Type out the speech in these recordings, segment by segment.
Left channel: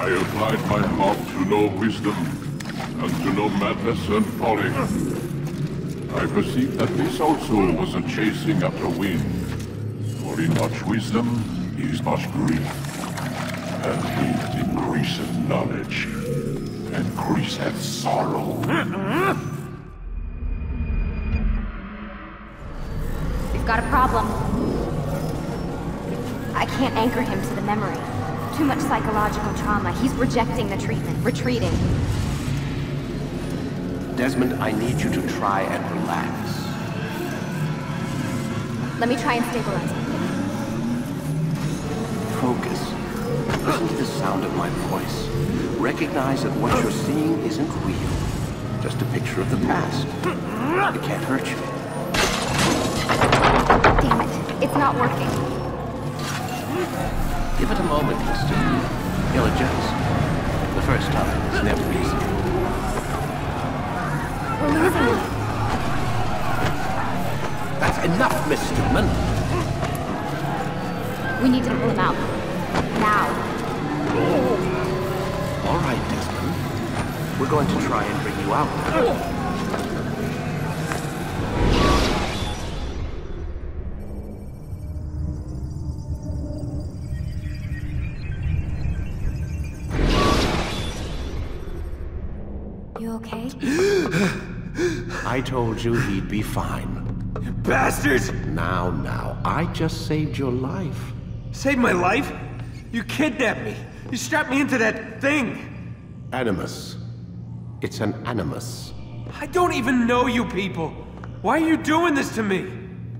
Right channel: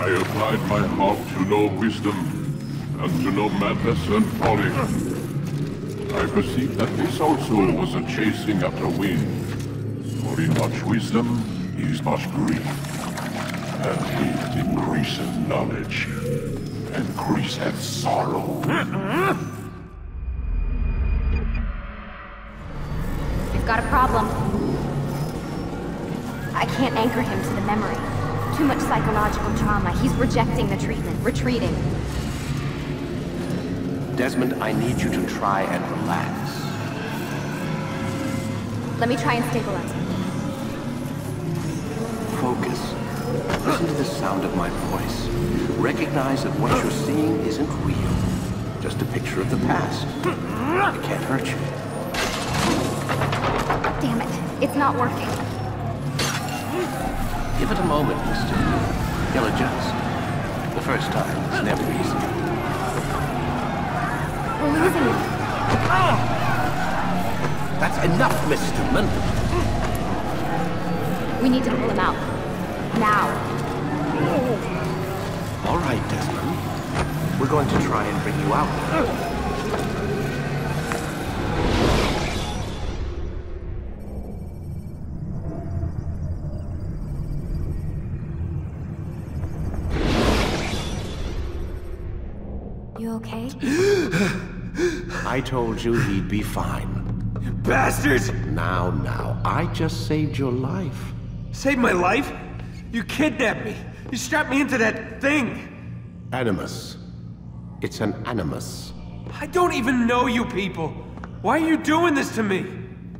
I applied my heart to know wisdom, and to know madness and folly. I perceived that this also was a chasing after wind. For in much wisdom is much grief, and hate increaseth knowledge, increaseth sorrow. We've got a problem. I can't anchor him to the memory. Too much psychological trauma. He's rejecting the treatment, retreating. Desmond, I need you to try and relax. Let me try and stabilize him. Focus. Listen to the sound of my voice. Recognize that what you're seeing isn't real. Just a picture of the past. It can't hurt you. Damn it. It's not working. Give it a moment, mister. He'll adjust. The first time is never easy. We're losing him. That's enough, Miss Stillman. We need to pull him out. Now. All right, Desmond. We're going to try and bring you out now. You okay? I told you he'd be fine. You bastards! Now, I just saved your life. Saved my life? You kidnapped me. You strapped me into that thing. Animus. It's an animus. I don't even know you people. Why are you doing this to me?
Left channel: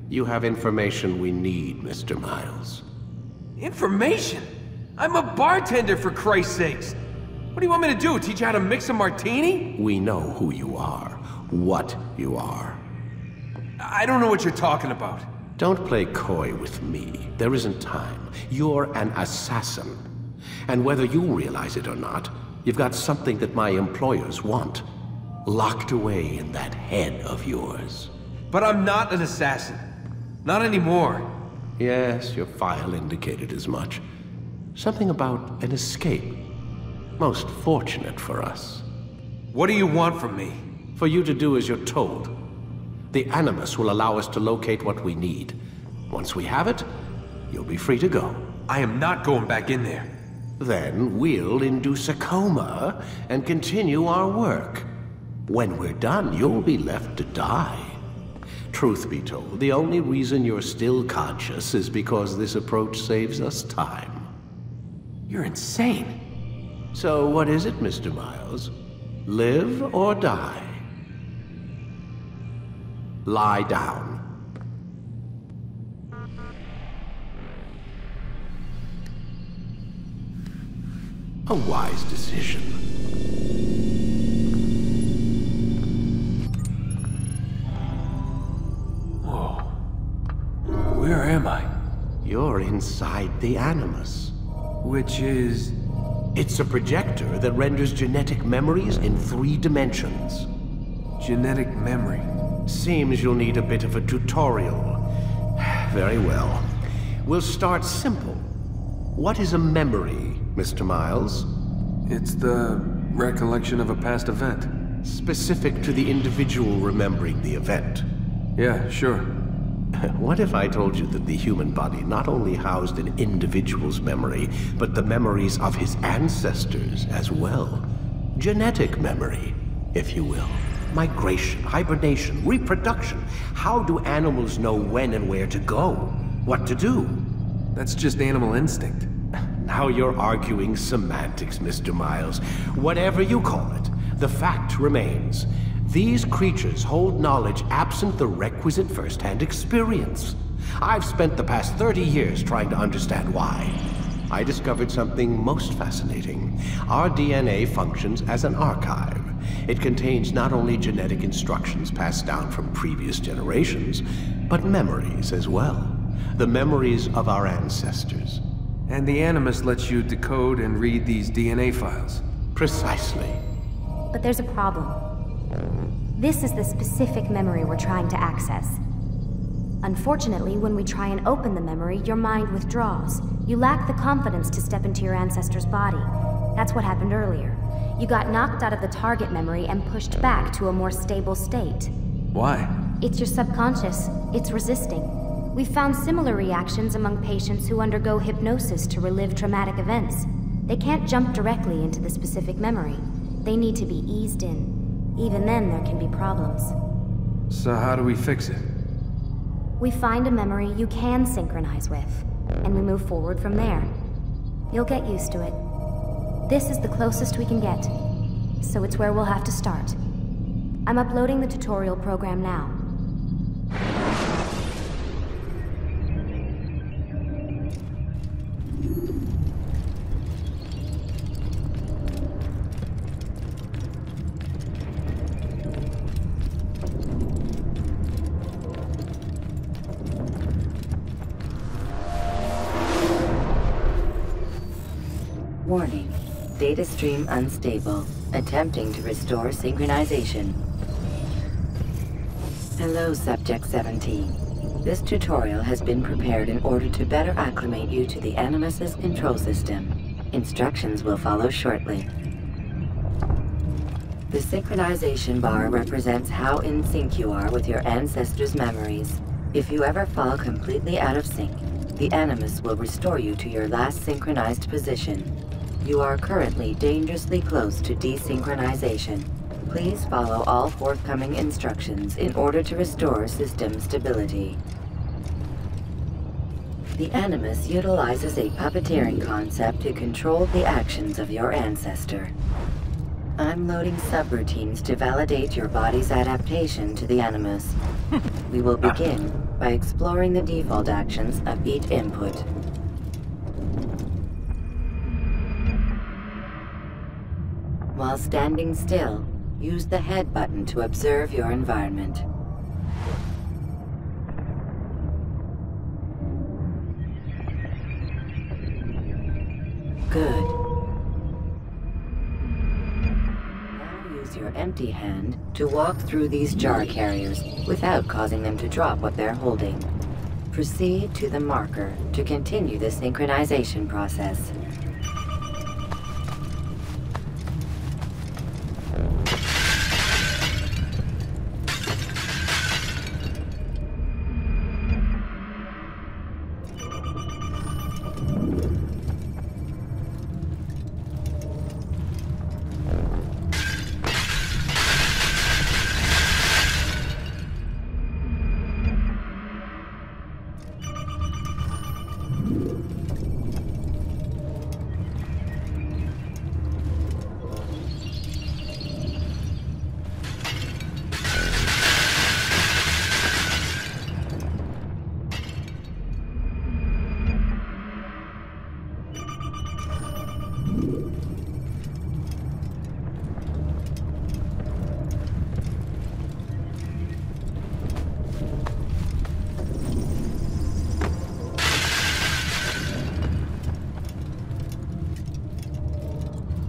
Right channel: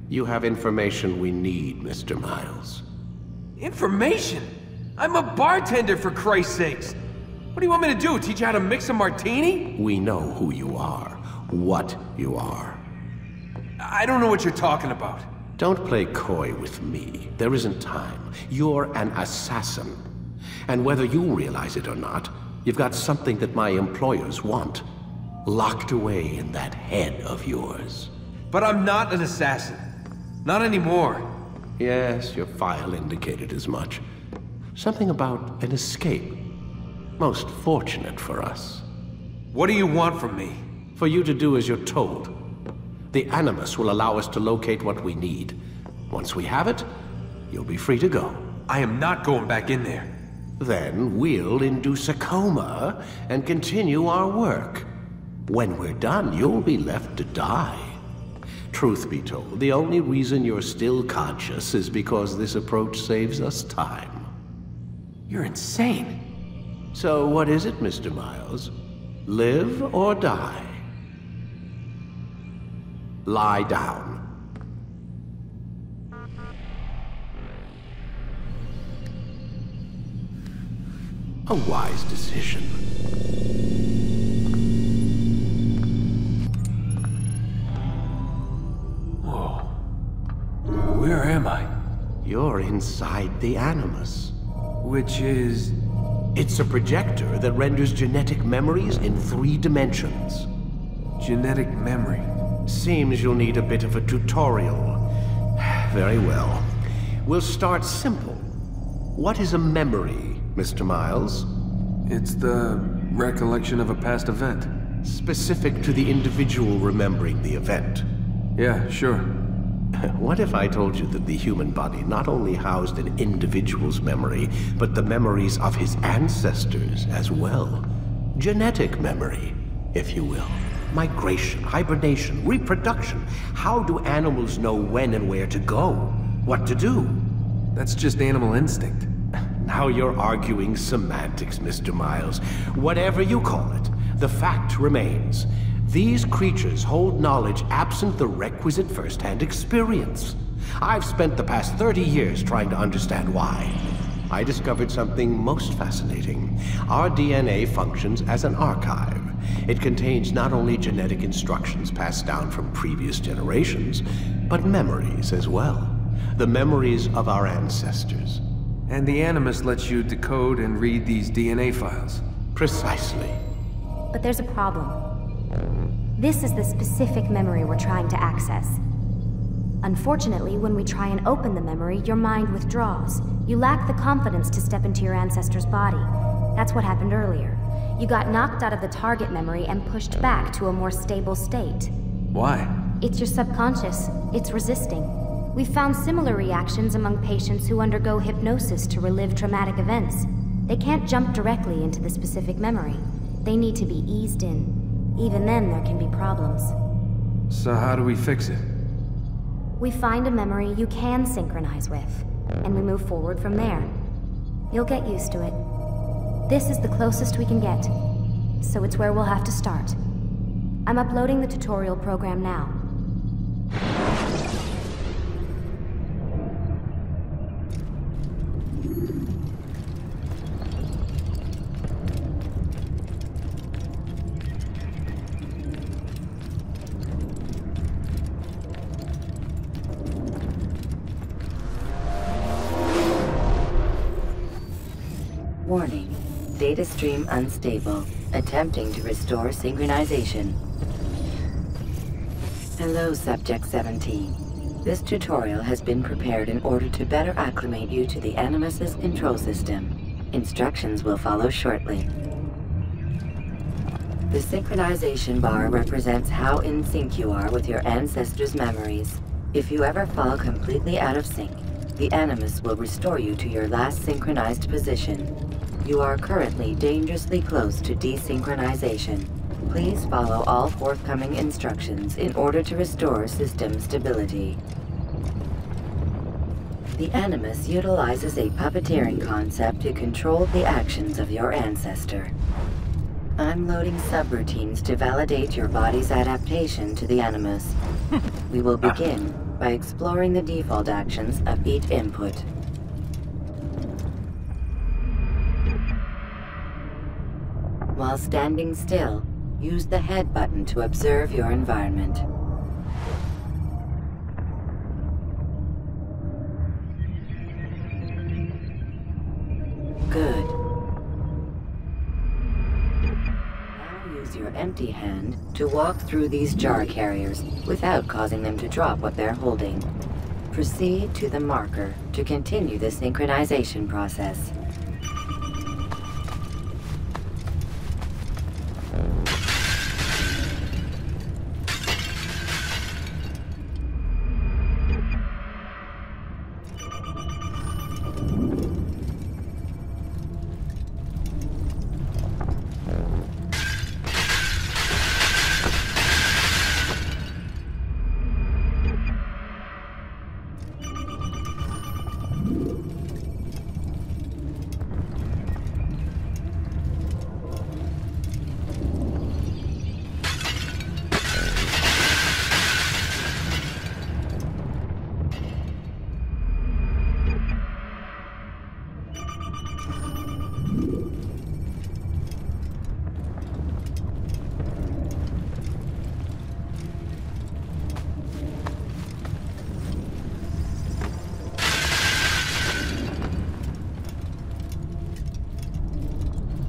You have information we need, Mr. Miles. Information? I'm a bartender, for Christ's sakes. What do you want me to do? Teach you how to mix a martini? We know who you are, what you are. I don't know what you're talking about. Don't play coy with me. There isn't time. You're an assassin. And whether you realize it or not, you've got something that my employers want. Locked away in that head of yours. But I'm not an assassin. Not anymore. Yes, your file indicated as much. Something about an escape. Most fortunate for us. What do you want from me? For you to do as you're told. The Animus will allow us to locate what we need. Once we have it, you'll be free to go. I am not going back in there. Then we'll induce a coma and continue our work. When we're done, you'll be left to die. Truth be told, the only reason you're still conscious is because this approach saves us time. You're insane. So what is it, Mr. Miles? Live or die? Lie down. A wise decision. Whoa. Where am I? You're inside the Animus. Which is... It's a projector that renders genetic memories in 3 dimensions. genetic memory. Seems you'll need a bit of a tutorial. Very well. We'll start simple. What is a memory, Mr. Miles? It's the recollection of a past event. Specific to the individual remembering the event. Yeah, sure. What if I told you that the human body not only housed an individual's memory, but the memories of his ancestors as well? Genetic memory, if you will. Migration, hibernation, reproduction. How do animals know when and where to go? What to do? That's just animal instinct. Now you're arguing semantics, Mr. Miles. Whatever you call it, the fact remains. These creatures hold knowledge absent the requisite first-hand experience. I've spent the past 30 years trying to understand why. I discovered something most fascinating. Our DNA functions as an archive. It contains not only genetic instructions passed down from previous generations, but memories as well. The memories of our ancestors. And the Animus lets you decode and read these DNA files. Precisely. But there's a problem. This is the specific memory we're trying to access. Unfortunately, when we try and open the memory, your mind withdraws. You lack the confidence to step into your ancestor's body. That's what happened earlier. You got knocked out of the target memory and pushed back to a more stable state. Why? It's your subconscious. It's resisting. We've found similar reactions among patients who undergo hypnosis to relive traumatic events. They can't jump directly into the specific memory. They need to be eased in. Even then, there can be problems. So how do we fix it? We find a memory you can synchronize with, and we move forward from there. You'll get used to it. This is the closest we can get, so it's where we'll have to start. I'm uploading the tutorial program now. Warning. Data stream unstable. Attempting to restore synchronization. Hello, Subject 17. This tutorial has been prepared in order to better acclimate you to the Animus's control system. Instructions will follow shortly. The synchronization bar represents how in sync you are with your ancestors' memories. If you ever fall completely out of sync, the Animus will restore you to your last synchronized position. You are currently dangerously close to desynchronization. Please follow all forthcoming instructions in order to restore system stability. The Animus utilizes a puppeteering concept to control the actions of your ancestor. I'm loading subroutines to validate your body's adaptation to the Animus. We will begin by exploring the default actions of each input. While standing still, use the head button to observe your environment. Good. Now use your empty hand to walk through these jar carriers without causing them to drop what they're holding. Proceed to the marker to continue the synchronization process.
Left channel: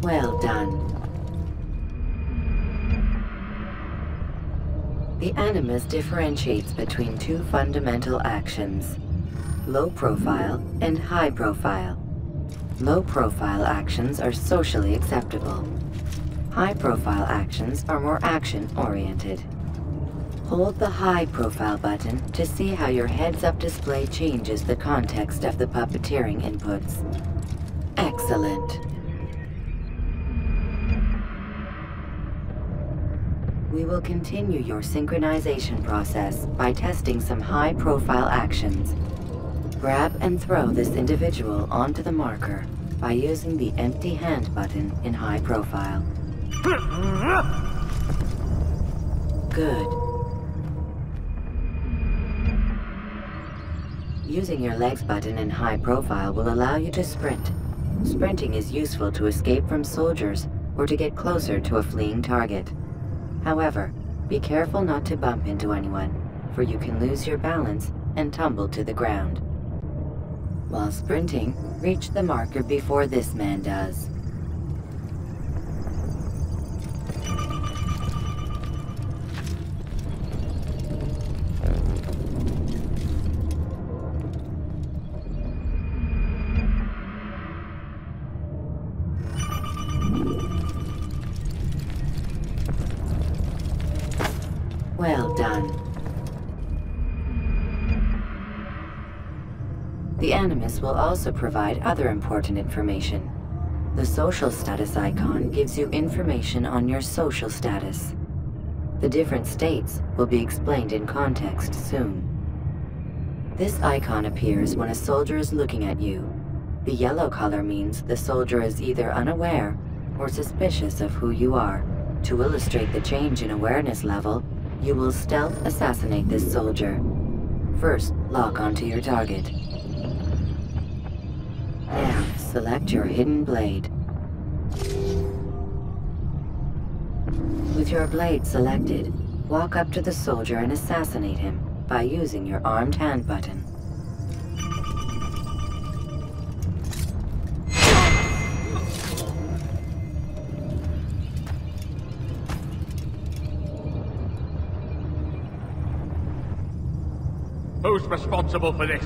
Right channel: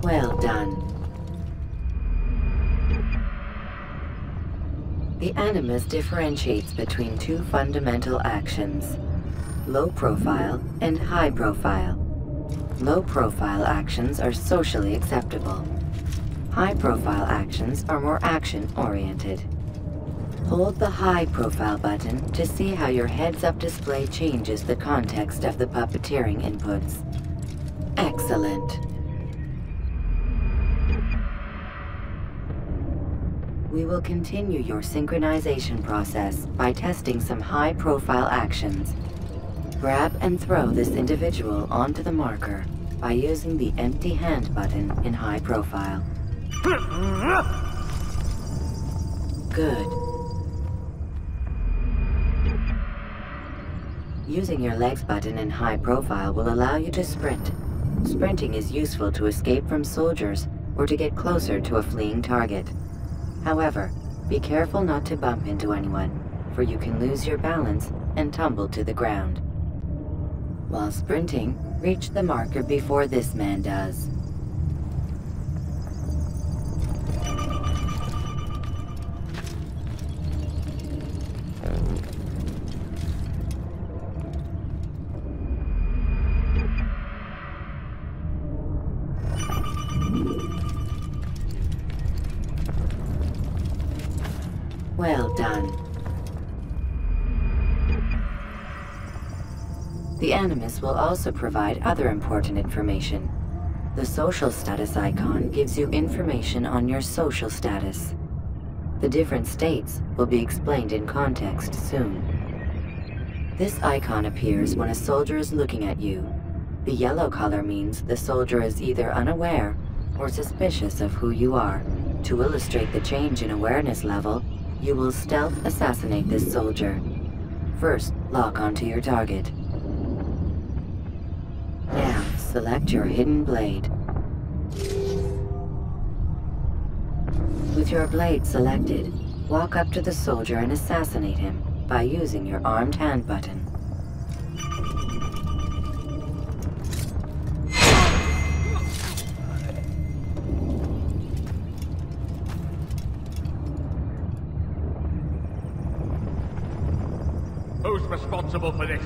Well done. The Animus differentiates between two fundamental actions: low profile and high profile. Low profile actions are socially acceptable. High profile actions are more action-oriented. Hold the high profile button to see how your heads-up display changes the context of the puppeteering inputs. Excellent. We will continue your synchronization process by testing some high-profile actions. Grab and throw this individual onto the marker by using the empty hand button in high profile. Good. Using your legs button in high profile will allow you to sprint. Sprinting is useful to escape from soldiers or to get closer to a fleeing target. However, be careful not to bump into anyone, for you can lose your balance and tumble to the ground. While sprinting, reach the marker before this man does. Well done. The Animus will also provide other important information. The social status icon gives you information on your social status. The different states will be explained in context soon. This icon appears when a soldier is looking at you. The yellow color means the soldier is either unaware or suspicious of who you are. To illustrate the change in awareness level, you will stealth assassinate this soldier. First, lock onto your target. Now, select your hidden blade. With your blade selected, walk up to the soldier and assassinate him by using your armed hand button. Who's responsible for this?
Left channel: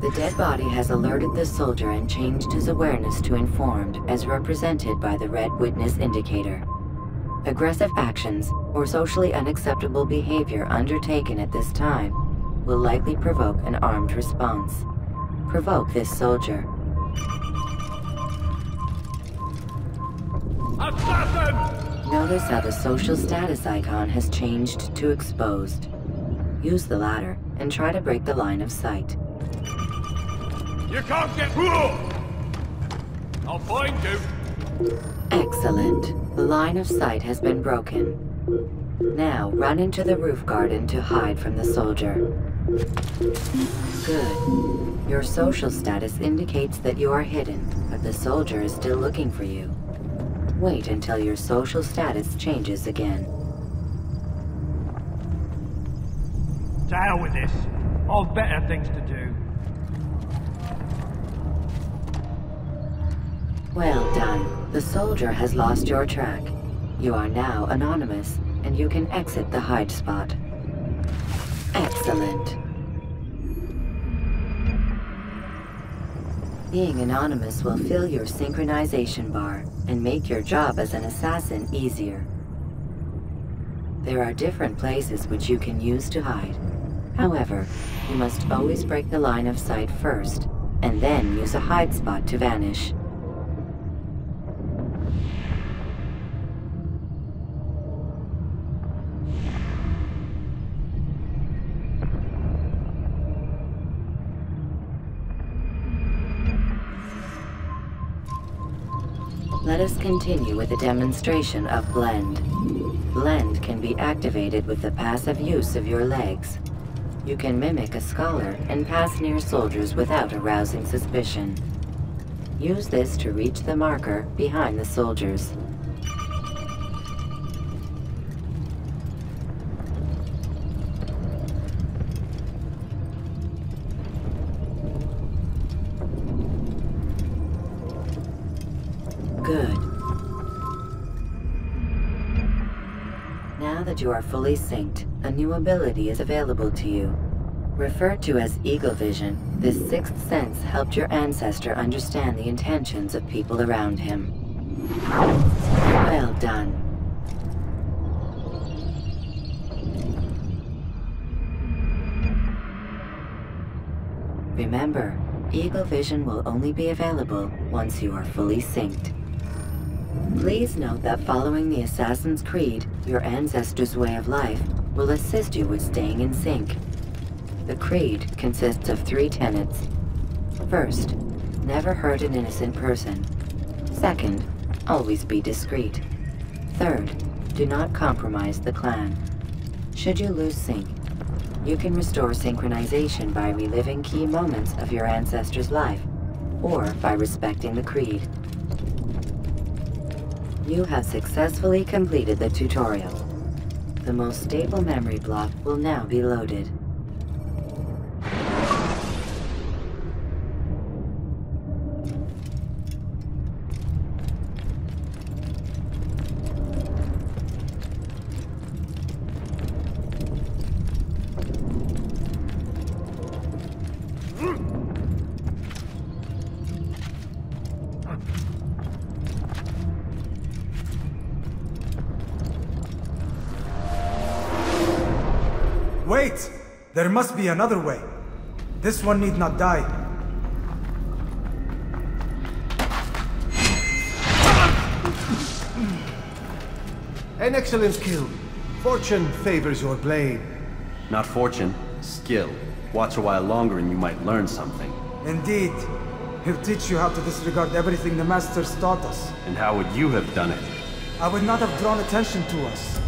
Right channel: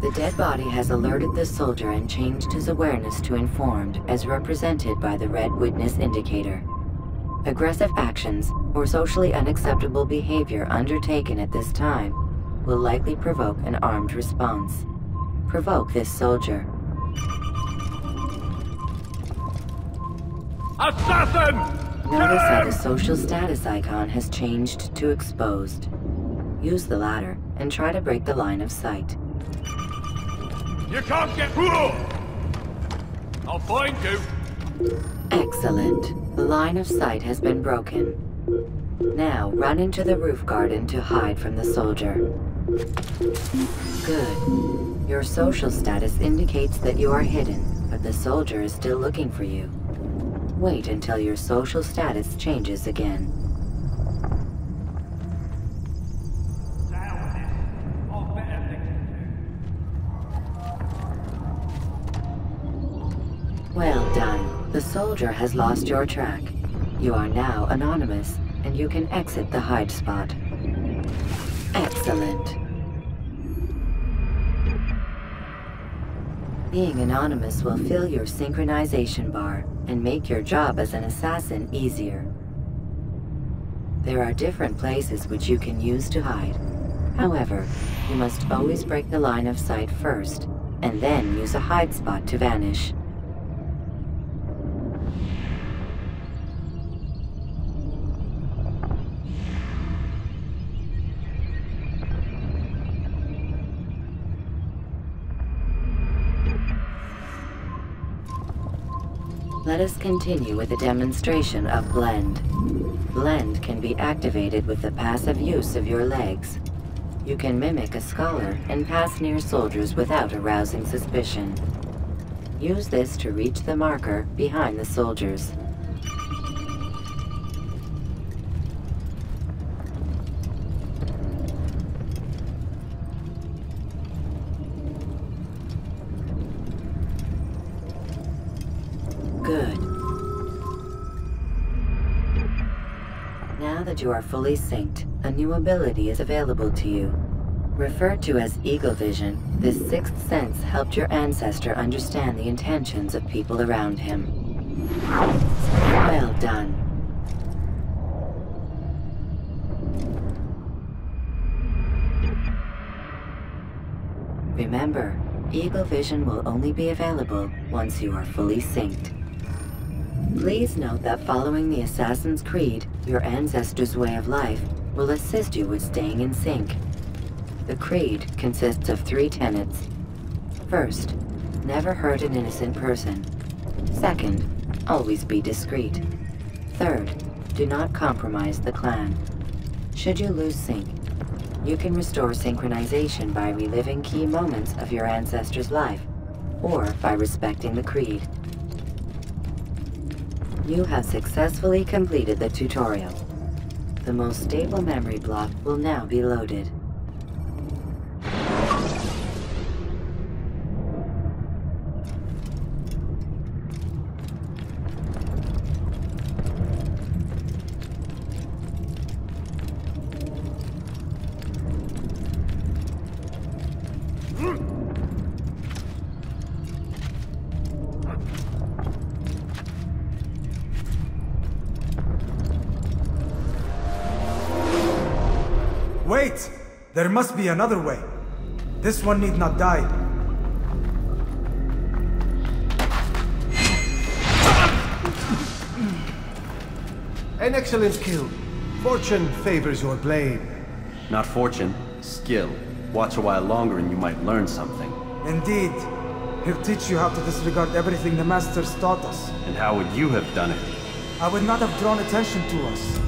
The dead body has alerted the soldier and changed his awareness to informed, as represented by the red witness indicator. Aggressive actions or socially unacceptable behavior undertaken at this time will likely provoke an armed response. Provoke this soldier. Assassin! Notice how the social status icon has changed to exposed. Use the ladder and try to break the line of sight. Excellent. The line of sight has been broken. Now run into the roof garden to hide from the soldier. Good. Your social status indicates that you are hidden, but the soldier is still looking for you. Wait until your social status changes again. To hell with this. I've better things to do. Well done. The soldier has lost your track. You are now anonymous, and you can exit the hide spot. Excellent. Being anonymous will fill your synchronization bar and make your job as an assassin easier. There are different places which you can use to hide. However, you must always break the line of sight first, and then use a hide spot to vanish. Let us continue with a demonstration of Blend. Blend can be activated with the passive use of your legs. You can mimic a scholar and pass near soldiers without arousing suspicion. Use this to reach the marker behind the soldiers. Good. Now that you are fully synced, a new ability is available to you. Referred to as Eagle Vision, this sixth sense helped your ancestor understand the intentions of people around him. Well done. Remember, Eagle Vision will only be available once you are fully synced. Please note that following the Assassin's Creed, your ancestors' way of life, will assist you with staying in sync. The Creed consists of 3 tenets. First, never hurt an innocent person. Second, always be discreet. Third, do not compromise the clan. Should you lose sync, you can restore synchronization by reliving key moments of your ancestor's life, or by respecting the Creed. You have successfully completed the tutorial. The most stable memory block will now be loaded. Wait! There must be another way. This one need not die. An excellent kill. Fortune favors your blade. Not fortune, skill. Watch a while longer and you might learn something. Indeed. He'll teach you how to disregard everything the Masters taught us. And how would you have done it? I would not have drawn attention to us.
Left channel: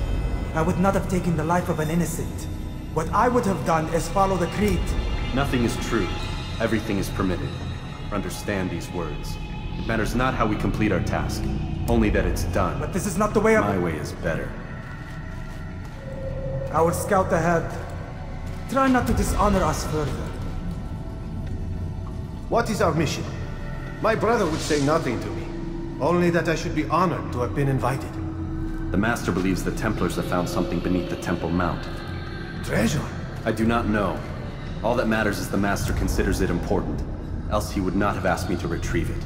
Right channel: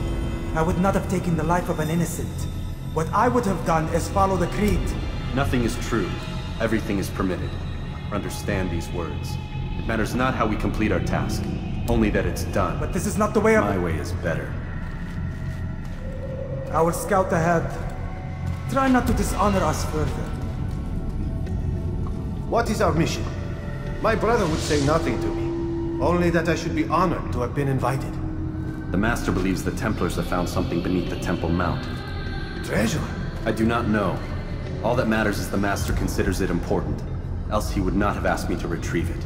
I would not have taken the life of an innocent. What I would have done is follow the Creed. Nothing is true. Everything is permitted. Understand these words. It matters not how we complete our task, only that it's done. But this is not the way of— My way is better. I will scout ahead. Try not to dishonor us further. What is our mission? My brother would say nothing to me. Only that I should be honored to have been invited. The Master believes the Templars have found something beneath the Temple Mount. Treasure? I do not know. All that matters is the Master considers it important. Else he would not have asked me to retrieve it.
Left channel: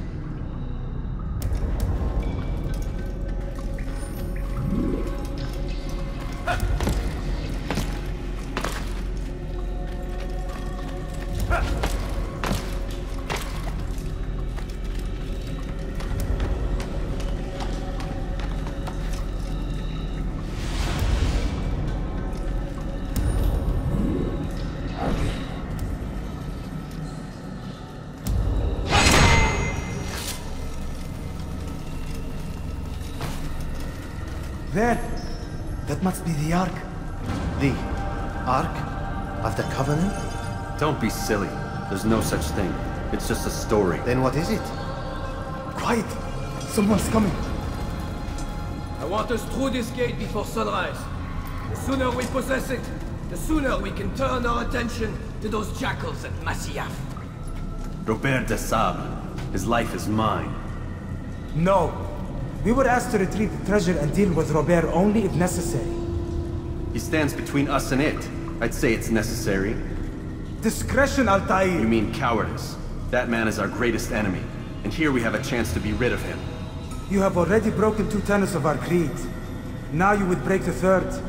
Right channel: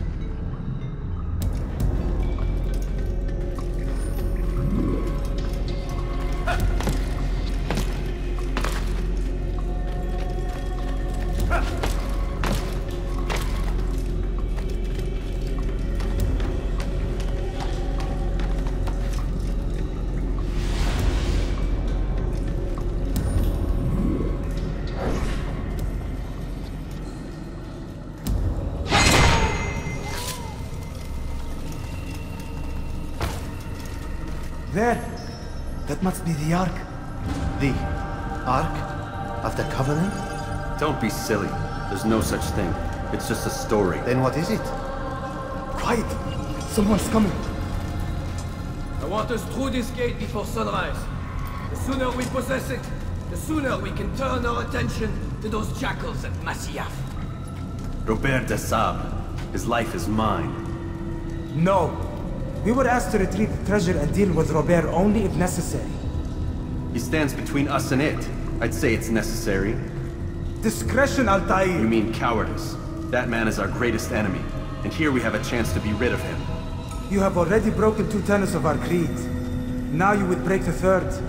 There! That must be the Ark. The Ark of the Covenant? Don't be silly. There's no such thing. It's just a story. Then what is it? Quiet! Someone's coming. I want us through this gate before sunrise. The sooner we possess it, the sooner we can turn our attention to those jackals at Masyaf. Robert de Sable. His life is mine. No. We were asked to retrieve the treasure and deal with Robert only if necessary. He stands between us and it. I'd say it's necessary. Discretion, Altair! You mean cowardice. That man is our greatest enemy, and here we have a chance to be rid of him. You have already broken 2 tenets of our creed. Now you would break the 3rd.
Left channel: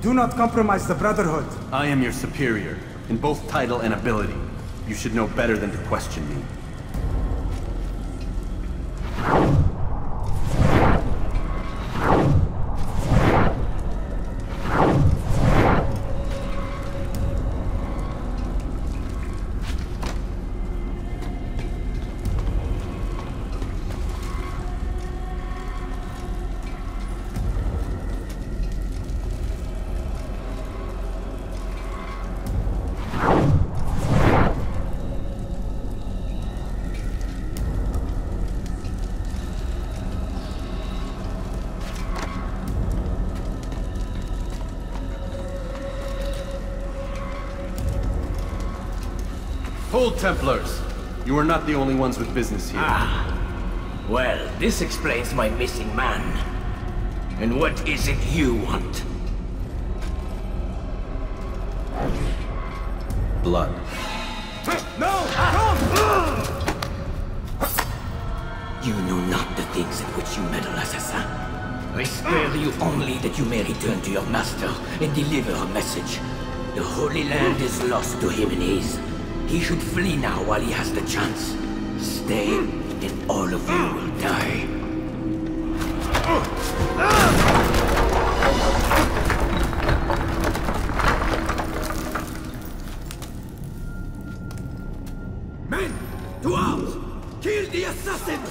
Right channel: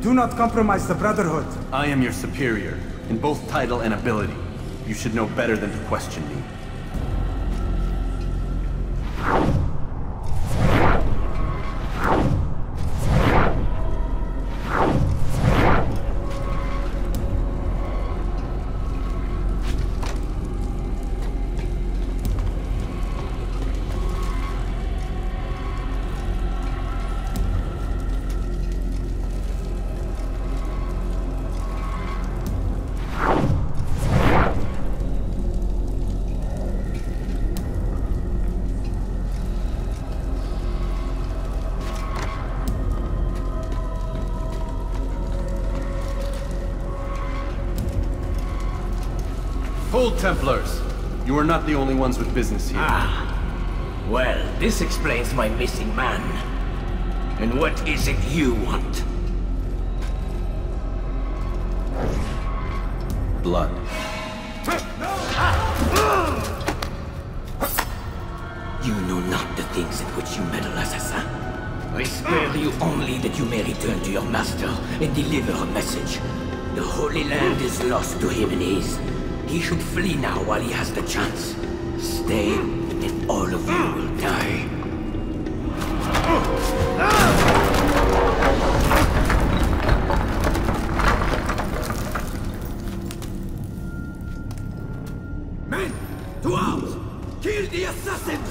Do not compromise the Brotherhood. I am your superior, in both title and ability. You should know better than to question me. Hold, Templars! You are not the only ones with business here. Well, this explains my missing man. And what is it you want? Blood. You know not the things in which you meddle, assassin. I spare you only that you may return to your master and deliver a message. The Holy Land is lost to him and his. He should flee now while he has the chance. Stay, and all of you will die. Men! To arms! Kill the assassins!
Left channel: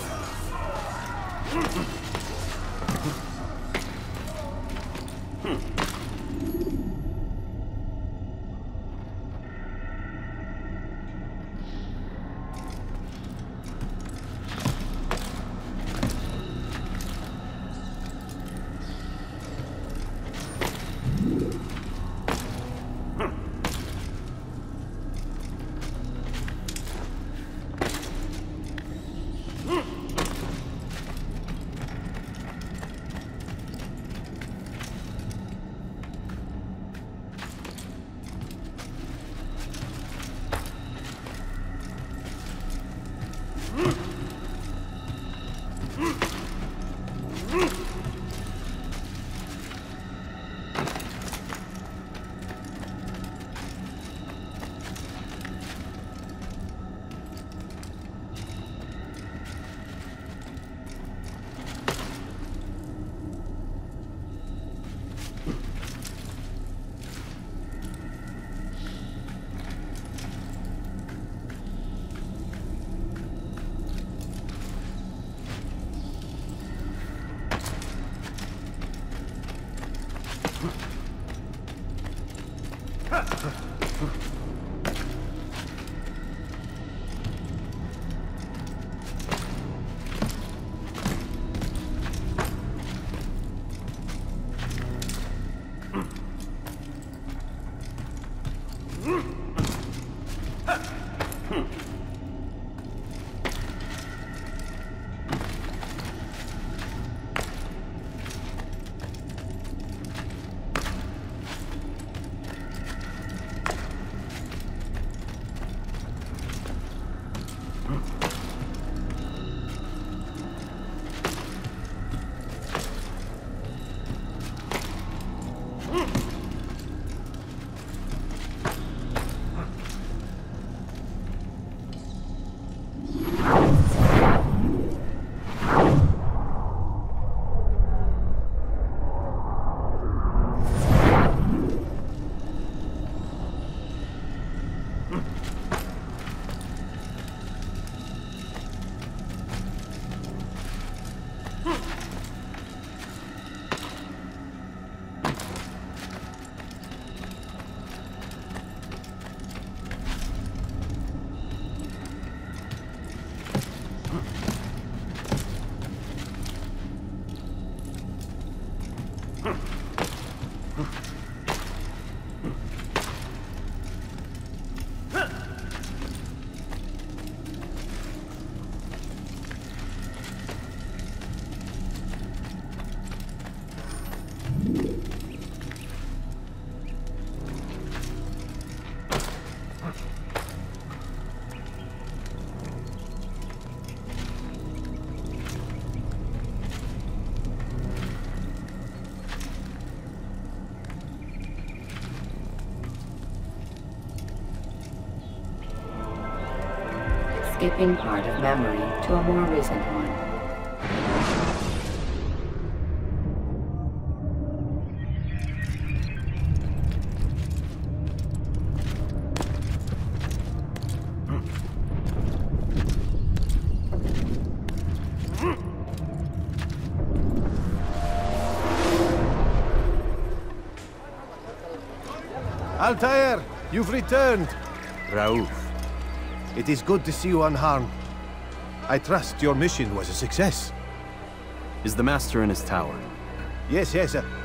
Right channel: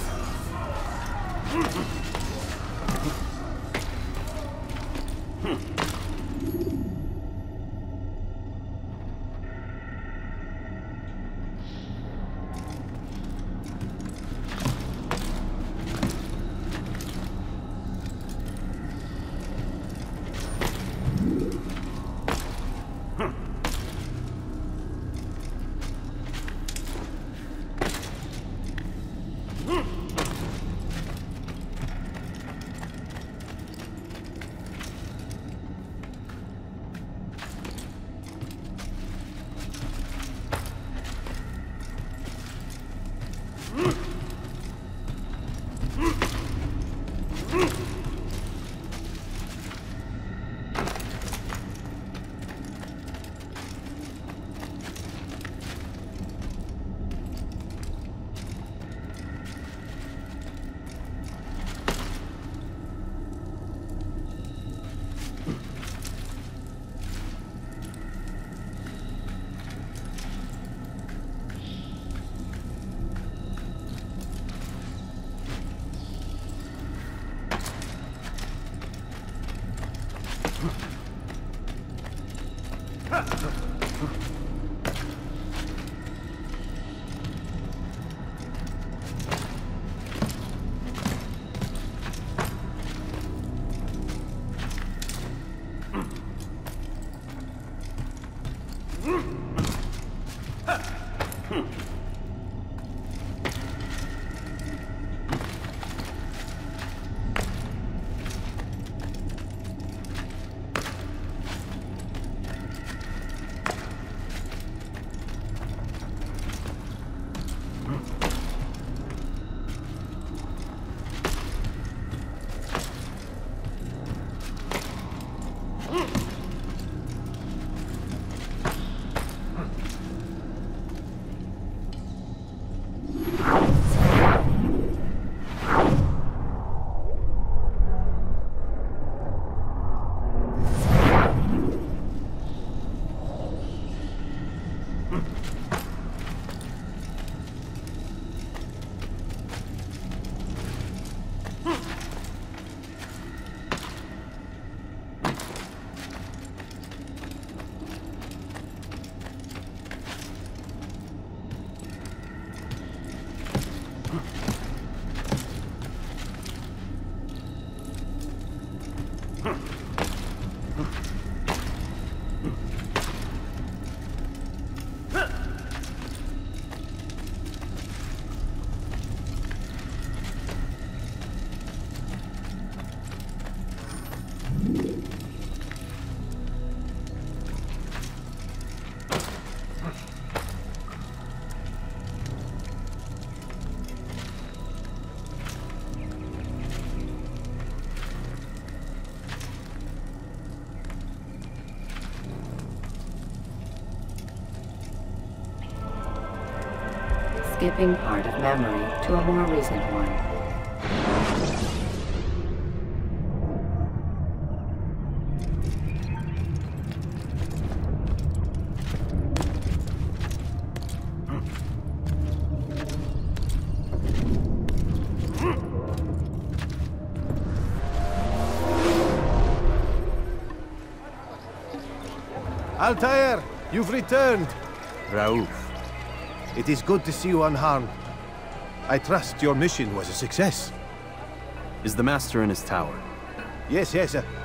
skipping part of memory to a more recent one. Altair, you've returned. Rauf. It is good to see you unharmed. I trust your mission was a success. Is the Master in his tower? Yes,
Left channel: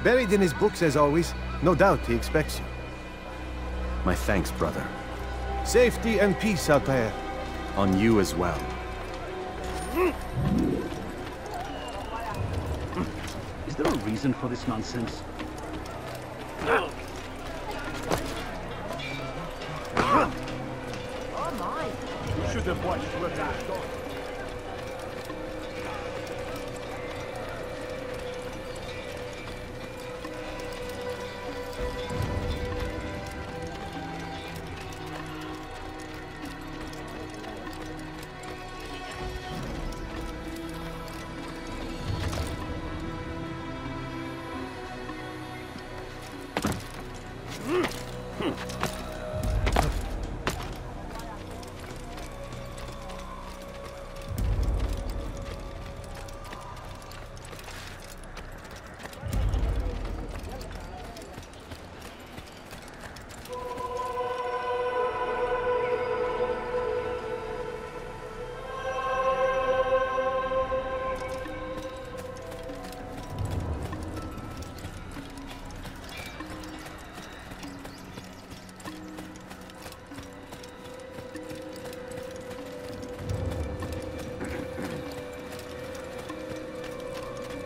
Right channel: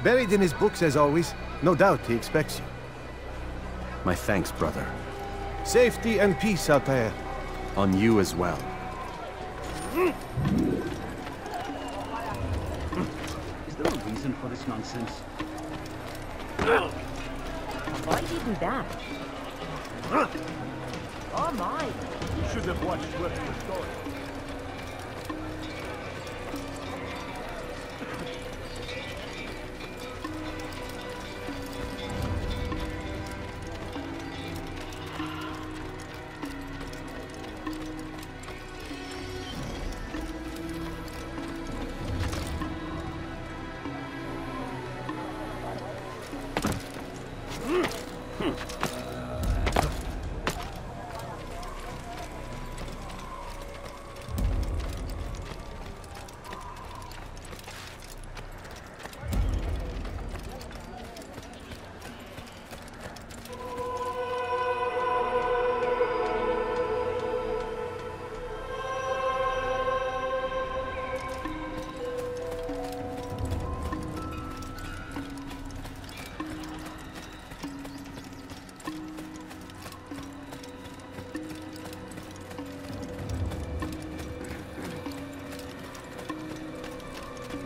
buried in his books as always. No doubt he expects you. My thanks, brother. Safety and peace, Altair. On you as well.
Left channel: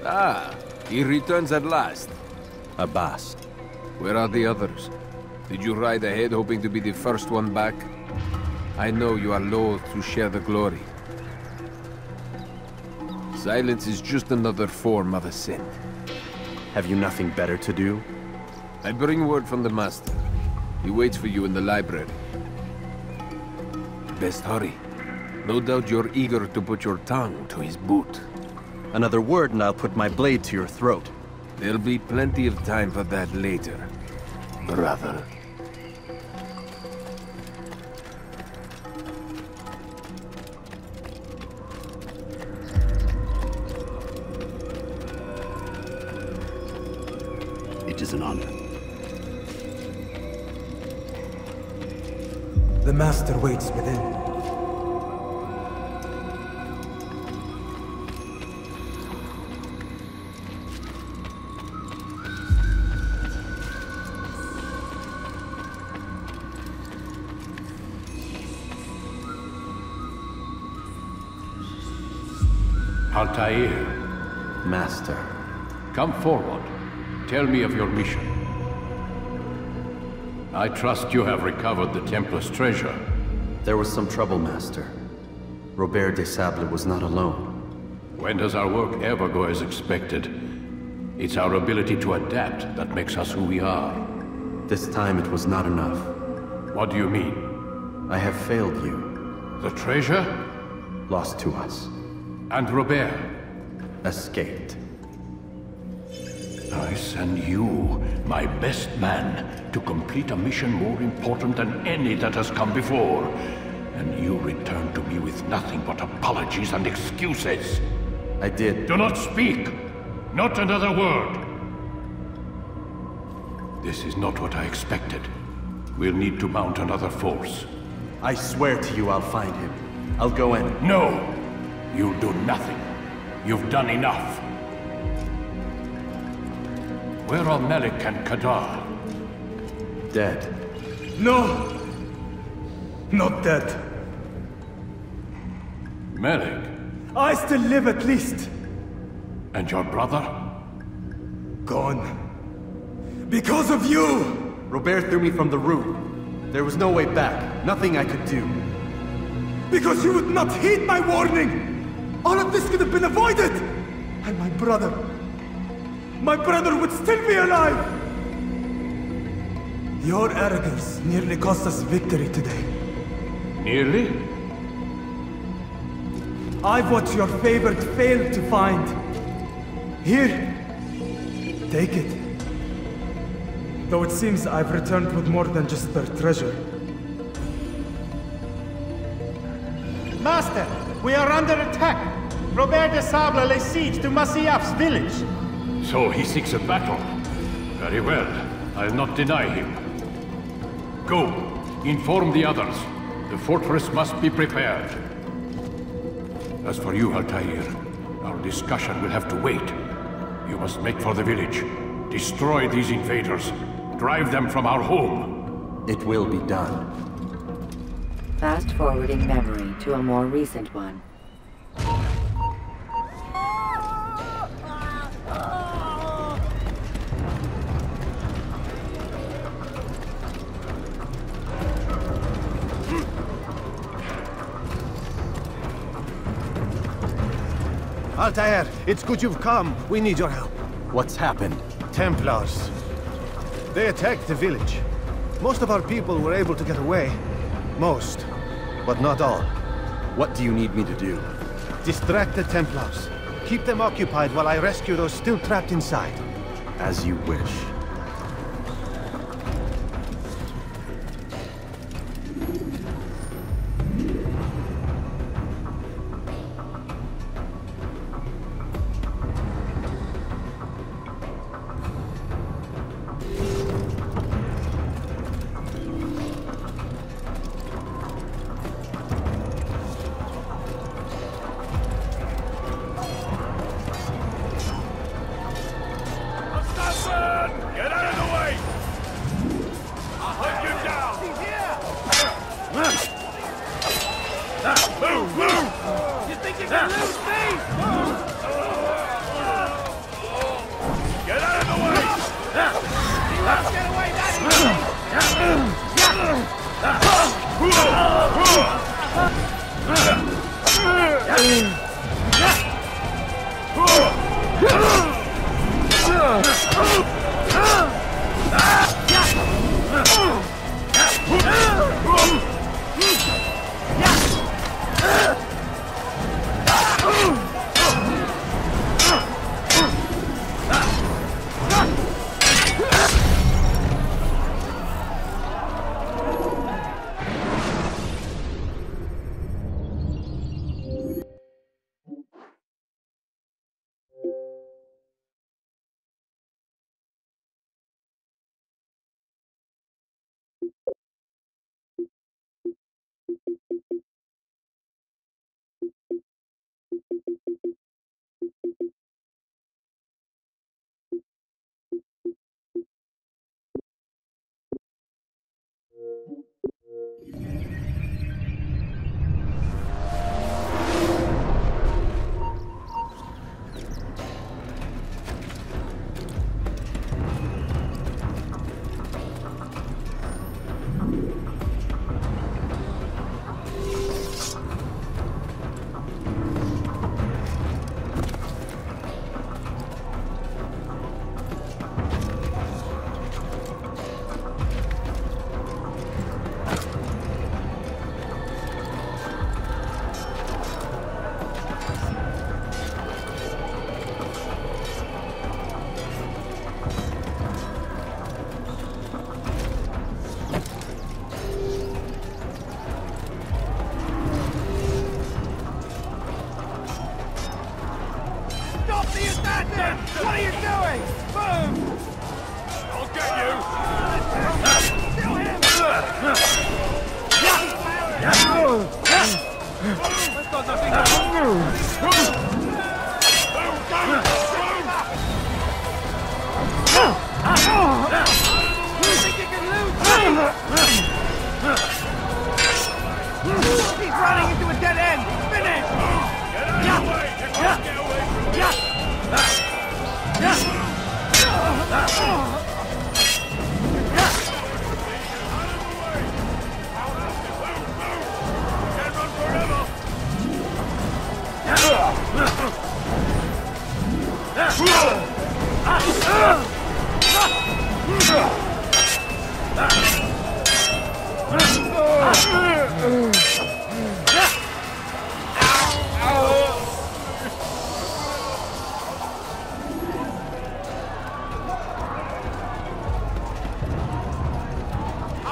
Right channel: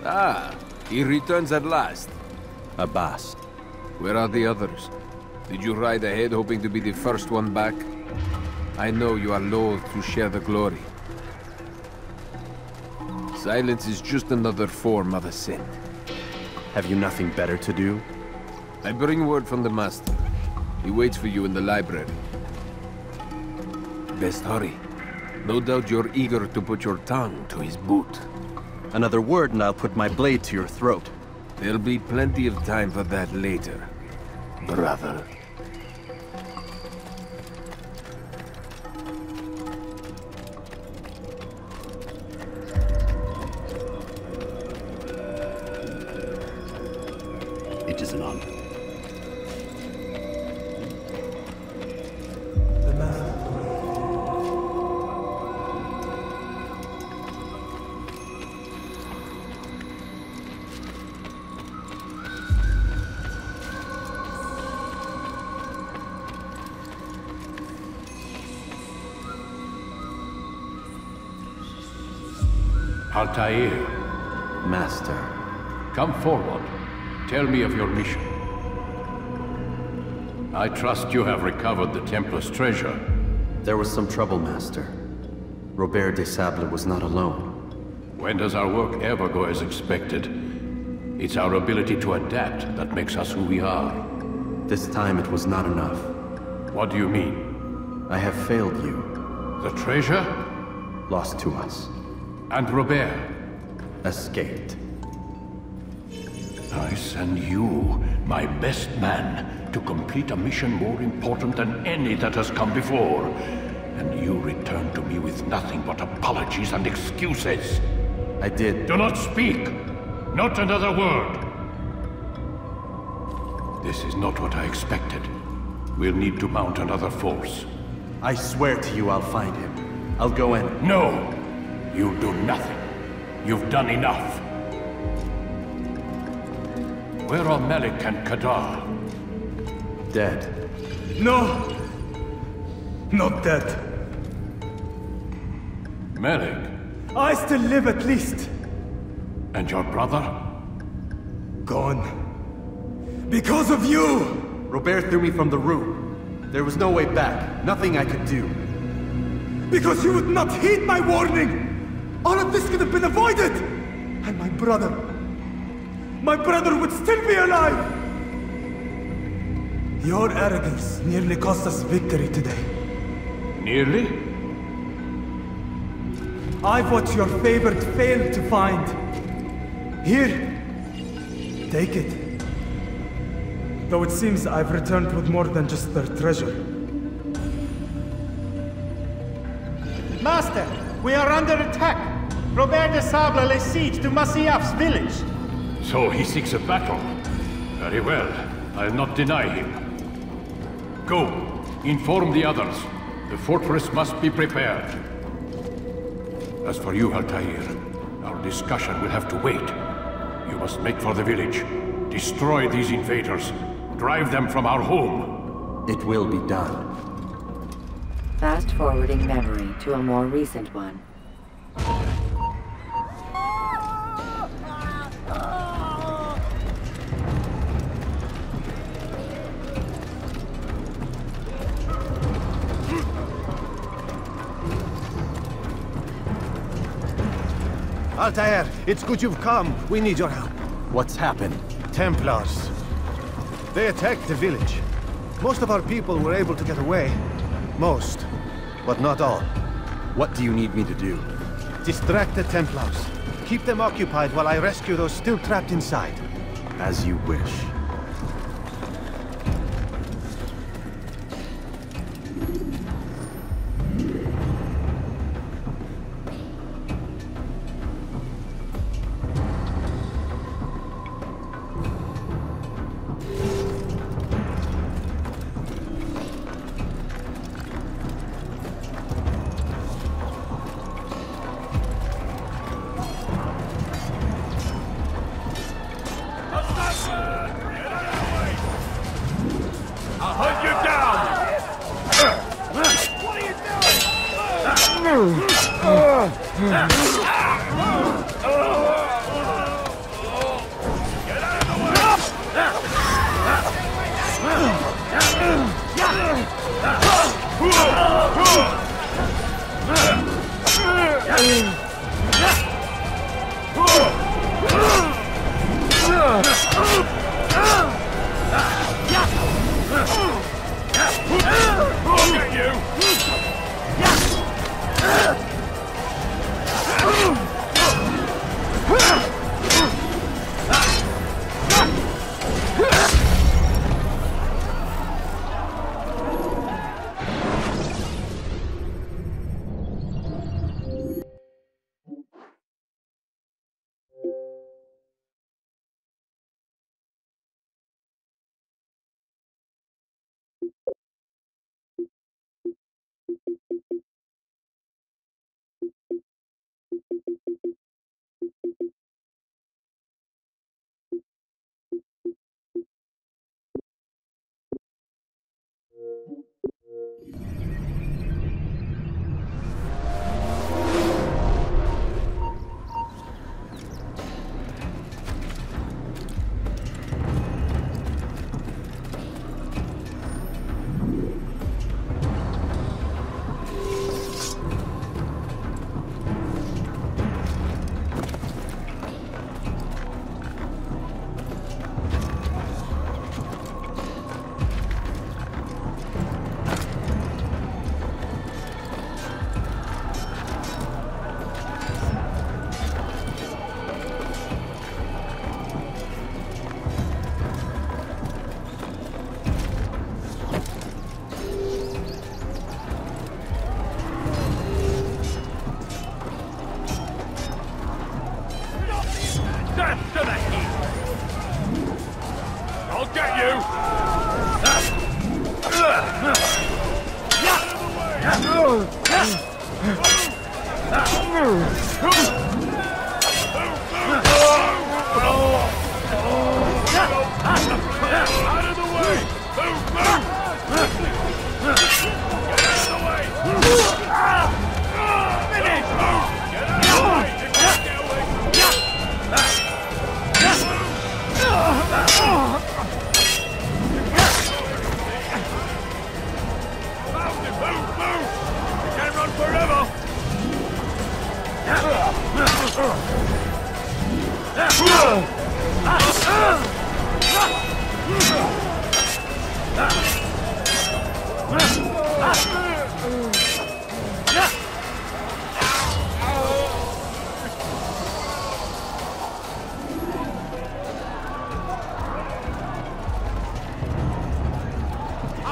Ah, he returns at last. Abbas. Where are the others? Did you ride ahead hoping to be the first one back? I know you are loath to share the glory. Silence is just another form of assent. Have you nothing better to do? I bring word from the Master. He waits for you in the library. Best hurry. No doubt you're eager to put your tongue to his boot. Another word and I'll put my blade to your throat. There'll be plenty of time for that later, brother. It is an honor. The Master waits within. Altair. Master. Come forward. Tell me of your mission. I trust you have recovered the Templar's treasure. There was some trouble, Master. Robert de Sable was not alone. When does our work ever go as expected? It's our ability to adapt that makes us who we are. This time it was not enough. What do you mean? I have failed you. The treasure? Lost to us. And Robert? Escaped. I send you, my best man, to complete a mission more important than any that has come before. And you return to me with nothing but apologies and excuses. I did. Do not speak! Not another word! This is not what I expected. We'll need to mount another force. I swear to you I'll find him. I'll go in. No! You'll do nothing. You've done enough. Where are Melik and Kadar? Dead. No! Not dead. Melik? I still live at least. And your brother? Gone. Because of you! Robert threw me from the room. There was no way back. Nothing I could do. Because you would not heed my warning! All of this could have been avoided! And my brother would still be alive! Your arrogance nearly cost us victory today. Nearly? I've what your favored failed to find. Here, take it. Though it seems I've returned with more than just their treasure. Master, we are under attack. Robert de Sable lays siege to Masyaf's village. So he seeks a battle. Very well. I'll not deny him. Go. Inform the others. The fortress must be prepared. As for you, Altair, our discussion will have to wait. You must make for the village. Destroy these invaders. Drive them from our home. It will be done. Fast-forwarding memory to a more recent one. Altair, it's good you've come. We need your help. What's happened? Templars. They attacked the village. Most of our people were able to get away. Most, but not all. What do you need me to do? Distract the Templars. Keep them occupied while I rescue those still trapped inside. As you wish.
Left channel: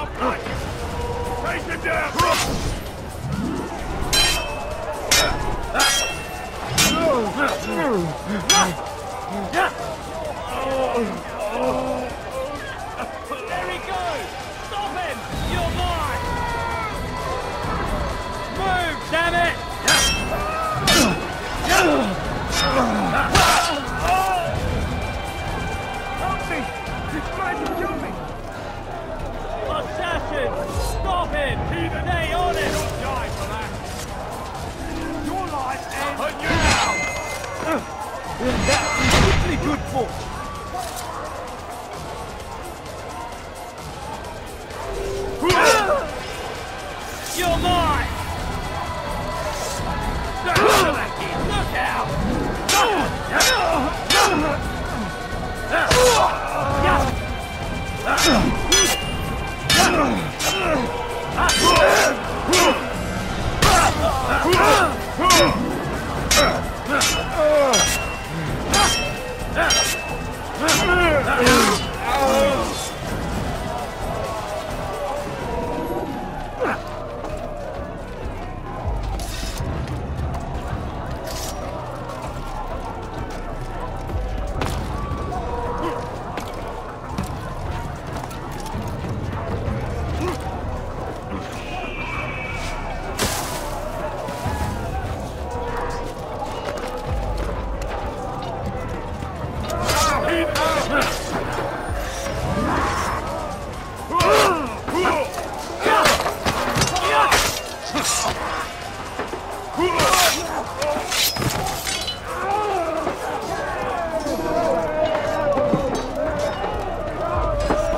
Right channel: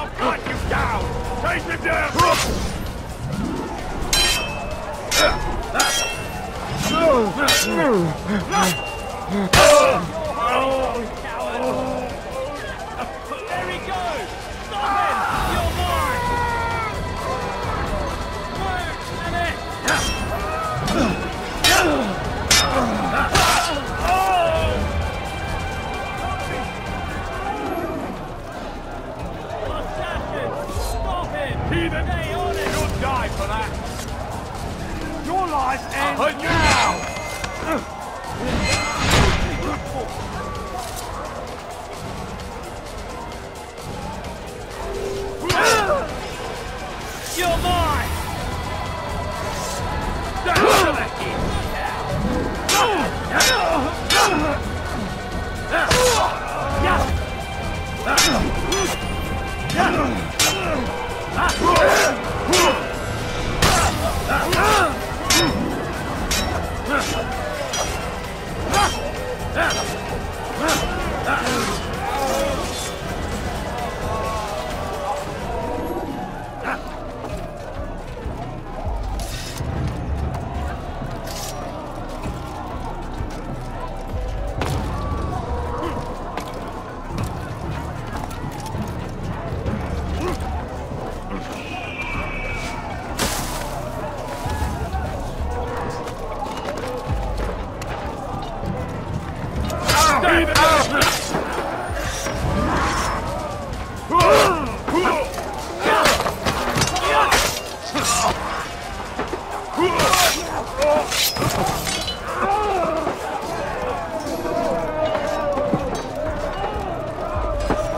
I'll cut you down! Take him down! Damn it! Heathen! You'll die for that! Your life ends now!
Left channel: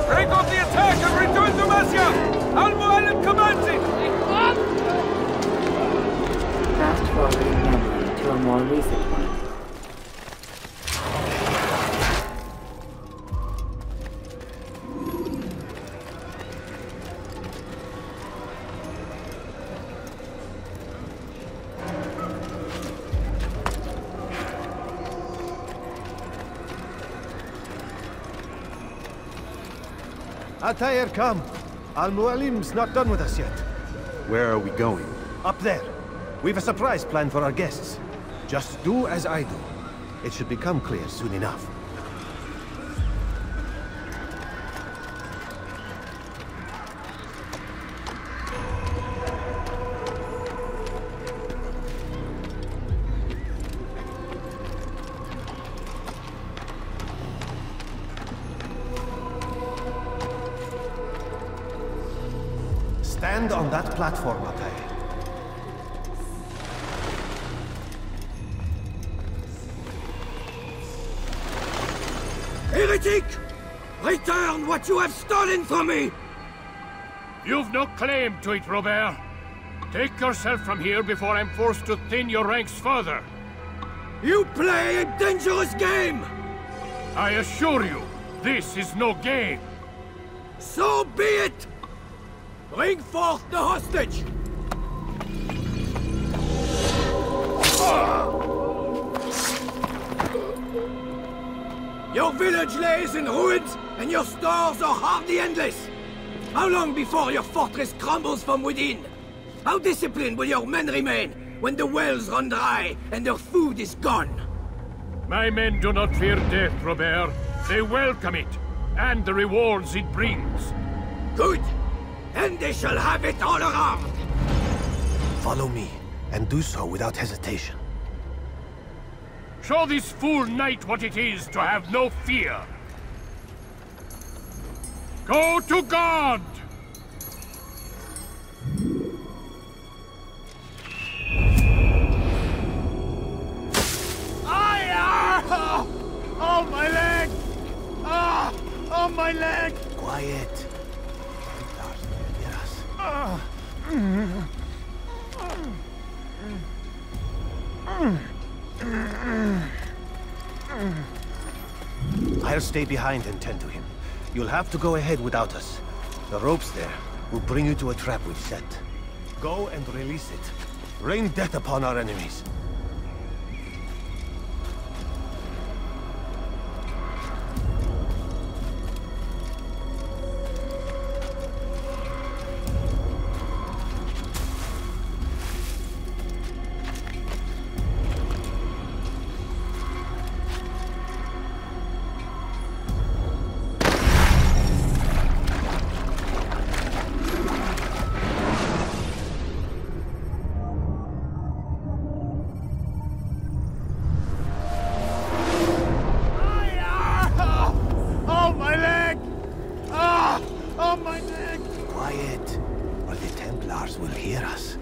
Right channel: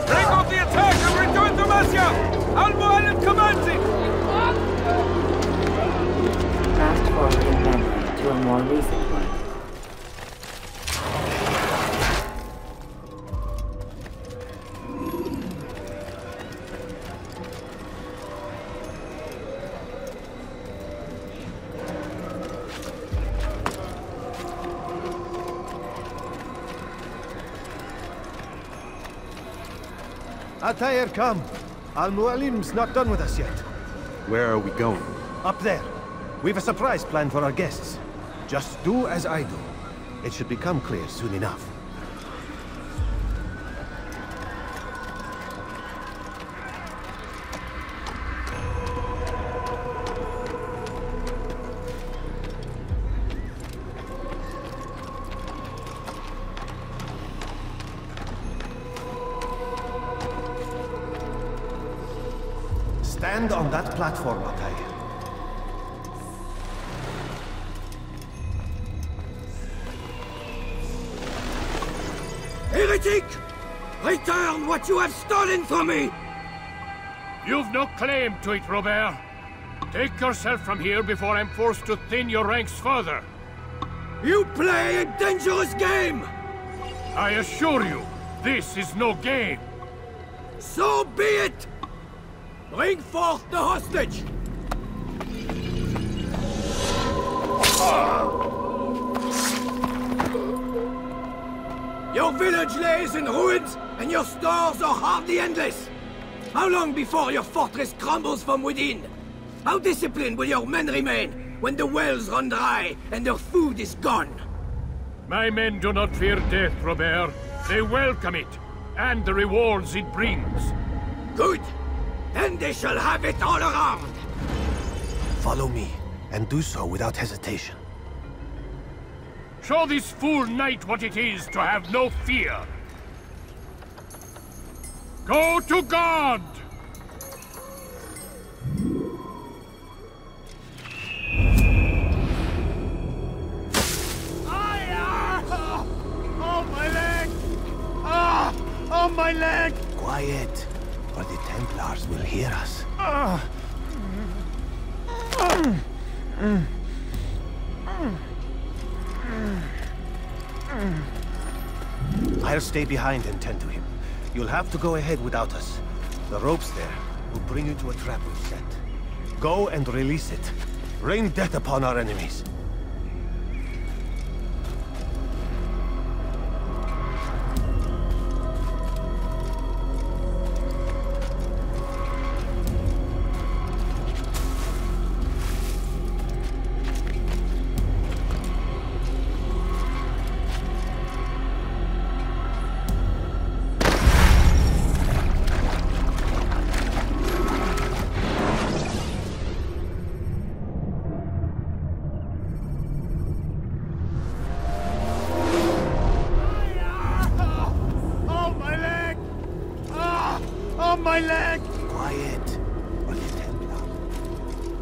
Break off the attack and return to Masya! Al-Mualim commands it! Fast forwarding memory to a more recent one. Altair, come. Al-Mualim's not done with us yet. Where are we going? Up there. We've a surprise planned for our guests. Just do as I do. It should become clear soon enough. Stand on that platform, Altair. Heretic! Return what you have stolen from me! You've no claim to it, Robert. Take yourself from here before I'm forced to thin your ranks further. You play a dangerous game! I assure you, this is no game. So be it! Bring forth the hostage! Your village lays in ruins, and your stores are hardly endless. How long before your fortress crumbles from within? How disciplined will your men remain when the wells run dry and their food is gone? My men do not fear death, Robert. They welcome it, and the rewards it brings. Good! Then they shall have it all around! Follow me, and do so without hesitation. Show this fool knight what it is to have no fear. Go to God! Oh, my leg! Ah! Oh, my leg! Quiet, or the Templars will hear us. We'll bring you to a trap we set. Go and release it. Oh, my leg! Lars will hear us.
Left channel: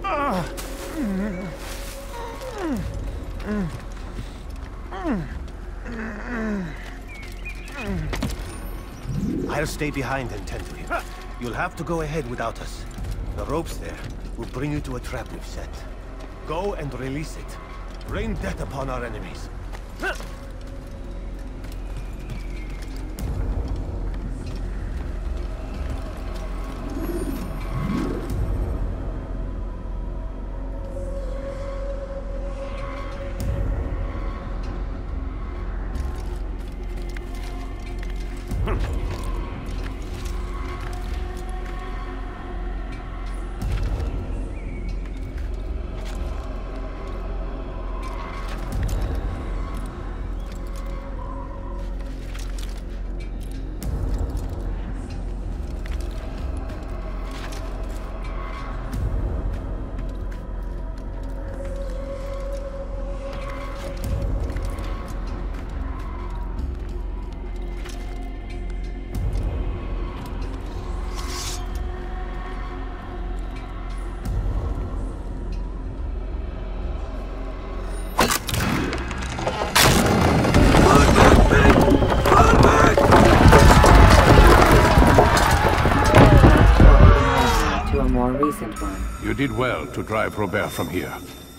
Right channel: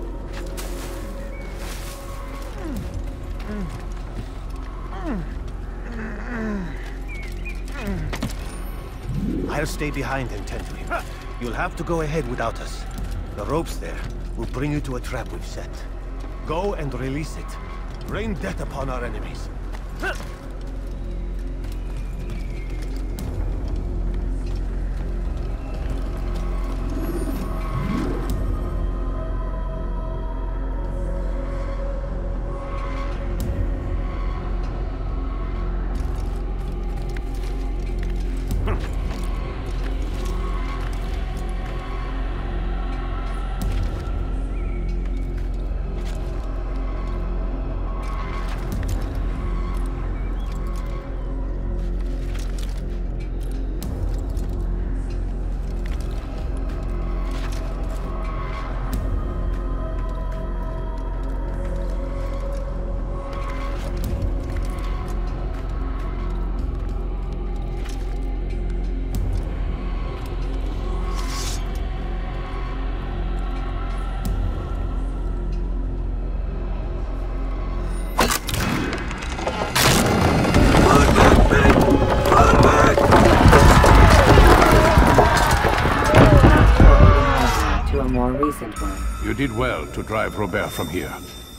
You did well to drive Robert from here.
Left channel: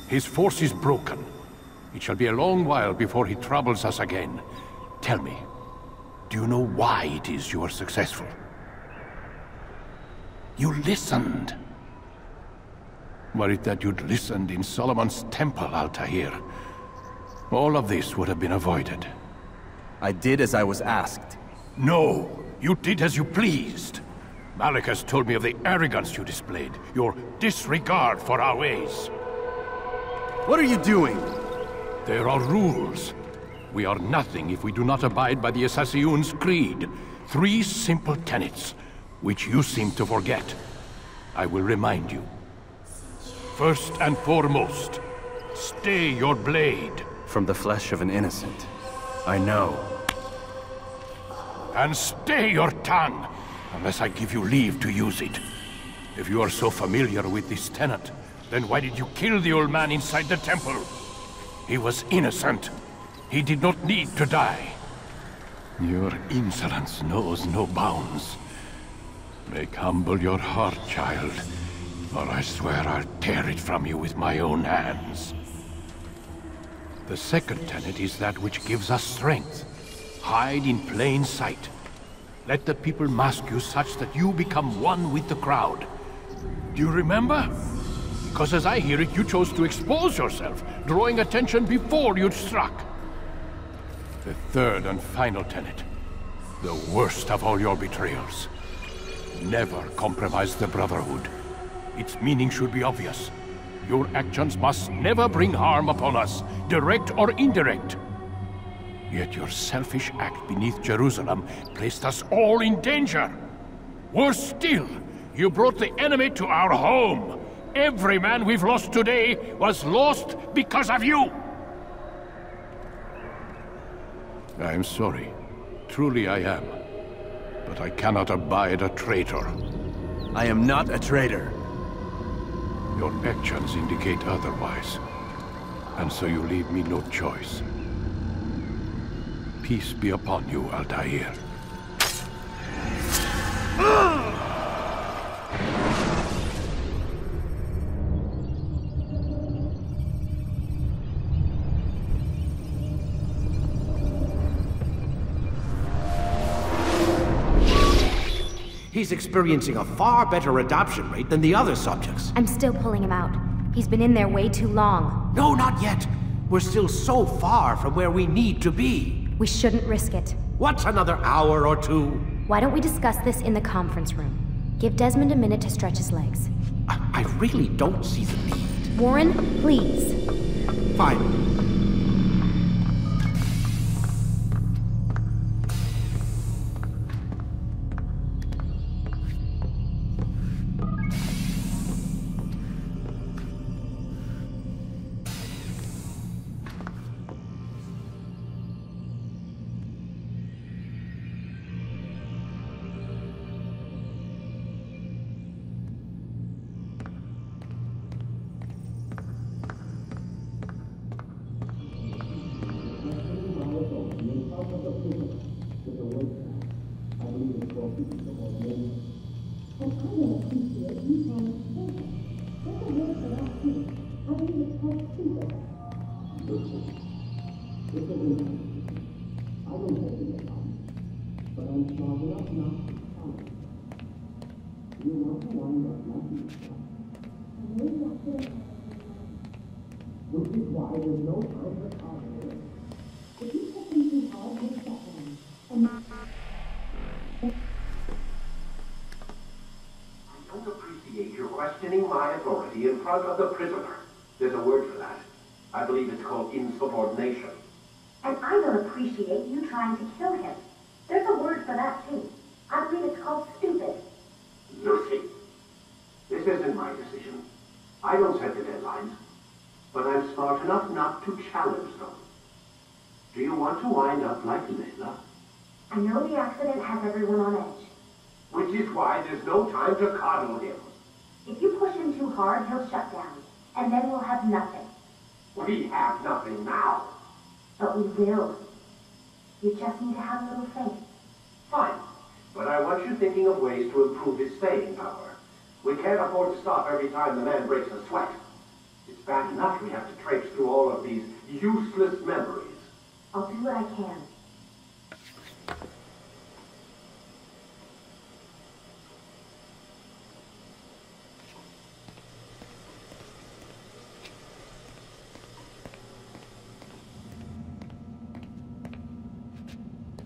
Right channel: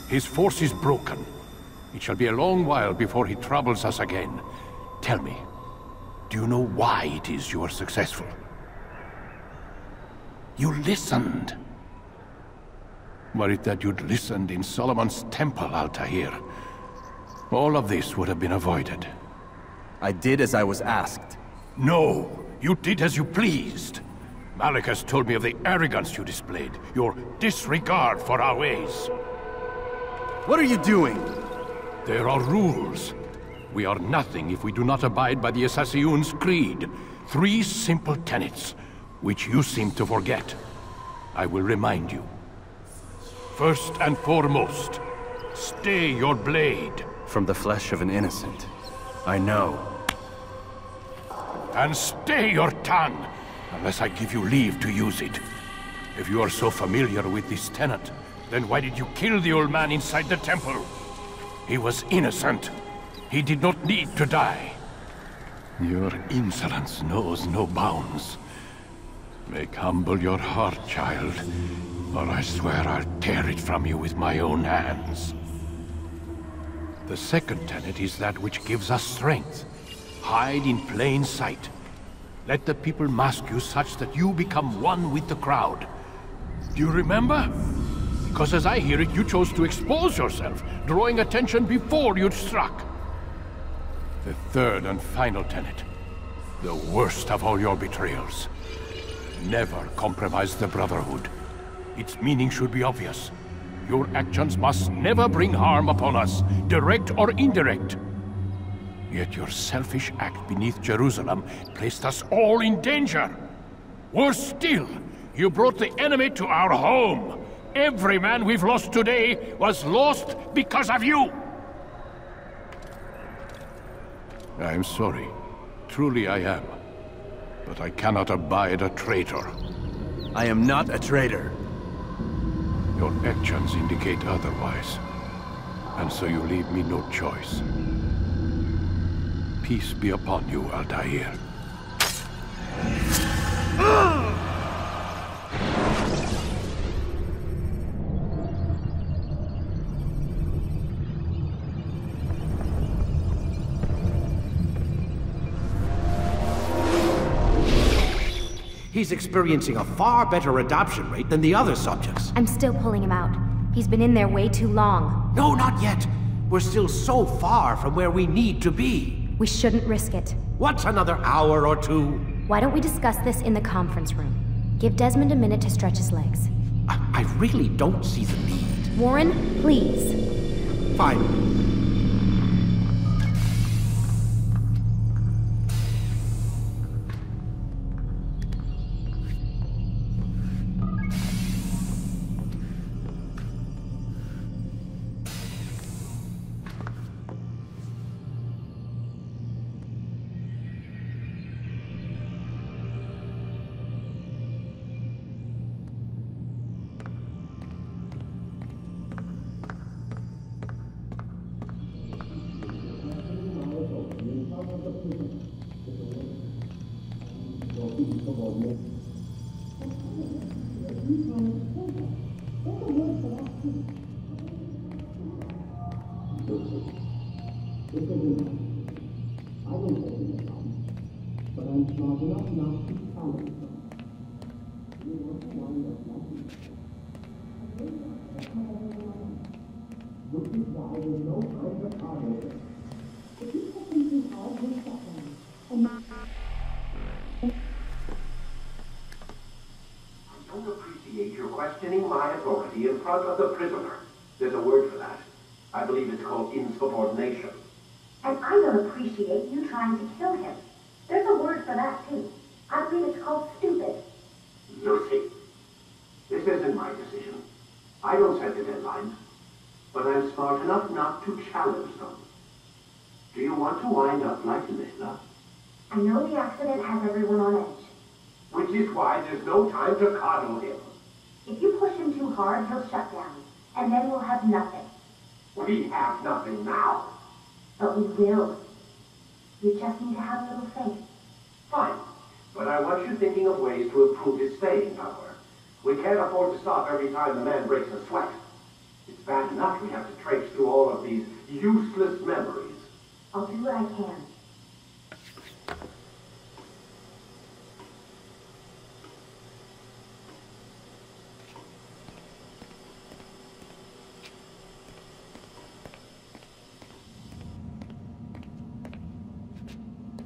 His force is broken. It shall be a long while before he troubles us again. Tell me, do you know why it is you are successful? You listened. Were it that you'd listened in Solomon's temple, Altair, all of this would have been avoided. I did as I was asked. No, you did as you pleased. Malik has told me of the arrogance you displayed, your disregard for our ways. What are you doing? There are rules. We are nothing if we do not abide by the Assassin's creed. 3 simple tenets, which you seem to forget. I will remind you. First and foremost, stay your blade. From the flesh of an innocent. I know. And stay your tongue, unless I give you leave to use it. If you are so familiar with this tenet, then why did you kill the old man inside the temple? He was innocent. He did not need to die. Your insolence knows no bounds. Make humble your heart, child, or I swear I'll tear it from you with my own hands. The second tenet is that which gives us strength. Hide in plain sight. Let the people mask you such that you become one with the crowd. Do you remember? Because as I hear it, you chose to expose yourself, drawing attention before you'd struck. The third and final tenet. The worst of all your betrayals. Never compromise the Brotherhood. Its meaning should be obvious. Your actions must never bring harm upon us, direct or indirect. Yet your selfish act beneath Jerusalem placed us all in danger. Worse still, you brought the enemy to our home. Every man we've lost today was lost because of you. I am sorry. Truly I am. But I cannot abide a traitor. I am not a traitor. Your actions indicate otherwise. And so you leave me no choice. Peace be upon you, Altair. He's experiencing a far better adoption rate than the other subjects. I'm still pulling him out. He's been in there way too long. No, not yet. We're still so far from where we need to be. We shouldn't risk it. What's another hour or two? Why don't we discuss this in the conference room? Give Desmond a minute to stretch his legs. I really don't see the need. Warren, please. Fine. I don't appreciate your questioning my authority in front of the prisoner. There's a word for that. I believe it's called insubordination. And I don't appreciate you trying to kill him. There's a word for that, too. I believe it's called stupid. Lucy, this isn't my decision. I don't set the deadlines, but I'm smart enough not to challenge them. Do you want to wind up like Layla? I know the accident has everyone on edge. Which is why there's no time to coddle him. If you push him too hard, he'll shut down, and then we'll have nothing. We have nothing now. But we will. You just need to have a little faith. Fine, but I want you thinking of ways to improve his staying power. We can't afford to stop every time the man breaks a sweat. It's bad enough we have to traipse through all of these useless memories. I'll do what I can.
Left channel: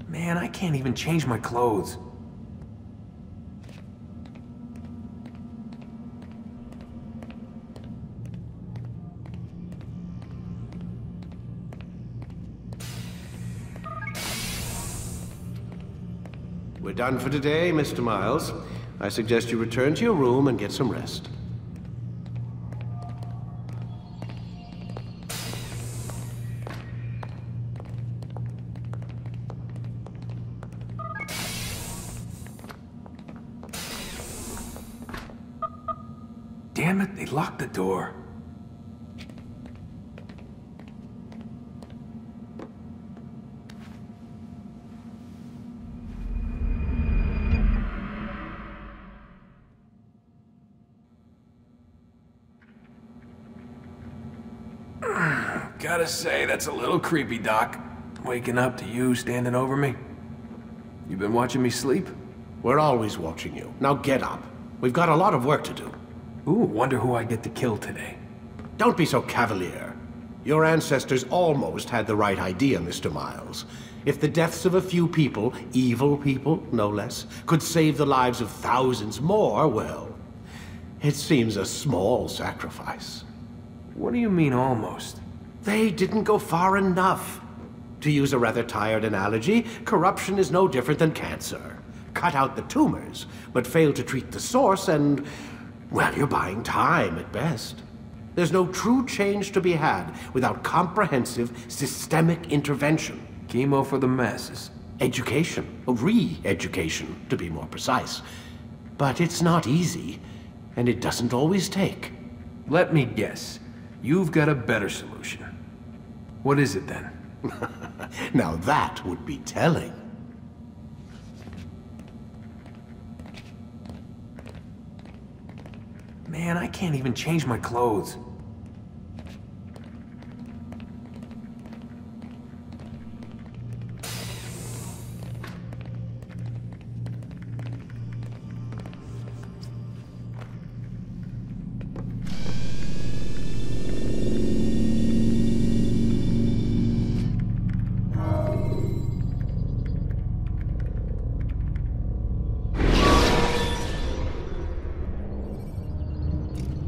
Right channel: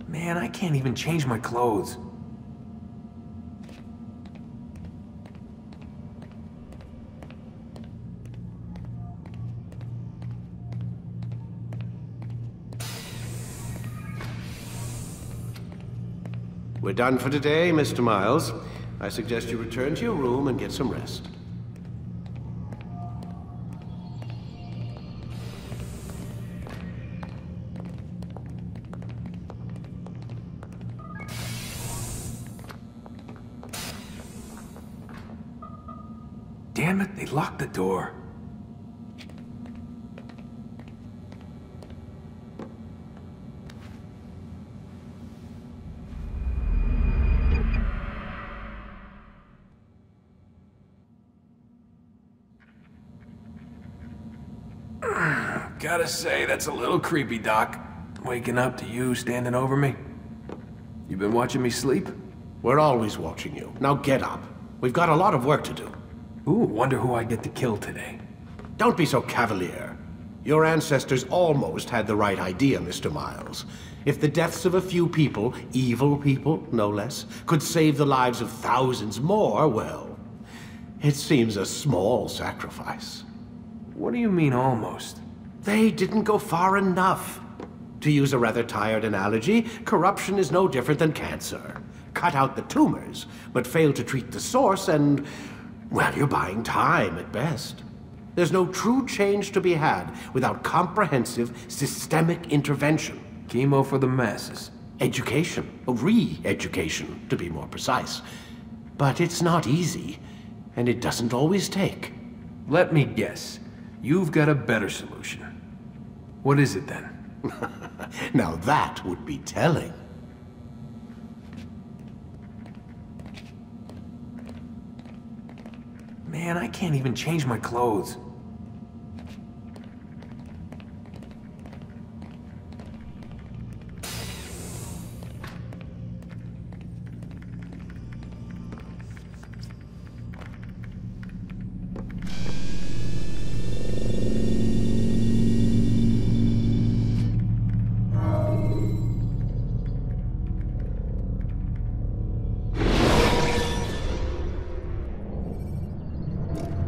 Man, I can't even change my clothes. We're done for today, Mr. Miles. I suggest you return to your room and get some rest. Damn it, they locked the door. Gotta say, that's a little creepy, Doc. Waking up to you standing over me. You been watching me sleep? We're always watching you. Now get up. We've got a lot of work to do. Ooh, wonder who I get to kill today. Don't be so cavalier. Your ancestors almost had the right idea, Mr. Miles. If the deaths of a few people, evil people, no less, could save the lives of thousands more, well, it seems a small sacrifice. What do you mean, almost? They didn't go far enough. To use a rather tired analogy, corruption is no different than cancer. Cut out the tumors, but fail to treat the source and, well, you're buying time at best. There's no true change to be had without comprehensive, systemic intervention. Chemo for the masses. Education, re-education, to be more precise. But it's not easy, and it doesn't always take. Let me guess. You've got a better solution. What is it then? Now that would be telling. Man, I can't even change my clothes.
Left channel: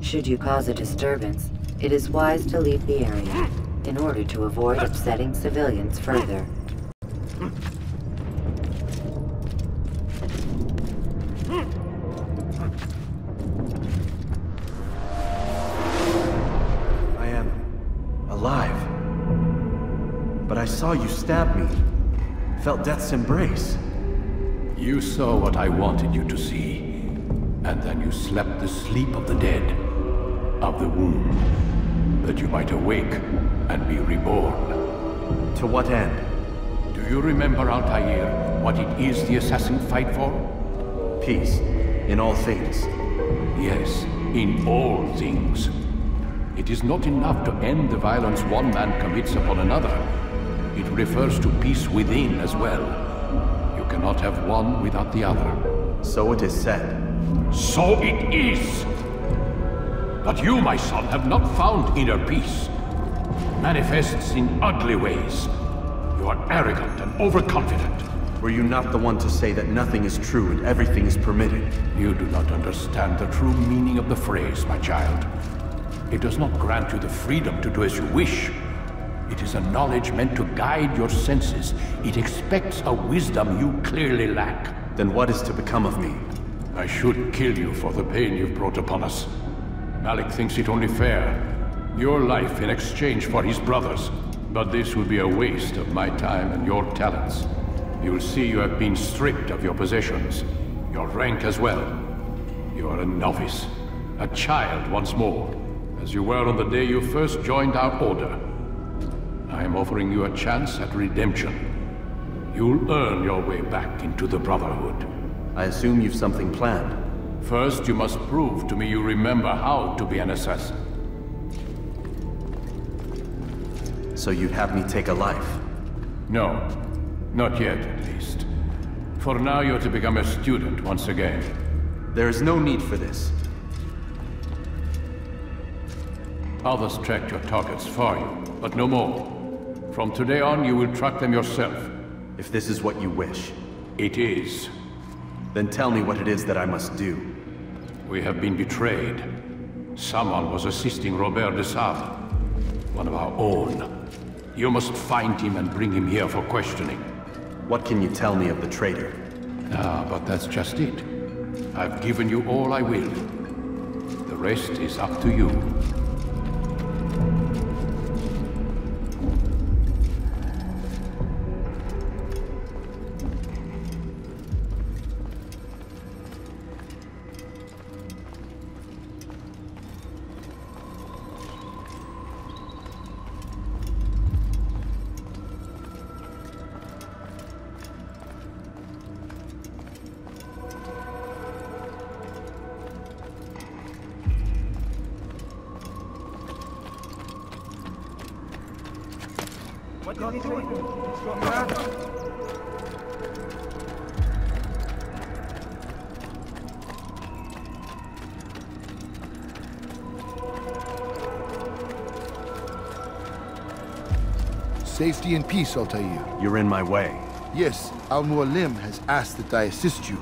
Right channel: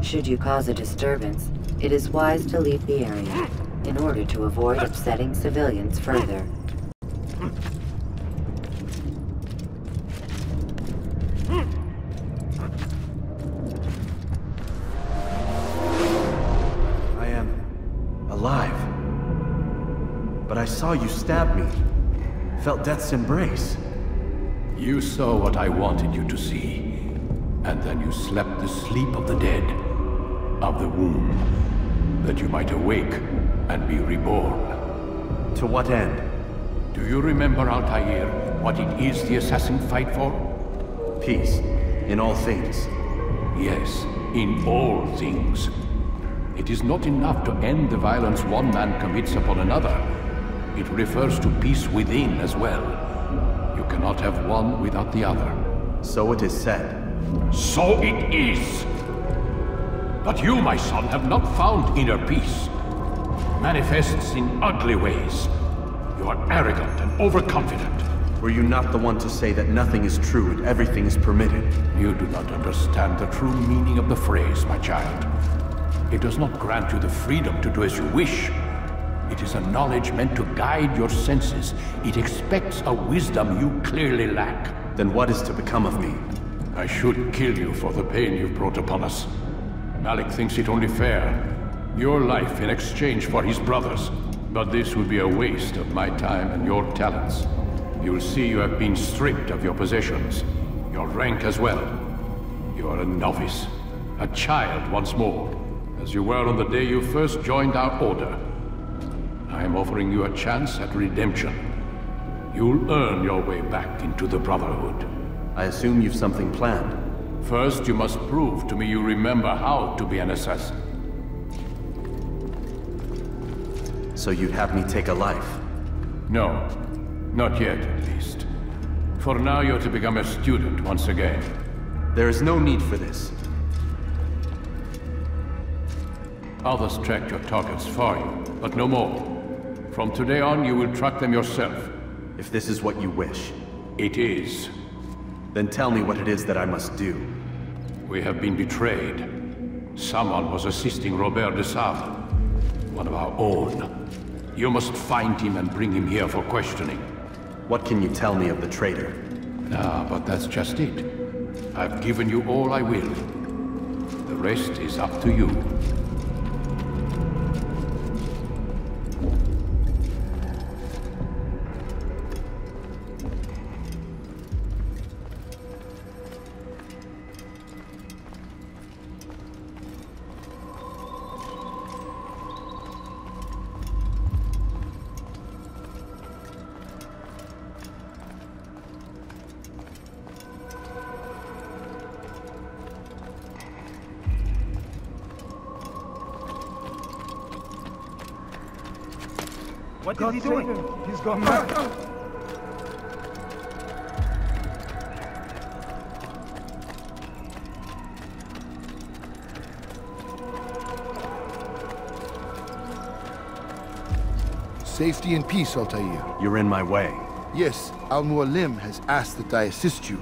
Should you cause a disturbance, it is wise to leave the area in order to avoid upsetting civilians further. I am alive. But I saw you stab me. Felt death's embrace. You saw what I wanted you to see, and then you slept the sleep of the dead, of the womb, that you might awake and be reborn. To what end? Do you remember, Altair, what it is the assassin fight for? Peace. In all things. Yes, in all things. It is not enough to end the violence one man commits upon another. It refers to peace within as well. You cannot have one without the other. So it is said. So it is! But you, my son, have not found inner peace. It manifests in ugly ways. You are arrogant and overconfident. Were you not the one to say that nothing is true and everything is permitted? You do not understand the true meaning of the phrase, my child. It does not grant you the freedom to do as you wish. It is a knowledge meant to guide your senses. It expects a wisdom you clearly lack. Then what is to become of me? I should kill you for the pain you've brought upon us. Malik thinks it only fair. Your life in exchange for his brother's. But this would be a waste of my time and your talents. You will see you have been stripped of your possessions. Your rank as well. You are a novice. A child once more. As you were on the day you first joined our order. I am offering you a chance at redemption. You'll earn your way back into the Brotherhood. I assume you've something planned. First, you must prove to me you remember how to be an assassin. So you'd have me take a life? No. Not yet, at least. For now, you're to become a student once again. There is no need for this. Others tracked your targets for you, but no more. From today on, you will track them yourself. If this is what you wish. It is. Then tell me what it is that I must do. We have been betrayed. Someone was assisting Robert de Sable, one of our own. You must find him and bring him here for questioning. What can you tell me of the traitor? Ah, but that's just it. I've given you all I will. The rest is up to you. What is he doing? He's going Safety and peace, Altair. You're in my way. Yes, Al-Mualim has asked that I assist you.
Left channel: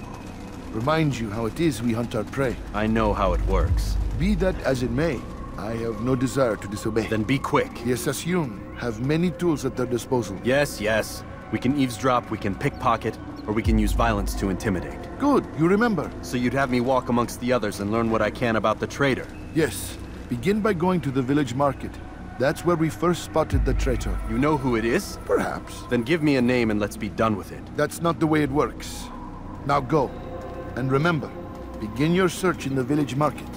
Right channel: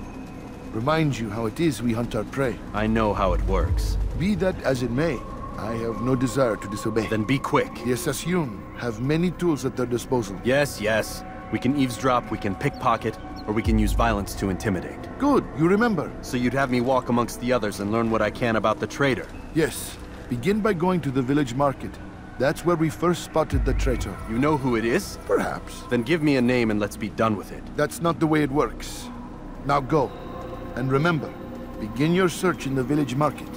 Remind you how it is we hunt our prey. I know how it works. Be that as it may, I have no desire to disobey. Then be quick. The Assassin have many tools at their disposal. Yes, yes. We can eavesdrop, we can pickpocket, or we can use violence to intimidate. Good, you remember. So you'd have me walk amongst the others and learn what I can about the traitor? Yes. Begin by going to the village market. That's where we first spotted the traitor. You know who it is? Perhaps. Then give me a name and let's be done with it. That's not the way it works. Now go. And remember, begin your search in the village market.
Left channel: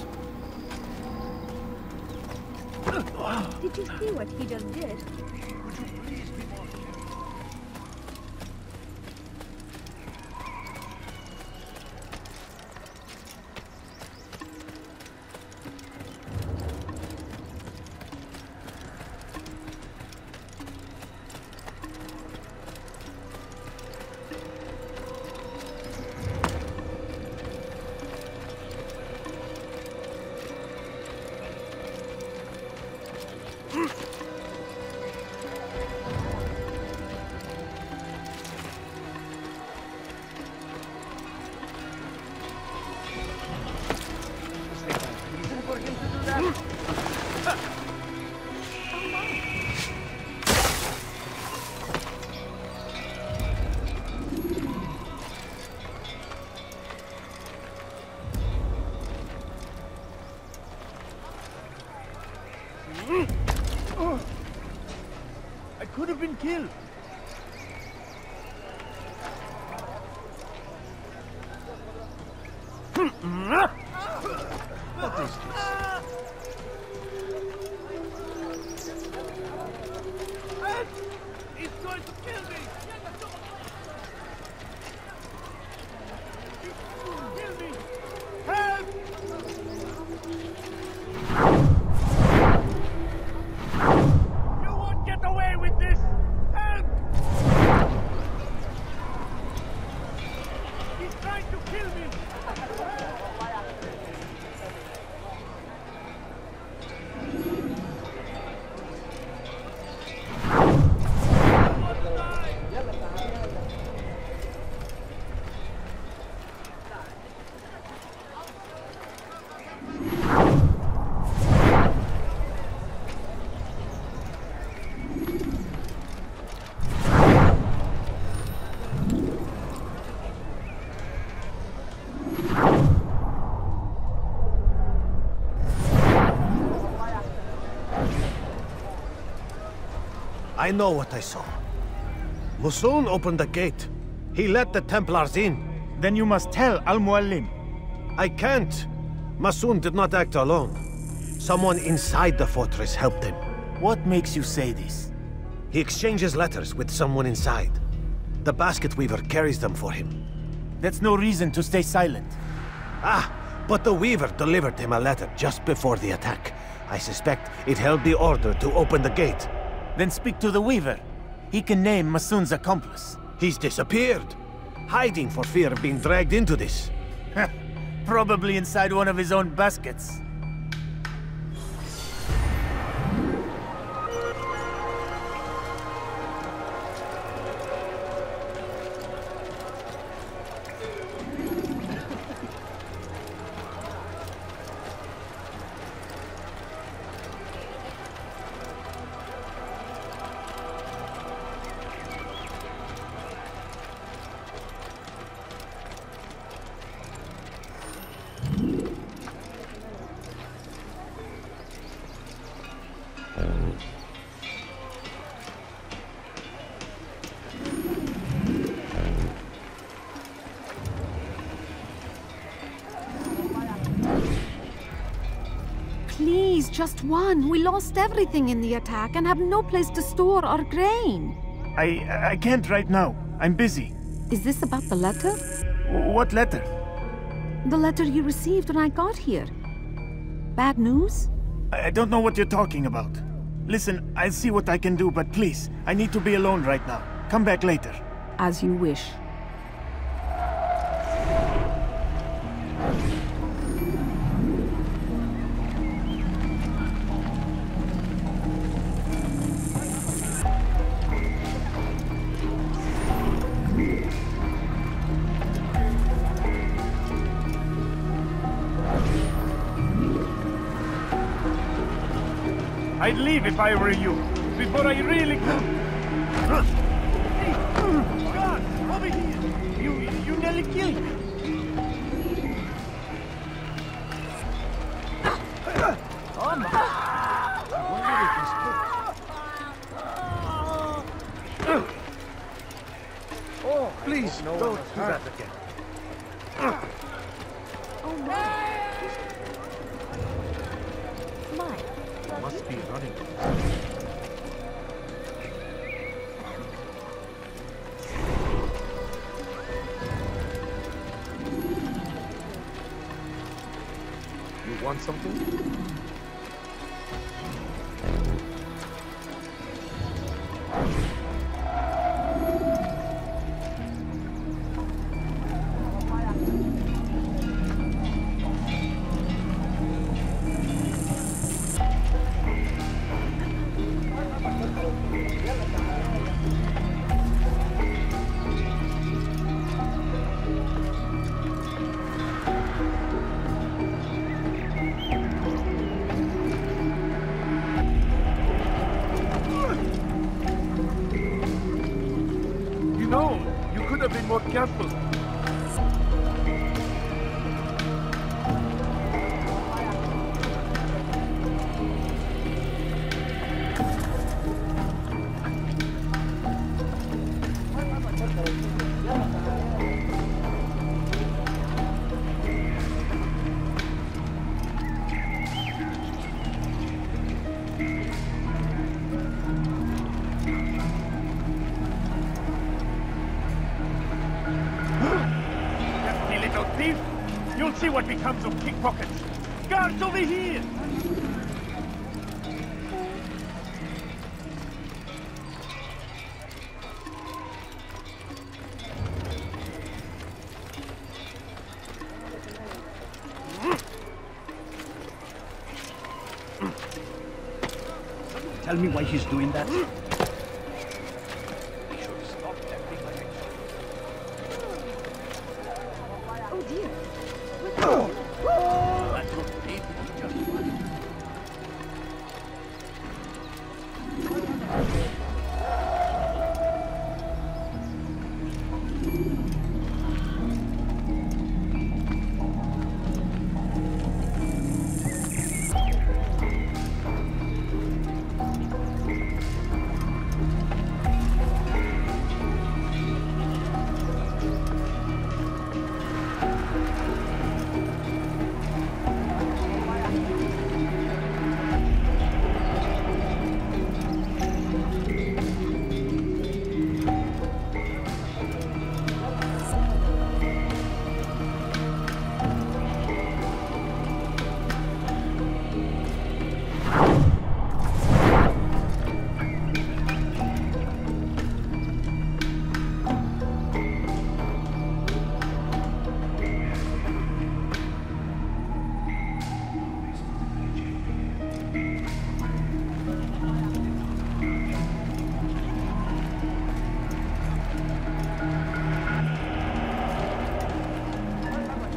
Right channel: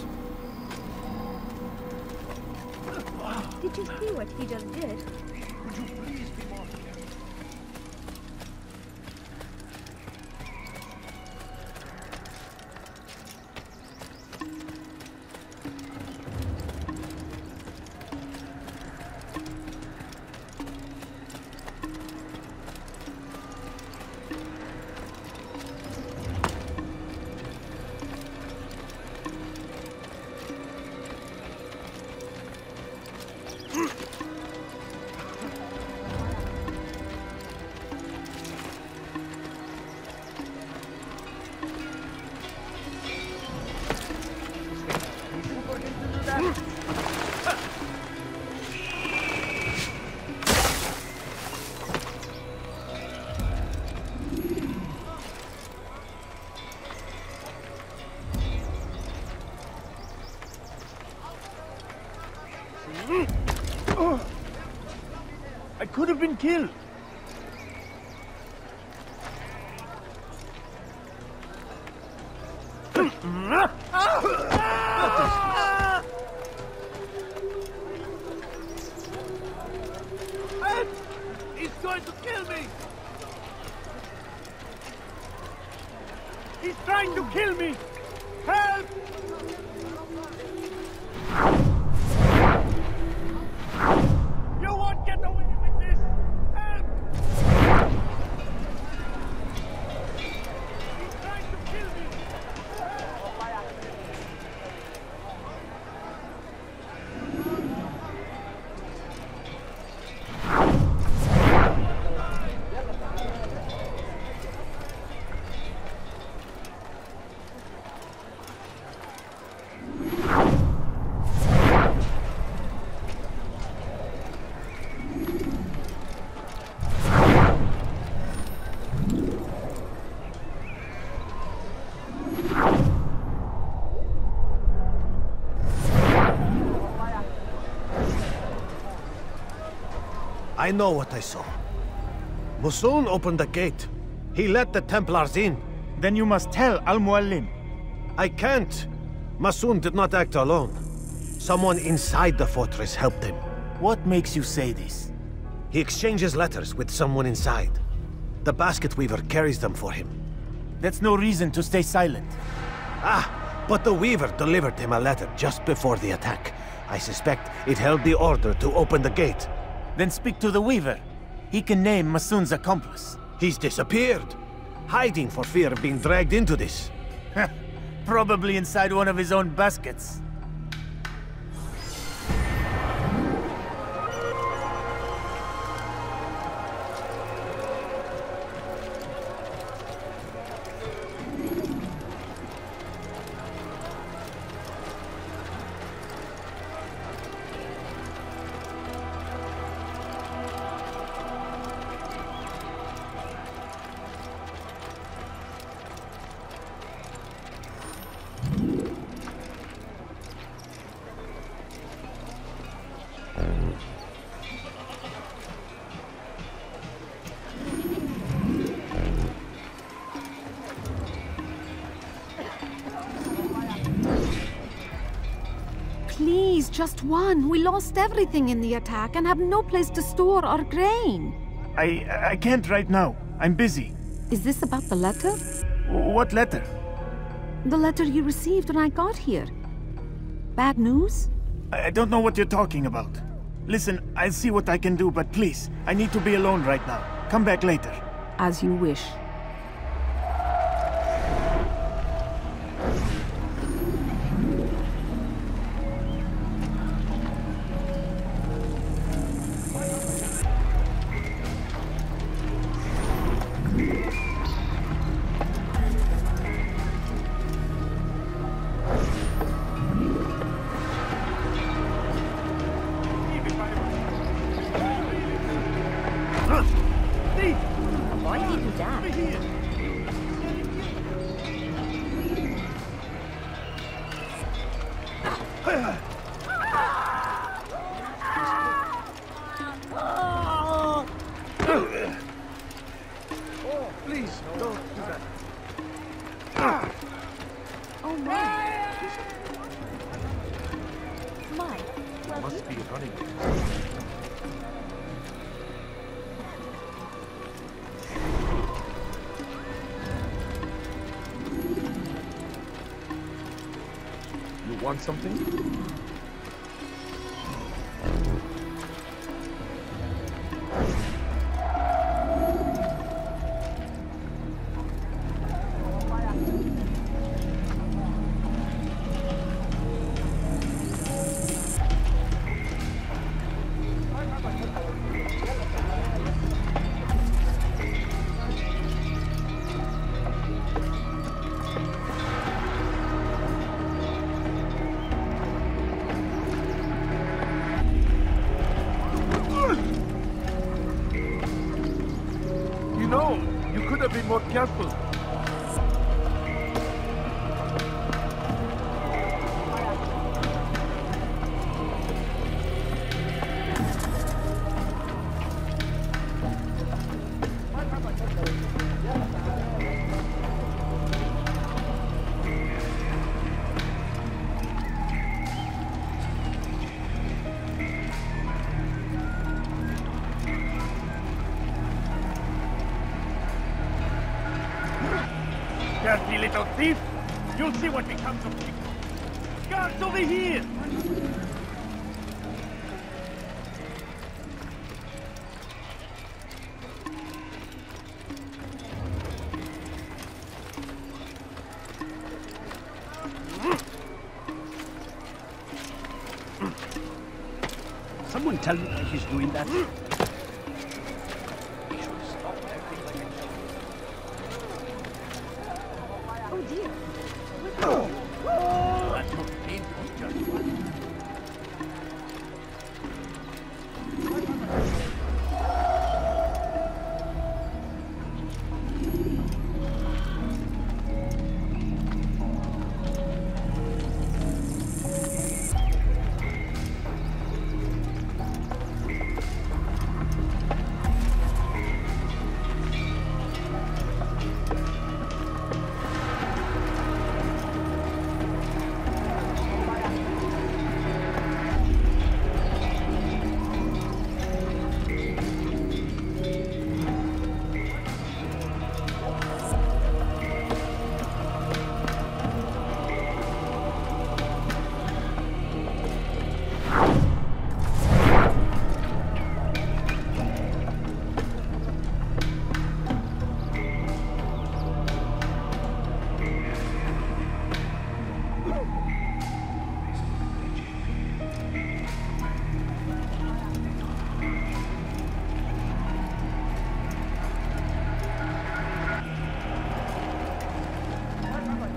I could have been killed. What is this? He's trying to kill me! You won't get away with this! I know what I saw. Masoon opened the gate. He let the Templars in. Then you must tell Al-Mualim. I can't. Masoon did not act alone. Someone inside the fortress helped him. What makes you say this? He exchanges letters with someone inside. The basket weaver carries them for him. That's no reason to stay silent. Ah, but the weaver delivered him a letter just before the attack. I suspect it held the order to open the gate. Then speak to the weaver. He can name Masoon's accomplice. He's disappeared. Hiding for fear of being dragged into this. Probably inside one of his own baskets. Please, just one. We lost everything in the attack and have no place to store our grain. I can't right now. I'm busy. Is this about the letter? What letter? The letter you received when I got here. Bad news? I don't know what you're talking about. Listen, I'll see what I can do, but please, I need to be alone right now. Come back later. As you wish. I'd leave if I were you, before I really Over here! You nearly killed me! Please, no. Pickpockets! Guards over here! Someone tell me why he's...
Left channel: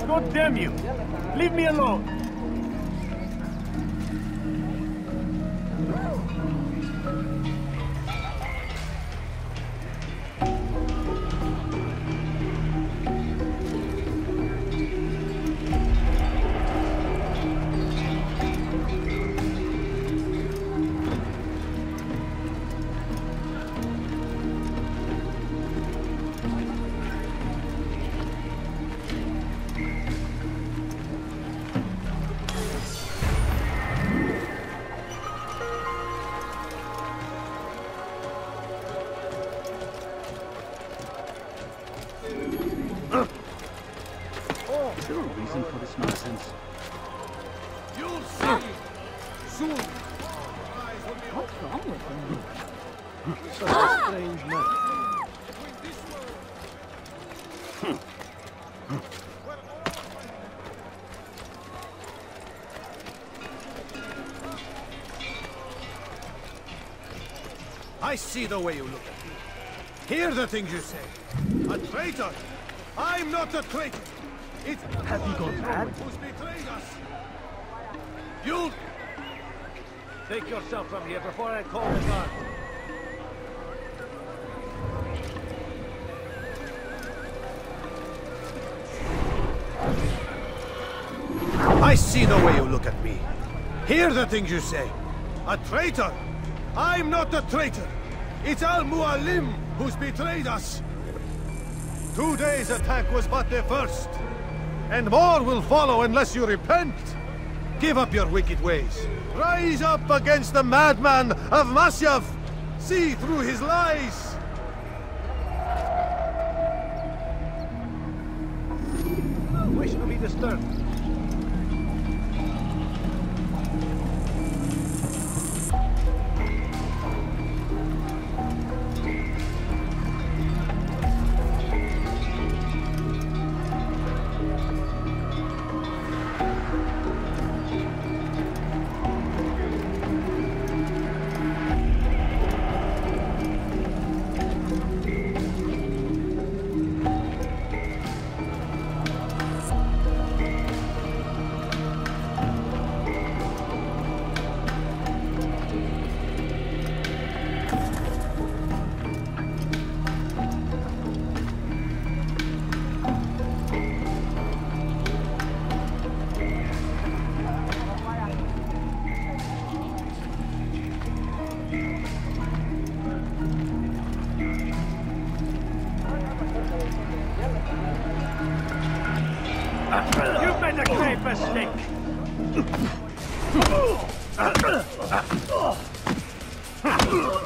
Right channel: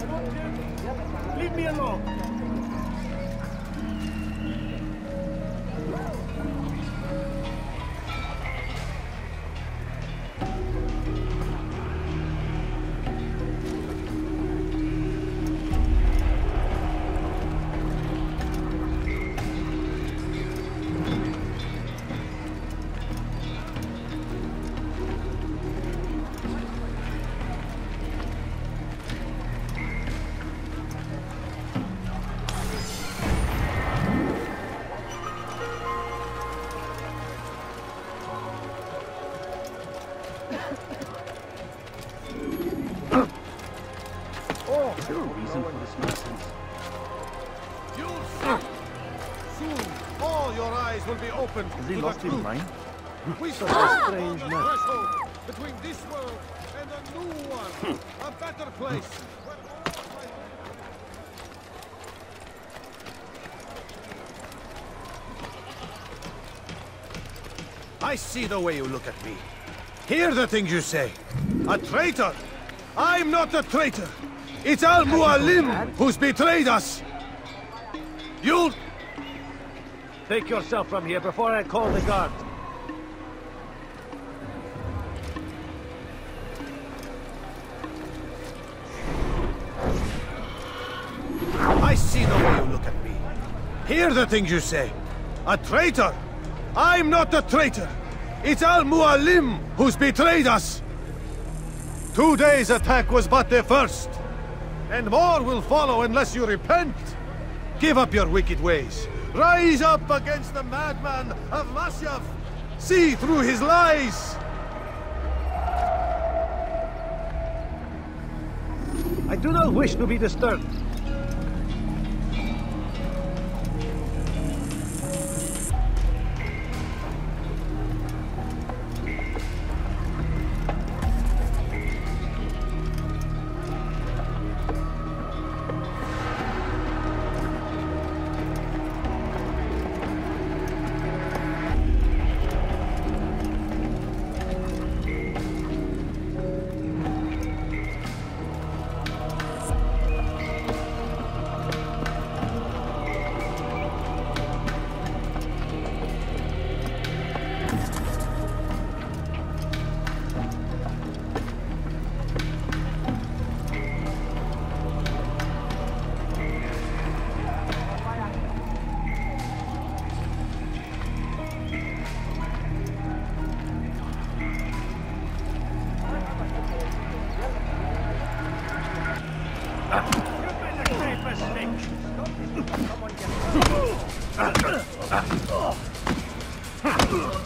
God damn you! Leave me alone! You'll see. Soon, all your eyes will be opened. They lost his mind? We stand upon the threshold between this world and a new one, a better place. I see the way you look at me. Hear the things you say. A traitor? I'm not a traitor. It's Al-Mualim who's betrayed us. You'll... Take yourself from here before I call the guard. I see the way you look at me. Hear the things you say. A traitor? I'm not a traitor. It's Al-Mualim who's betrayed us. Today's attack was but the first. And more will follow unless you repent. Give up your wicked ways. Rise up against the madman of Masyaf. See through his lies. I do not wish to be disturbed.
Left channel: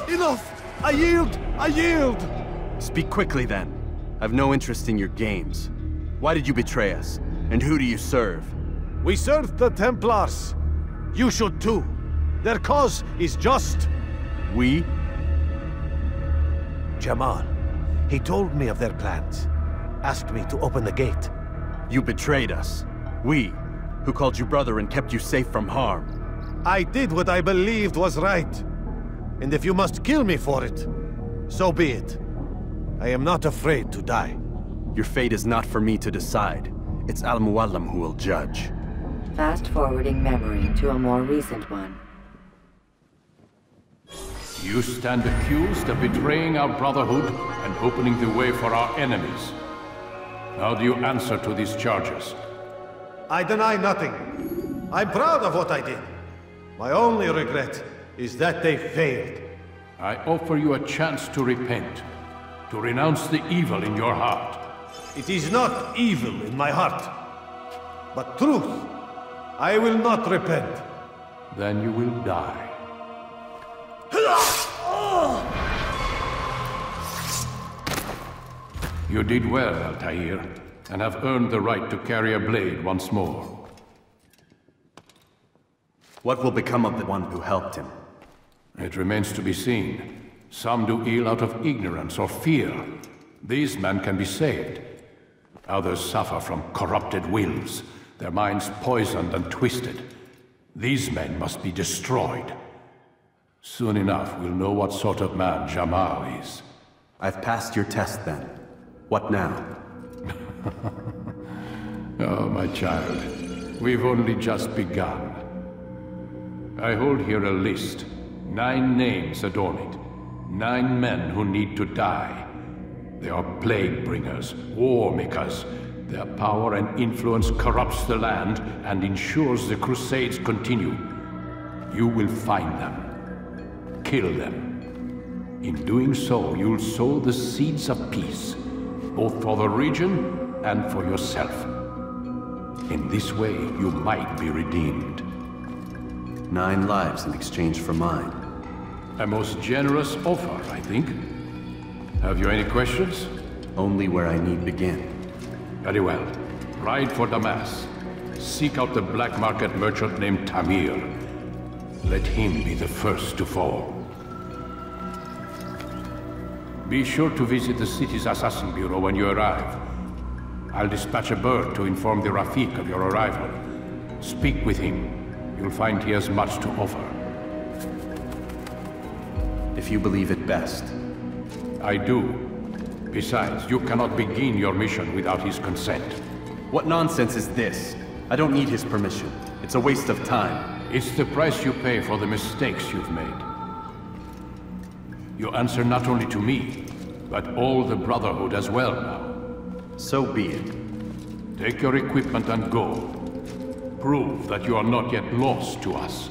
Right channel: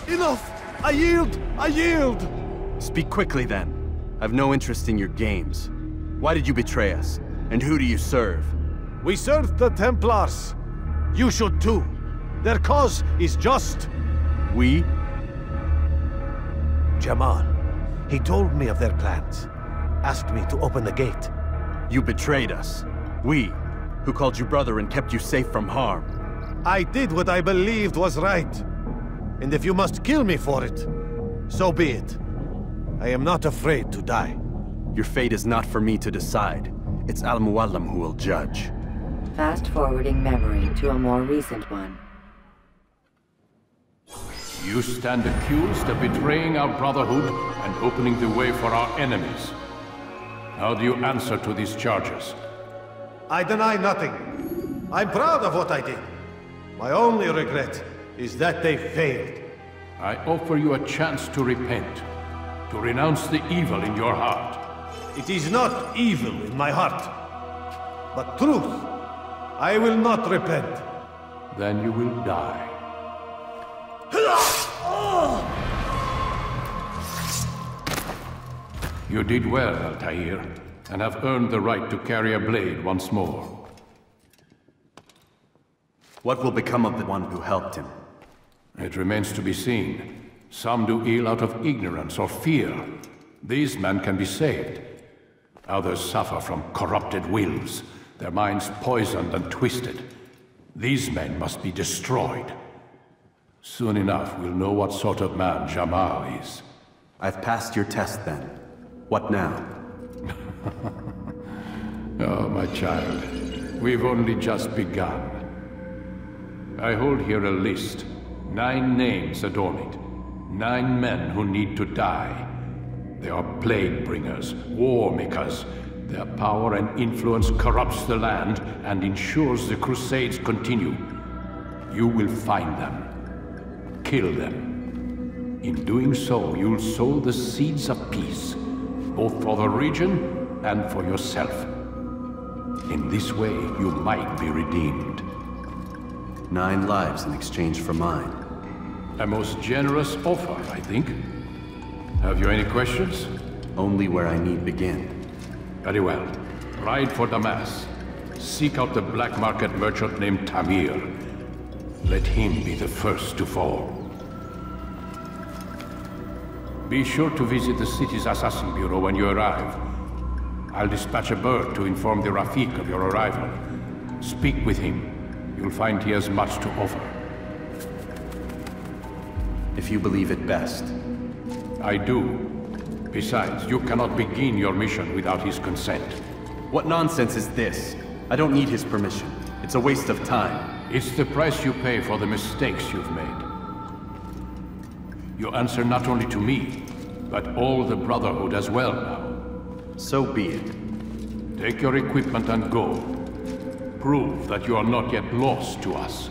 Enough! I yield! I yield! Speak quickly, then. I've no interest in your games. Why did you betray us? And who do you serve? We served the Templars. You should too. Their cause is just. We? Jamal. He told me of their plans. Asked me to open the gate. You betrayed us. We, who called you brother and kept you safe from harm. I did what I believed was right. And if you must kill me for it, so be it. I am not afraid to die. Your fate is not for me to decide. It's Al-Mualim who will judge. Fast-forwarding memory to a more recent one. You stand accused of betraying our Brotherhood and opening the way for our enemies. How do you answer to these charges? I deny nothing. I'm proud of what I did. My only regret is that they failed. I offer you a chance to repent, to renounce the evil in your heart. It is not evil in my heart, but truth. I will not repent. Then you will die. You did well, Altair, and have earned the right to carry a blade once more. What will become of the one who helped him? It remains to be seen. Some do ill out of ignorance or fear. These men can be saved. Others suffer from corrupted wills, their minds poisoned and twisted. These men must be destroyed. Soon enough, we'll know what sort of man Jamal is. I've passed your test then. What now? Oh, my child. We've only just begun. I hold here a list. 9 names adorn it. 9 men who need to die. They are plague bringers, war makers. Their power and influence corrupts the land and ensures the Crusades continue. You will find them. Kill them. In doing so, you'll sow the seeds of peace, both for the region and for yourself. In this way, you might be redeemed. 9 lives in exchange for mine. A most generous offer, I think. Have you any questions? Only where I need begin. Very well. Ride for Damas. Seek out the black market merchant named Tamir. Let him be the first to fall. Be sure to visit the city's assassin bureau when you arrive. I'll dispatch a bird to inform the Rafik of your arrival. Speak with him. You'll find he has much to offer. If you believe it best. I do. Besides, you cannot begin your mission without his consent. What nonsense is this? I don't need his permission. It's a waste of time. It's the price you pay for the mistakes you've made. You answer not only to me, but all the Brotherhood as well now. So be it. Take your equipment and go. Prove that you are not yet lost to us.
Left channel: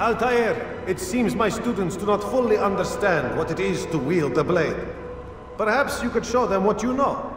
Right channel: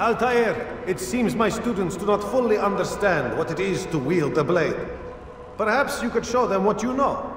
Altair, it seems my students do not fully understand what it is to wield the blade. Perhaps you could show them what you know.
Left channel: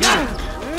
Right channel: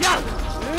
Yeah!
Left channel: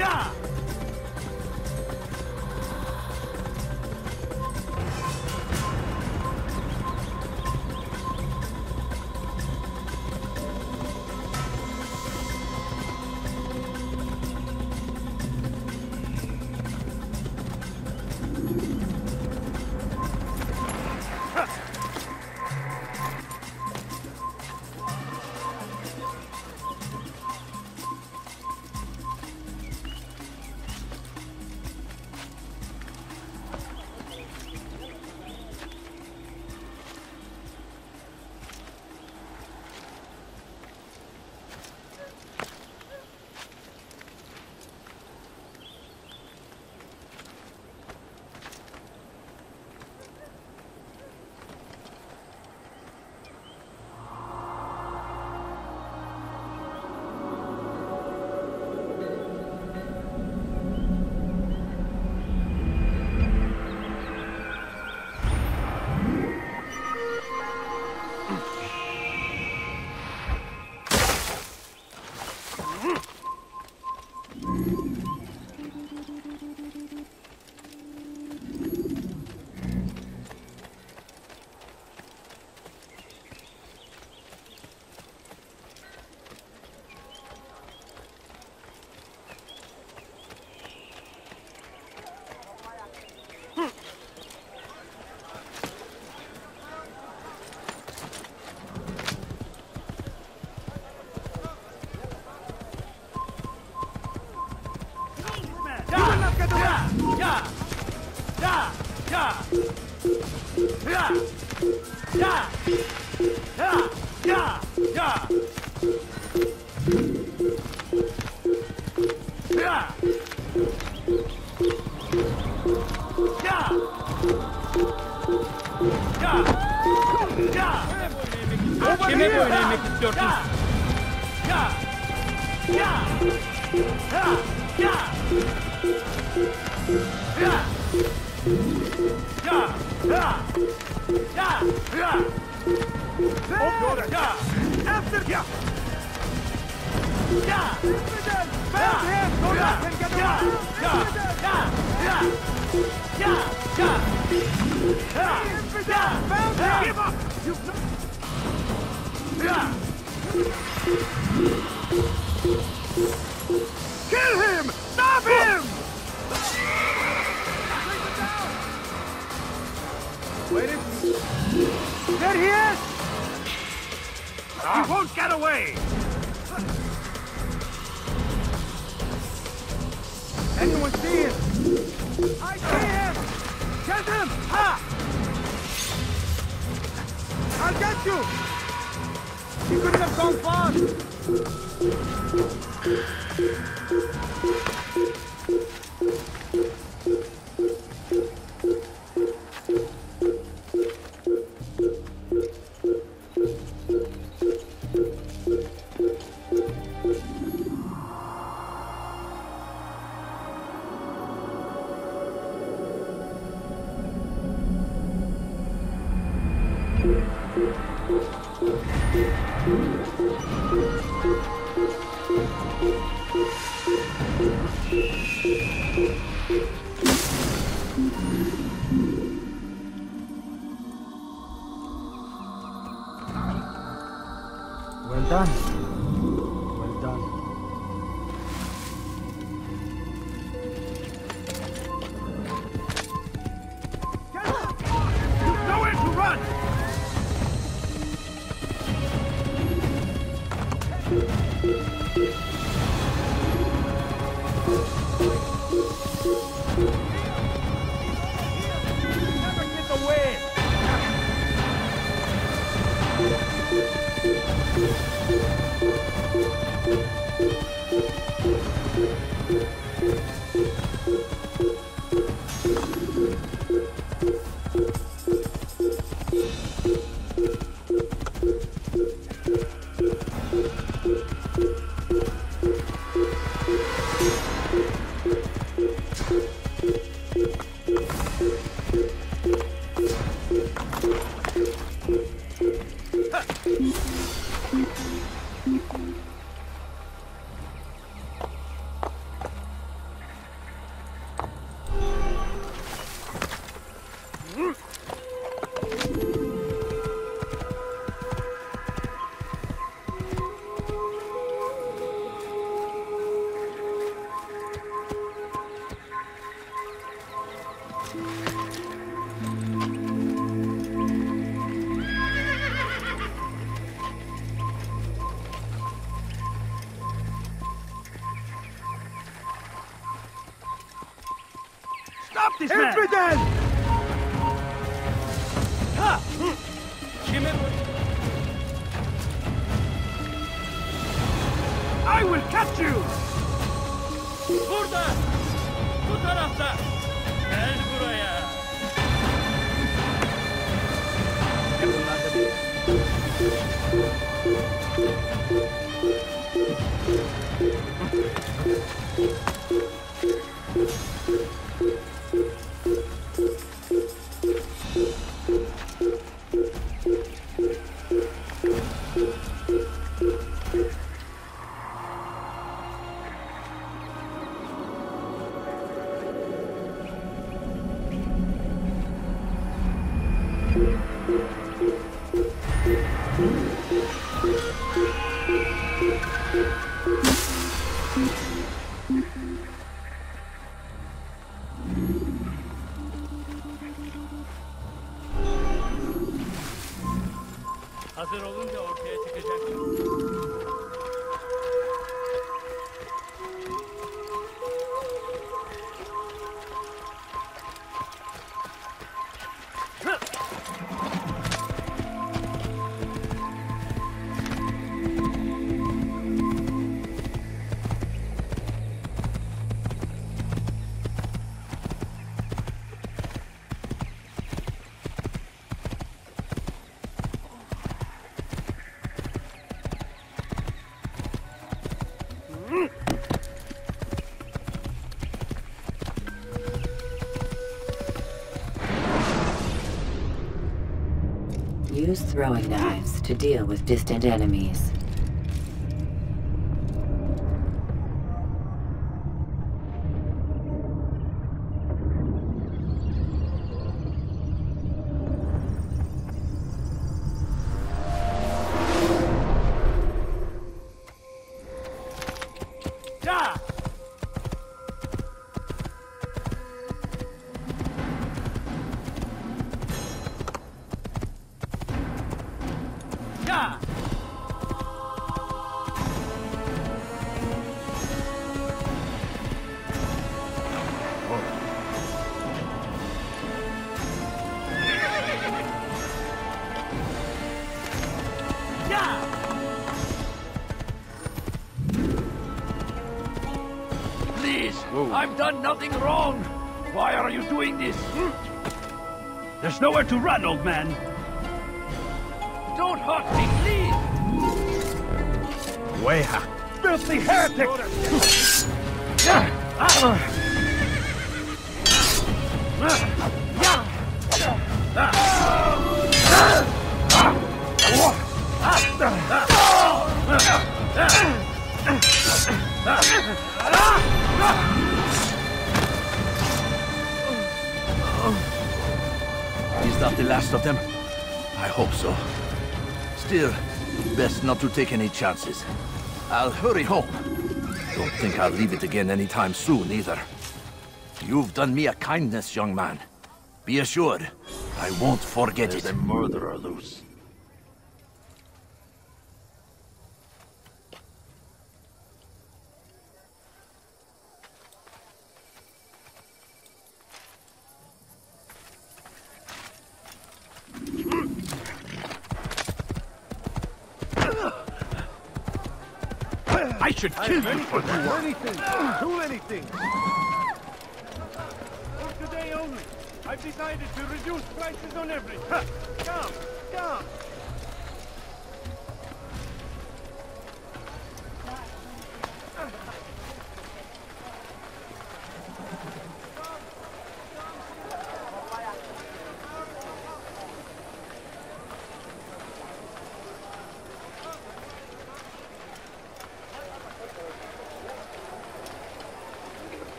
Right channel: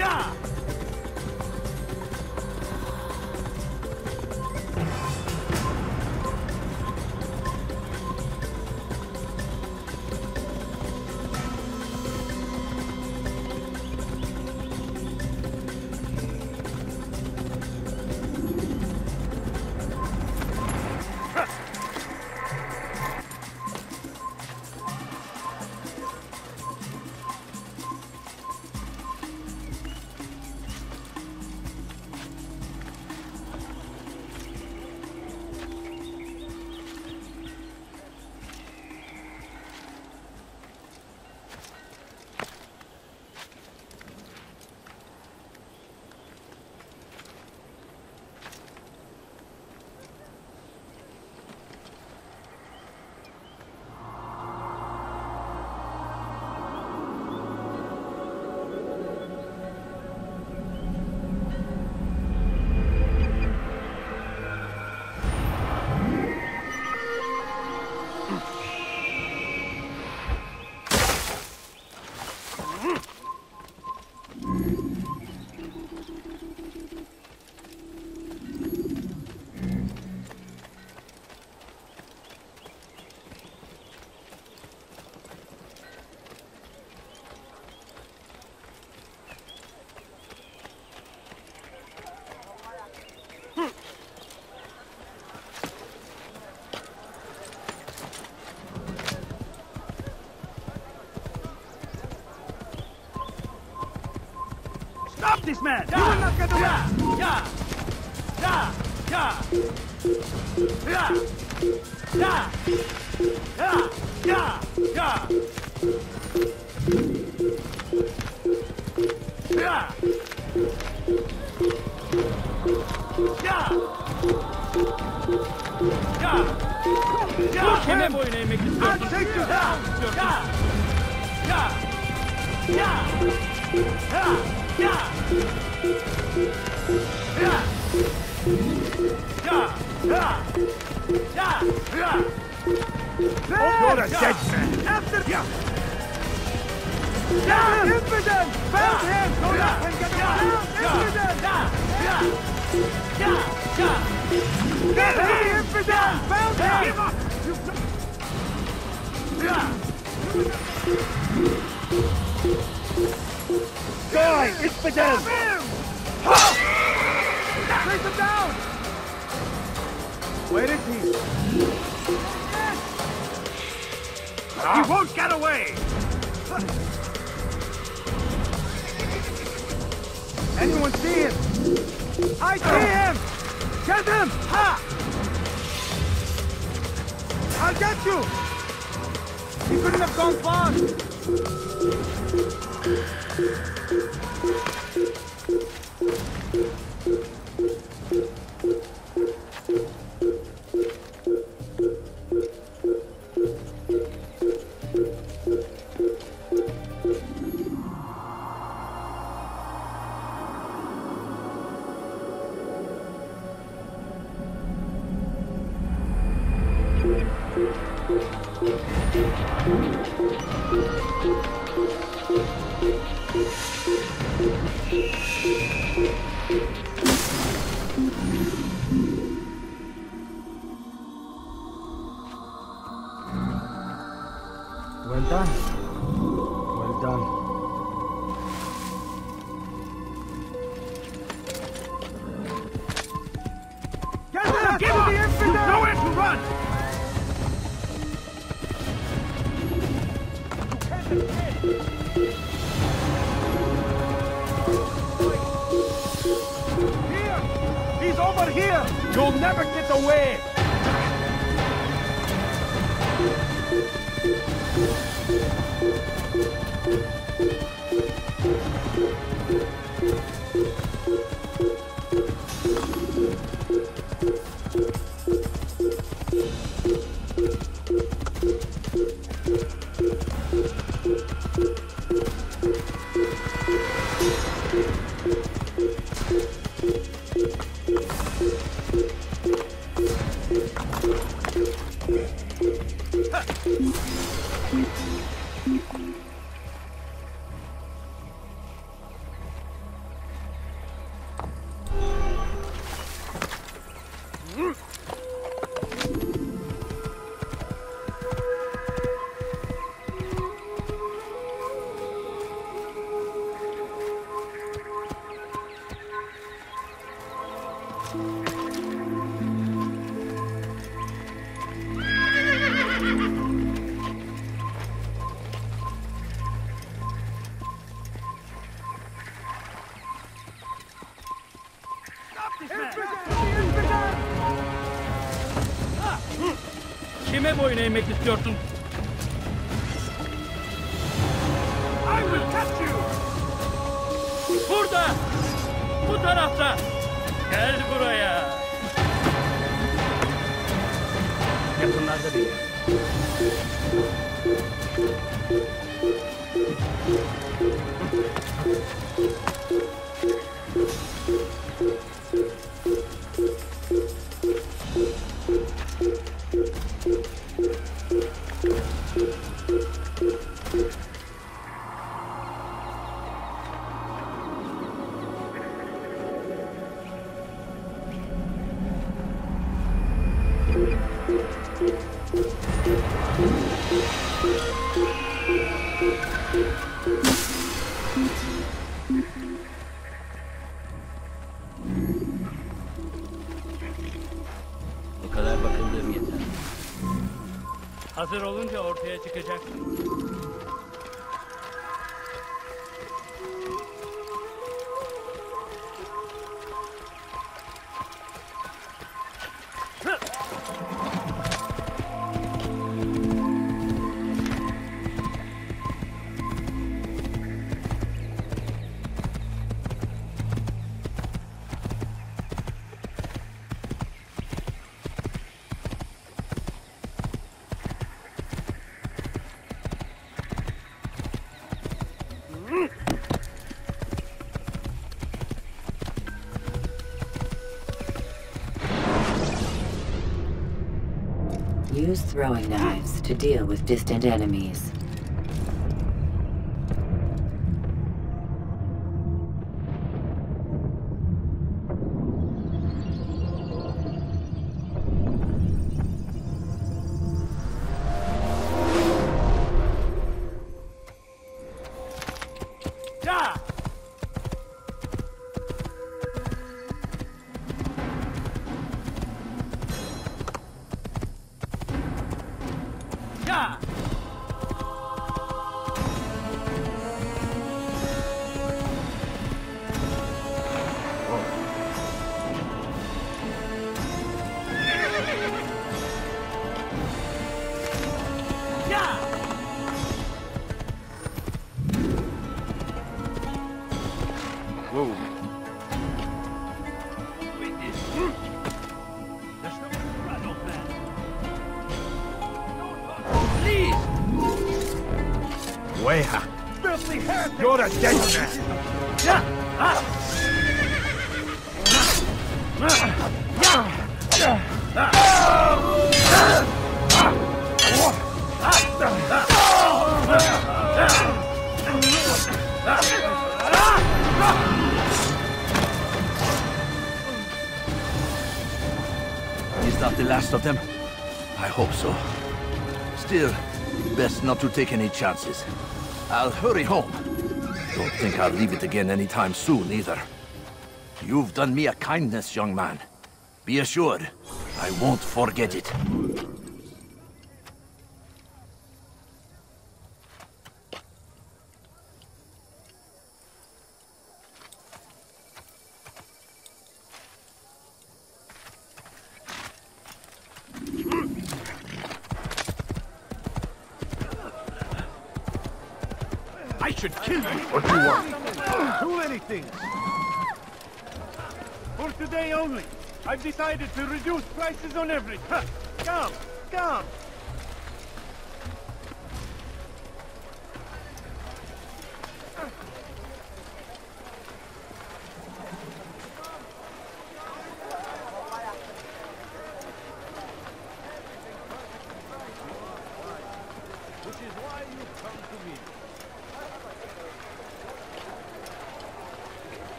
Yeah! Stop this man! Yeah! Yeah! Yeah! Yeah! Yeah! Yeah! Yeah! Yeah! Yeah! Yeah! Yeah! Yeah! Kill him! Stop him! There he is! I see him! Get him! Well done. Well done. Get him! Get the infidel! He's over here! You'll never get away! Stop this man! Kime boyun eğmek istiyorsun? Use throwing knives to deal with distant enemies. I've done nothing wrong! Why are you doing this? There's nowhere to run, old man! Don't hurt me, please! Weha! Filthy heretic! You're a dead Is that the last of them? I hope so. Still, best not to take any chances. I'll hurry home. Don't think I'll leave it again anytime soon, either. You've done me a kindness, young man. Be assured, I won't forget it. Murderer loose. I've decided to reduce prices on everything.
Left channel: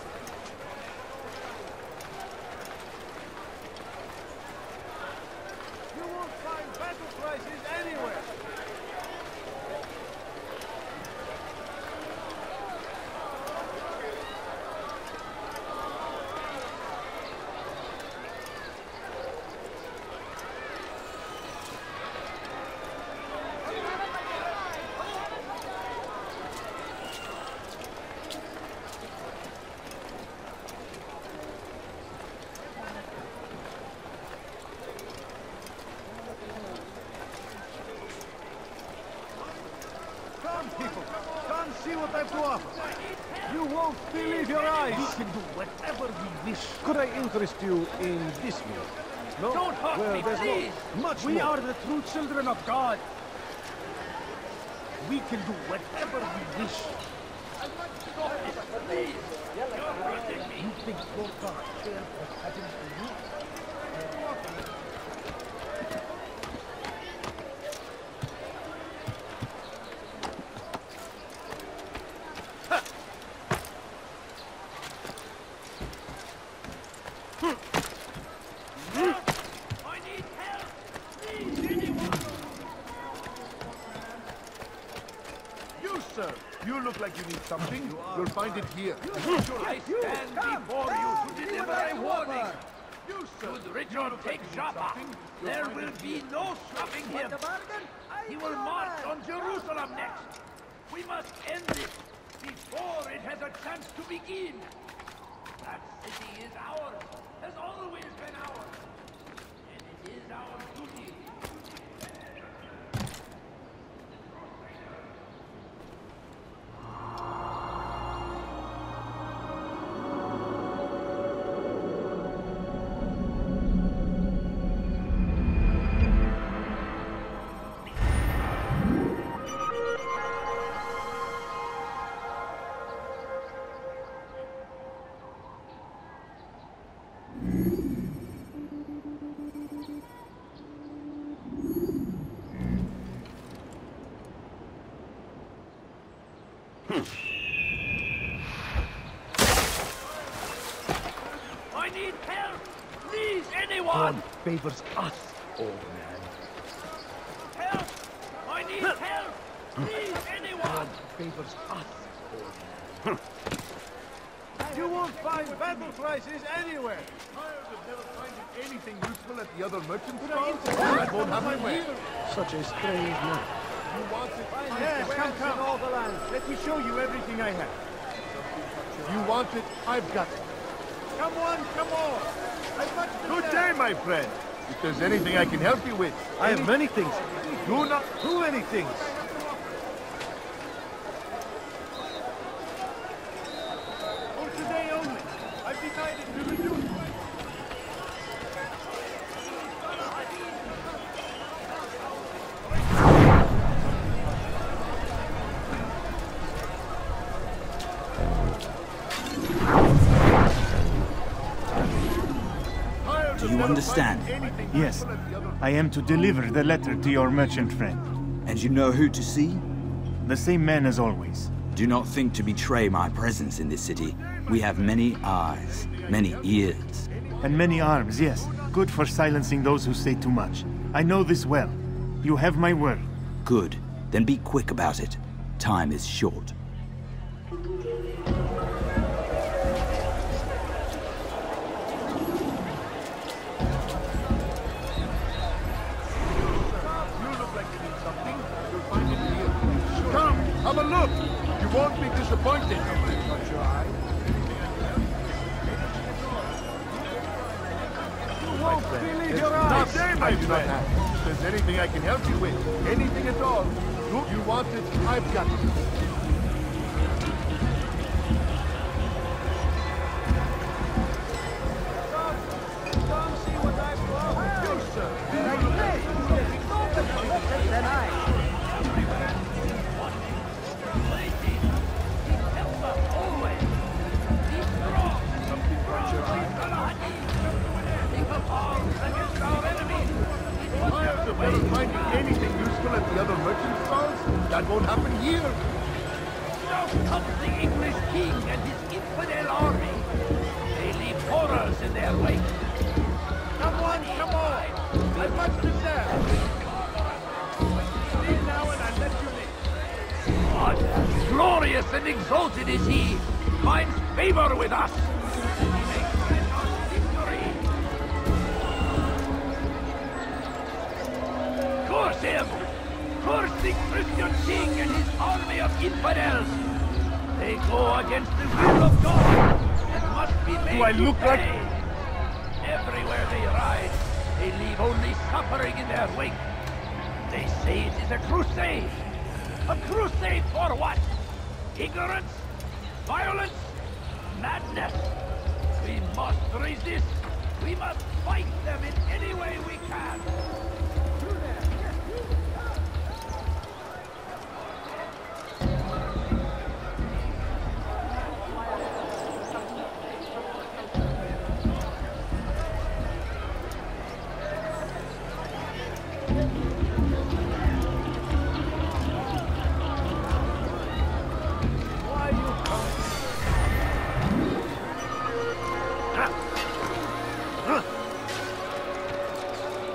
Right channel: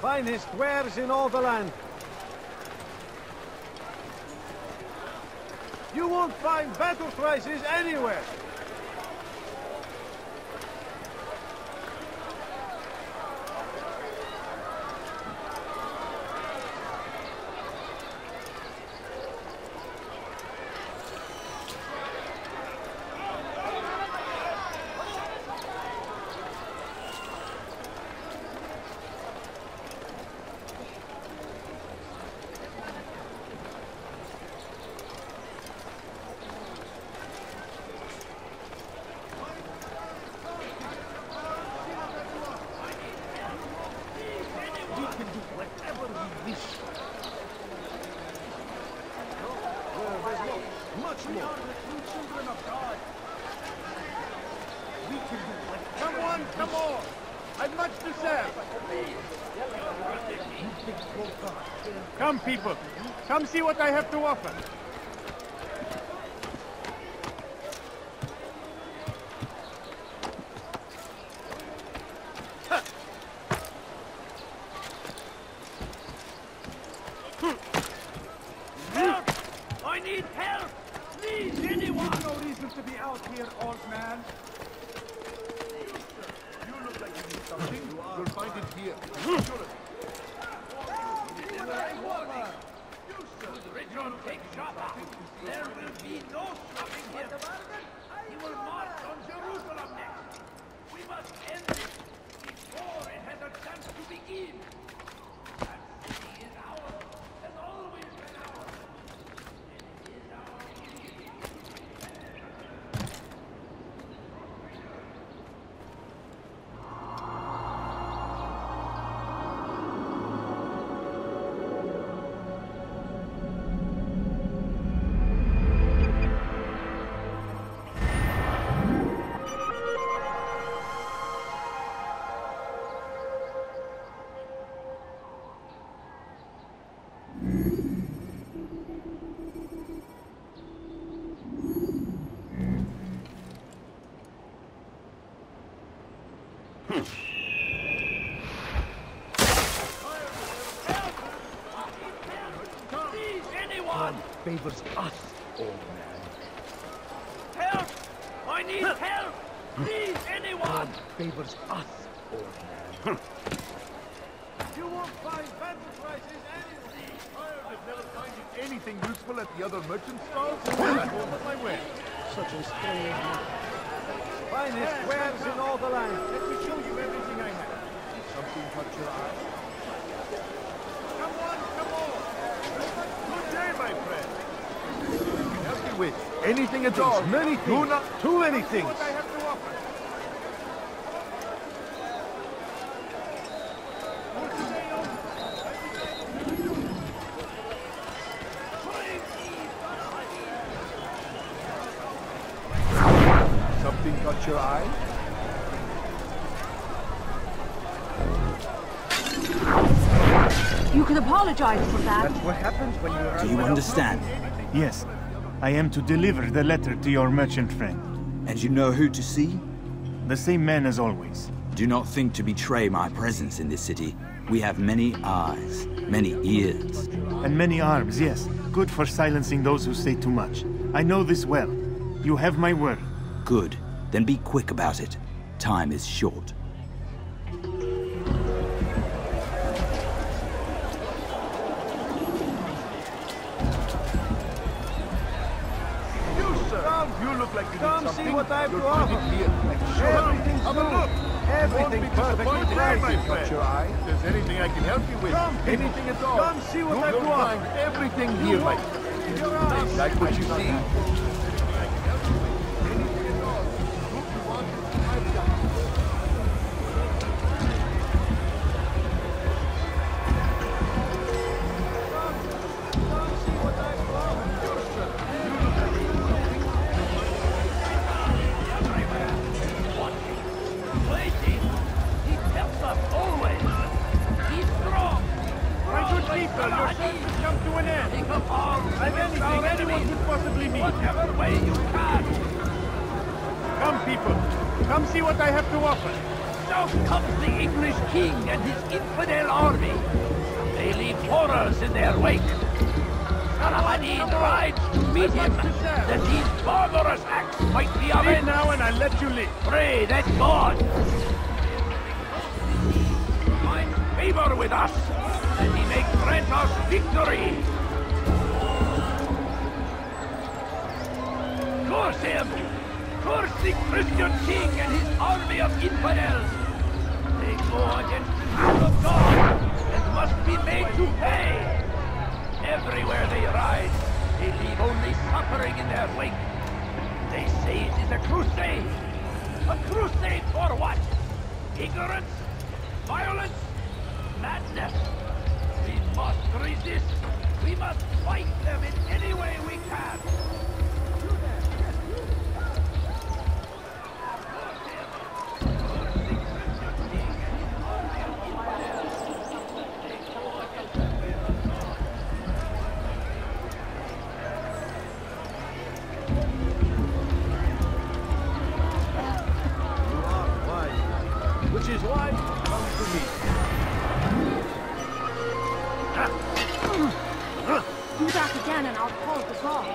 Finest wares in all the land. You won't find battle prices anywhere. people, come see what I've to offer. You won't believe your eyes. We can do whatever we wish. Could I interest you in this way? No? Don't hurt me, please! We are the true children of God. We can do whatever. Come on, come on! I've much to say. Come, people. Come see what I have to offer. I need help! Please, anyone no reason to be out here, old man? You, sir. You look like you need something. You'll find it here. I stand before you to deliver a warning. You should return King Shaba. There will be no stopping him. He will march on Jerusalem next. We must end it before it has a chance to begin. It is ours, has always been ours. And it is our duty to defend it. I need help! Please, anyone! You won't find battle prices anywhere. Tired of never finding anything useful at the other merchant stalls? That won't happen here. You want it? I've got it. Come. Let me show you everything I have. Something caught your eye. You want it? I've got it. Good day, my friend. If there's anything I can help you with, anything at all. Many things. Do anything. Something caught your eye? You can apologize for that. That's what happens when you are... Do you understand? Yes. I am to deliver the letter to your merchant friend. And you know who to see? The same man as always. Do not think to betray my presence in this city. We have many eyes, many ears. And many arms, yes. Good for silencing those who say too much. I know this well. You have my word. Good. Then be quick about it. Time is short. Come see what I have to offer. Everything's new. Everything's perfectly right, my friend. If there's anything I can help you with, anything at all. Come see what I have to offer. Everything here, my friend. That's what you see. If there's anything I can help you with, anything at all. What you want is I've got it. Take up arms against our enemies. Whatever way you can. Anything useful at the other merchants? Come, people. Come see what I have to offer. South comes the English king and his infidel army. They leave horrors in their wake. Al-Hadid rides to meet him, that these barbarous acts might be avenged. Now and I'll let you live. Pray that God, glorious and exalted is he, my faith, that he may grant us victory. Do I look like... why you come to me. Do that again and I'll call the guard.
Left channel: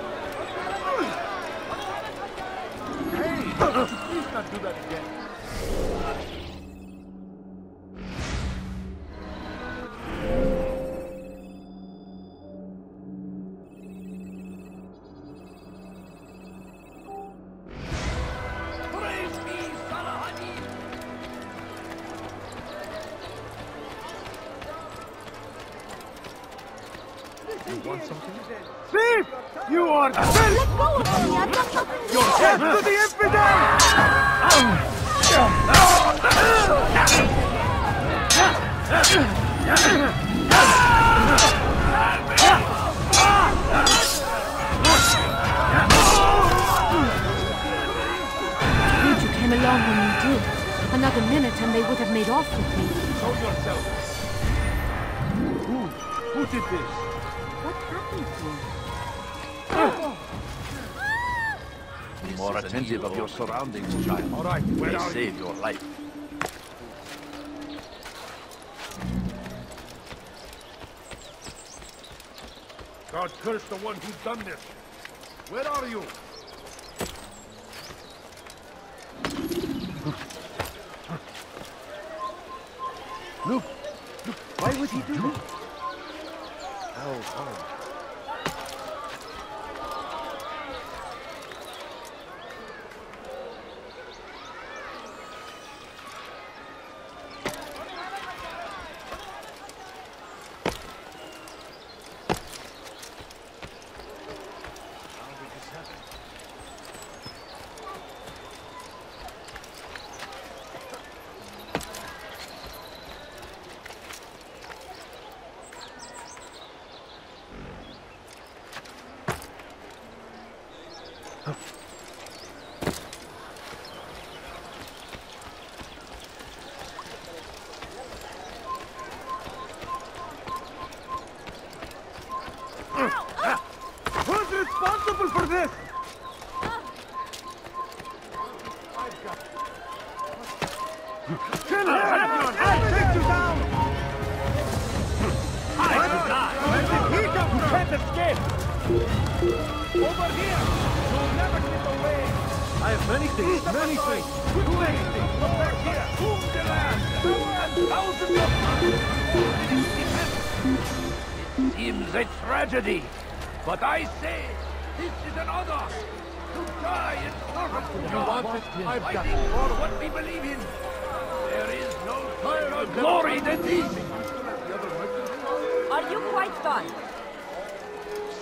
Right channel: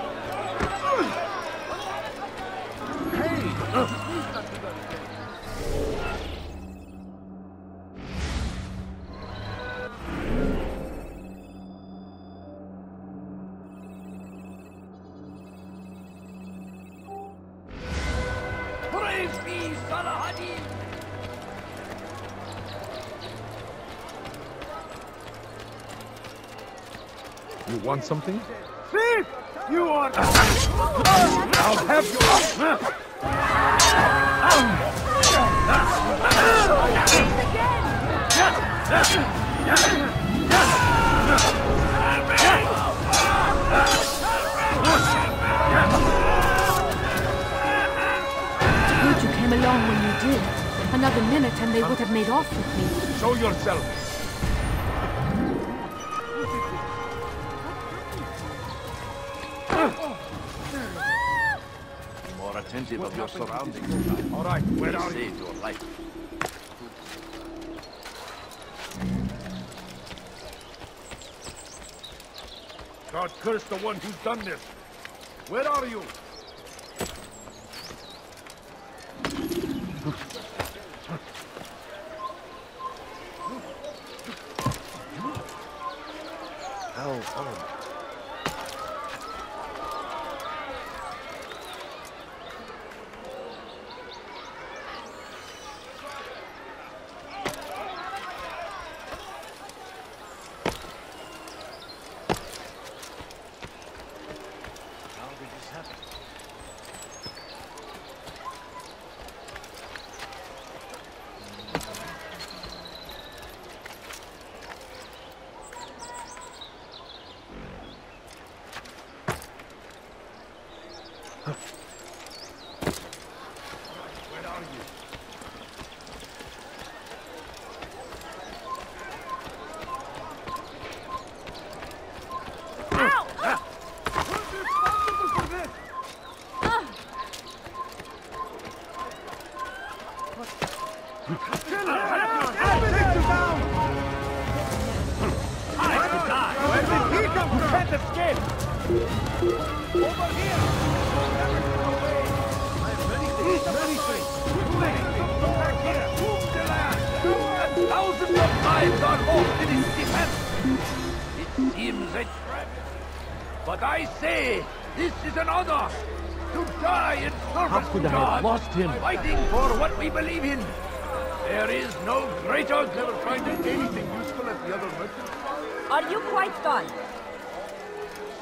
You want something? Thief! You are Let go of me! I'll have your head to the Good you came along when you did. Another minute and they would have made off with me. Look, why would he do that? Who's responsible for this? Fires of war consume the land, and thousands of lives are lost. A tragedy, but I say this is an honor to die in order. How could I have lost him? I've got what we believe in. There is no greater glory than this.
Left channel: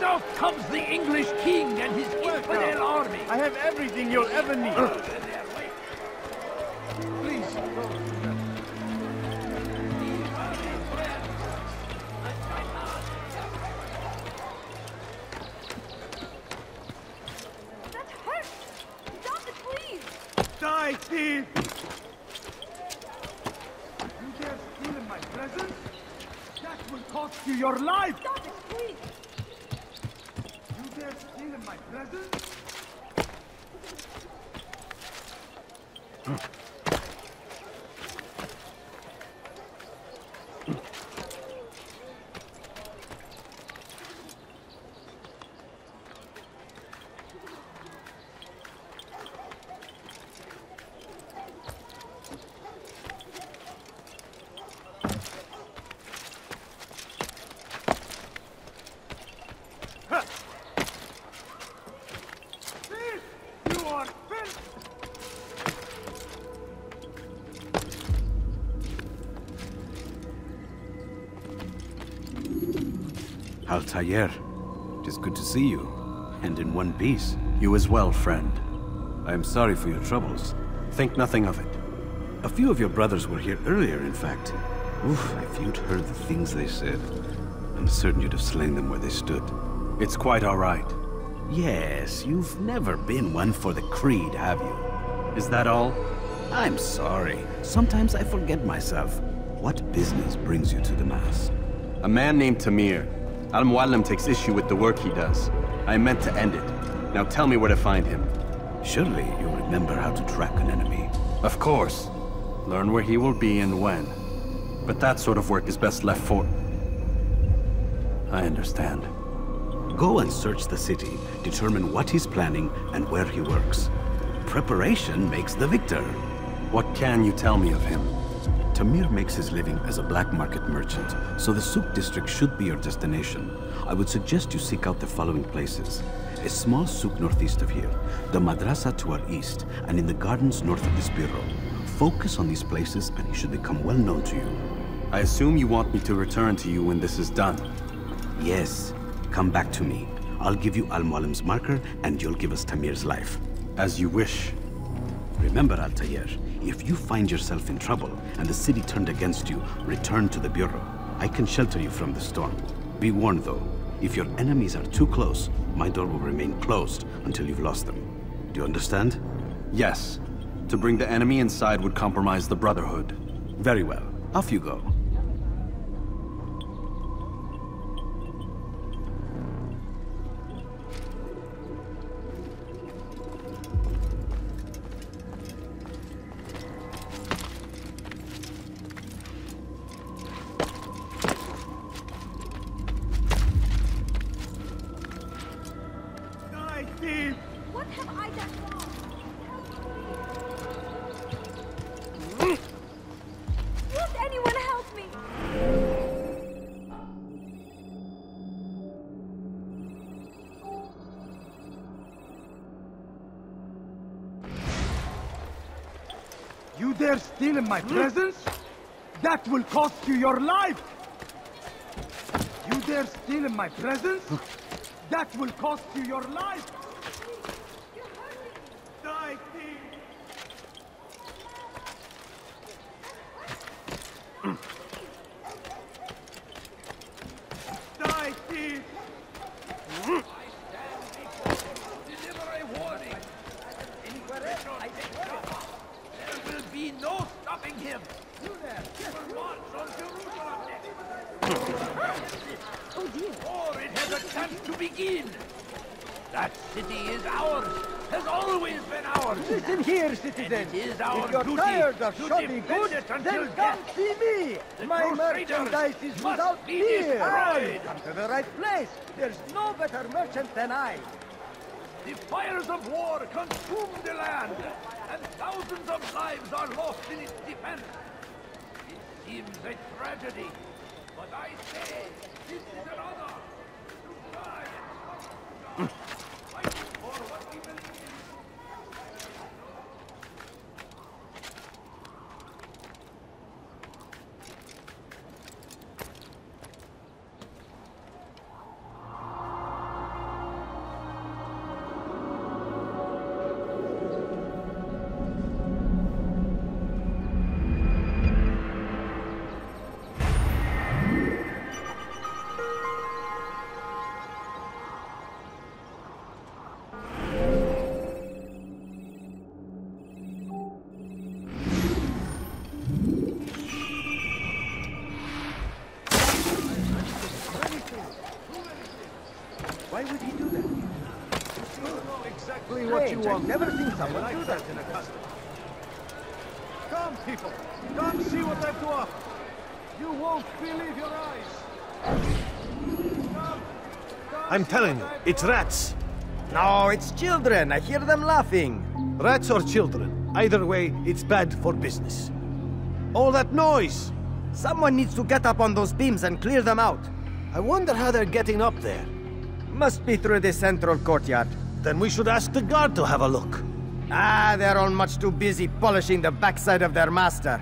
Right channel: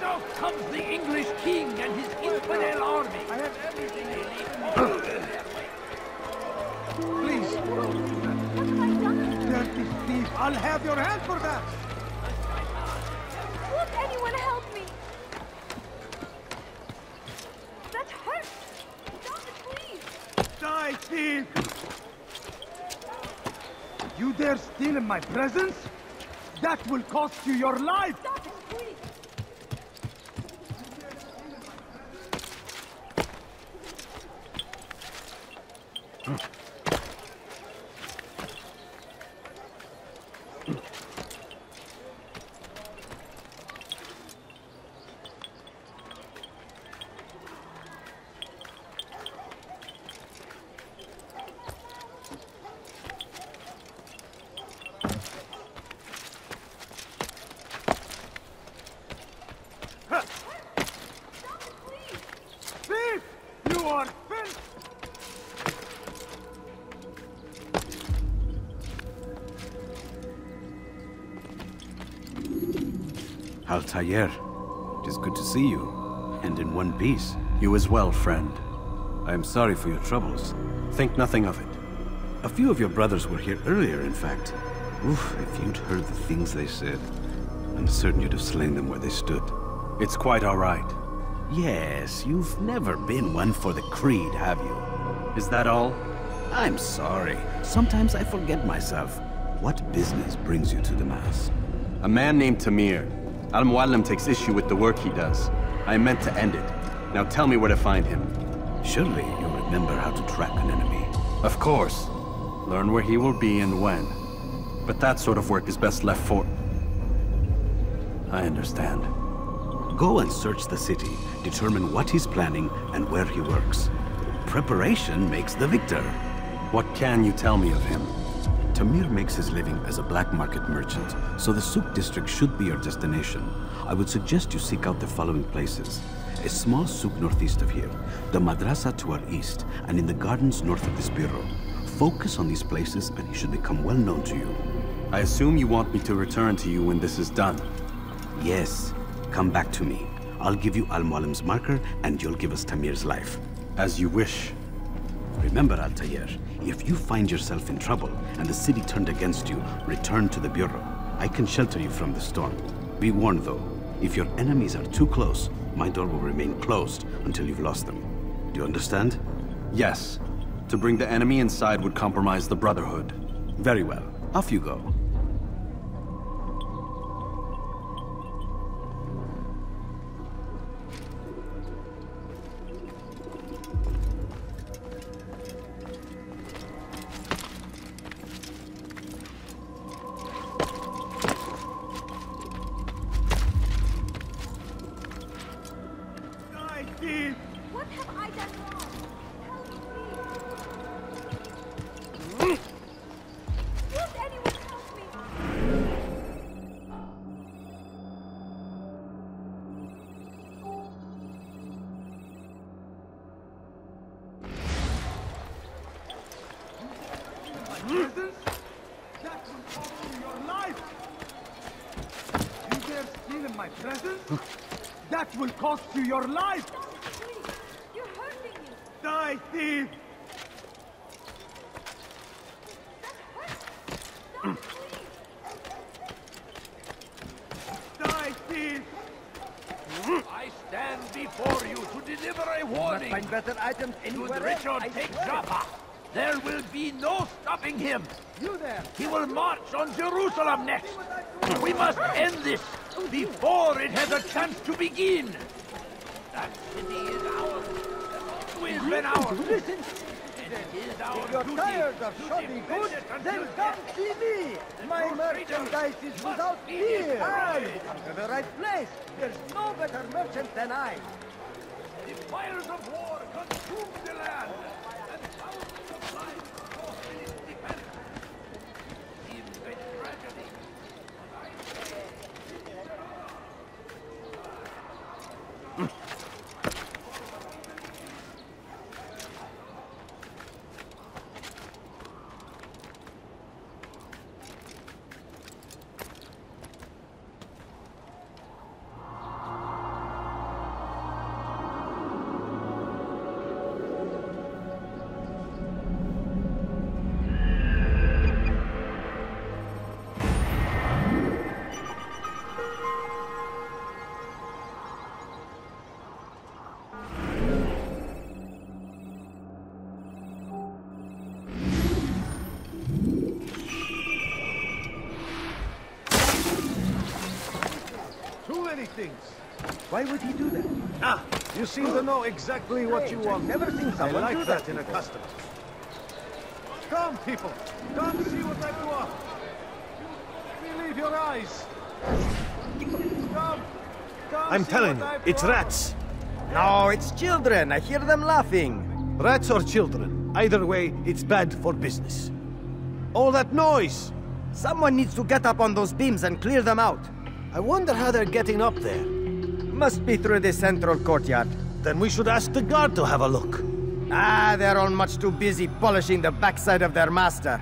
So come the English people. Welcome. I have everything you'll ever need. I'll have your hand for that. Anyone help me? You dare steal in my presence? That will cost you. You dare steal in my presence? Altair, it is good to see you, and in one piece. You as well, friend. I am sorry for your troubles. Think nothing of it. A few of your brothers were here earlier, in fact. Oof, if you'd heard the things they said, I'm certain you'd have slain them where they stood. It's quite all right. Yes, you've never been one for the creed, have you? Is that all? I'm sorry. Sometimes I forget myself. What business brings you to the Mass? A man named Tamir. Al-Mualim takes issue with the work he does. I meant to end it. Now tell me where to find him. Surely you remember how to track an enemy. Of course. Learn where he will be and when. But that sort of work is best left for... I understand. Go and search the city, determine what he's planning and where he works. Preparation makes the victor. What can you tell me of him? Tamir makes his living as a black market merchant, so the Souk district should be your destination. I would suggest you seek out the following places. A small souk northeast of here, the madrasa to our east, and in the gardens north of this bureau. Focus on these places and he should become well known to you. I assume you want me to return to you when this is done. Yes. Come back to me. I'll give you Al-Mualim's marker and you'll give us Tamir's life. As you wish. Remember, Altair, if you find yourself in trouble and the city turned against you, return to the bureau. I can shelter you from the storm. Be warned though, if your enemies are too close, my door will remain closed until you've lost them. Do you understand? Yes. To bring the enemy inside would compromise the Brotherhood. Very well. Off you go. What have I done? Won't anyone help me? You dare steal in my presence? That will cost you your life! You dare steal in my presence? That will cost you your life! Die, thief! I stand before you to deliver a warning. Find better items and would Richard take Jaffa. There will be no stopping him. He will march on Jerusalem next. We must end this before it has a chance to begin. That city is ours. Has always been ours. Listen here, citizen. It is our duty to defend it until death. The Crusaders must be destroyed. The fires of war consume the land. Thousands of lives are lost in its defense. It seems a tragedy. But I say... Too many things. Ah, you seem to know exactly. I like that in a custom. You won't believe your eyes. Come, I'm telling you, it's rats. No, it's children. I hear them laughing. Rats or children. Either way, it's bad for business. All that noise! Someone needs to get up on those beams and clear them out. I wonder how they're getting up there. Must be through the central courtyard. Then we should ask the guard to have a look. Ah, they're all much too busy polishing the backside of their master.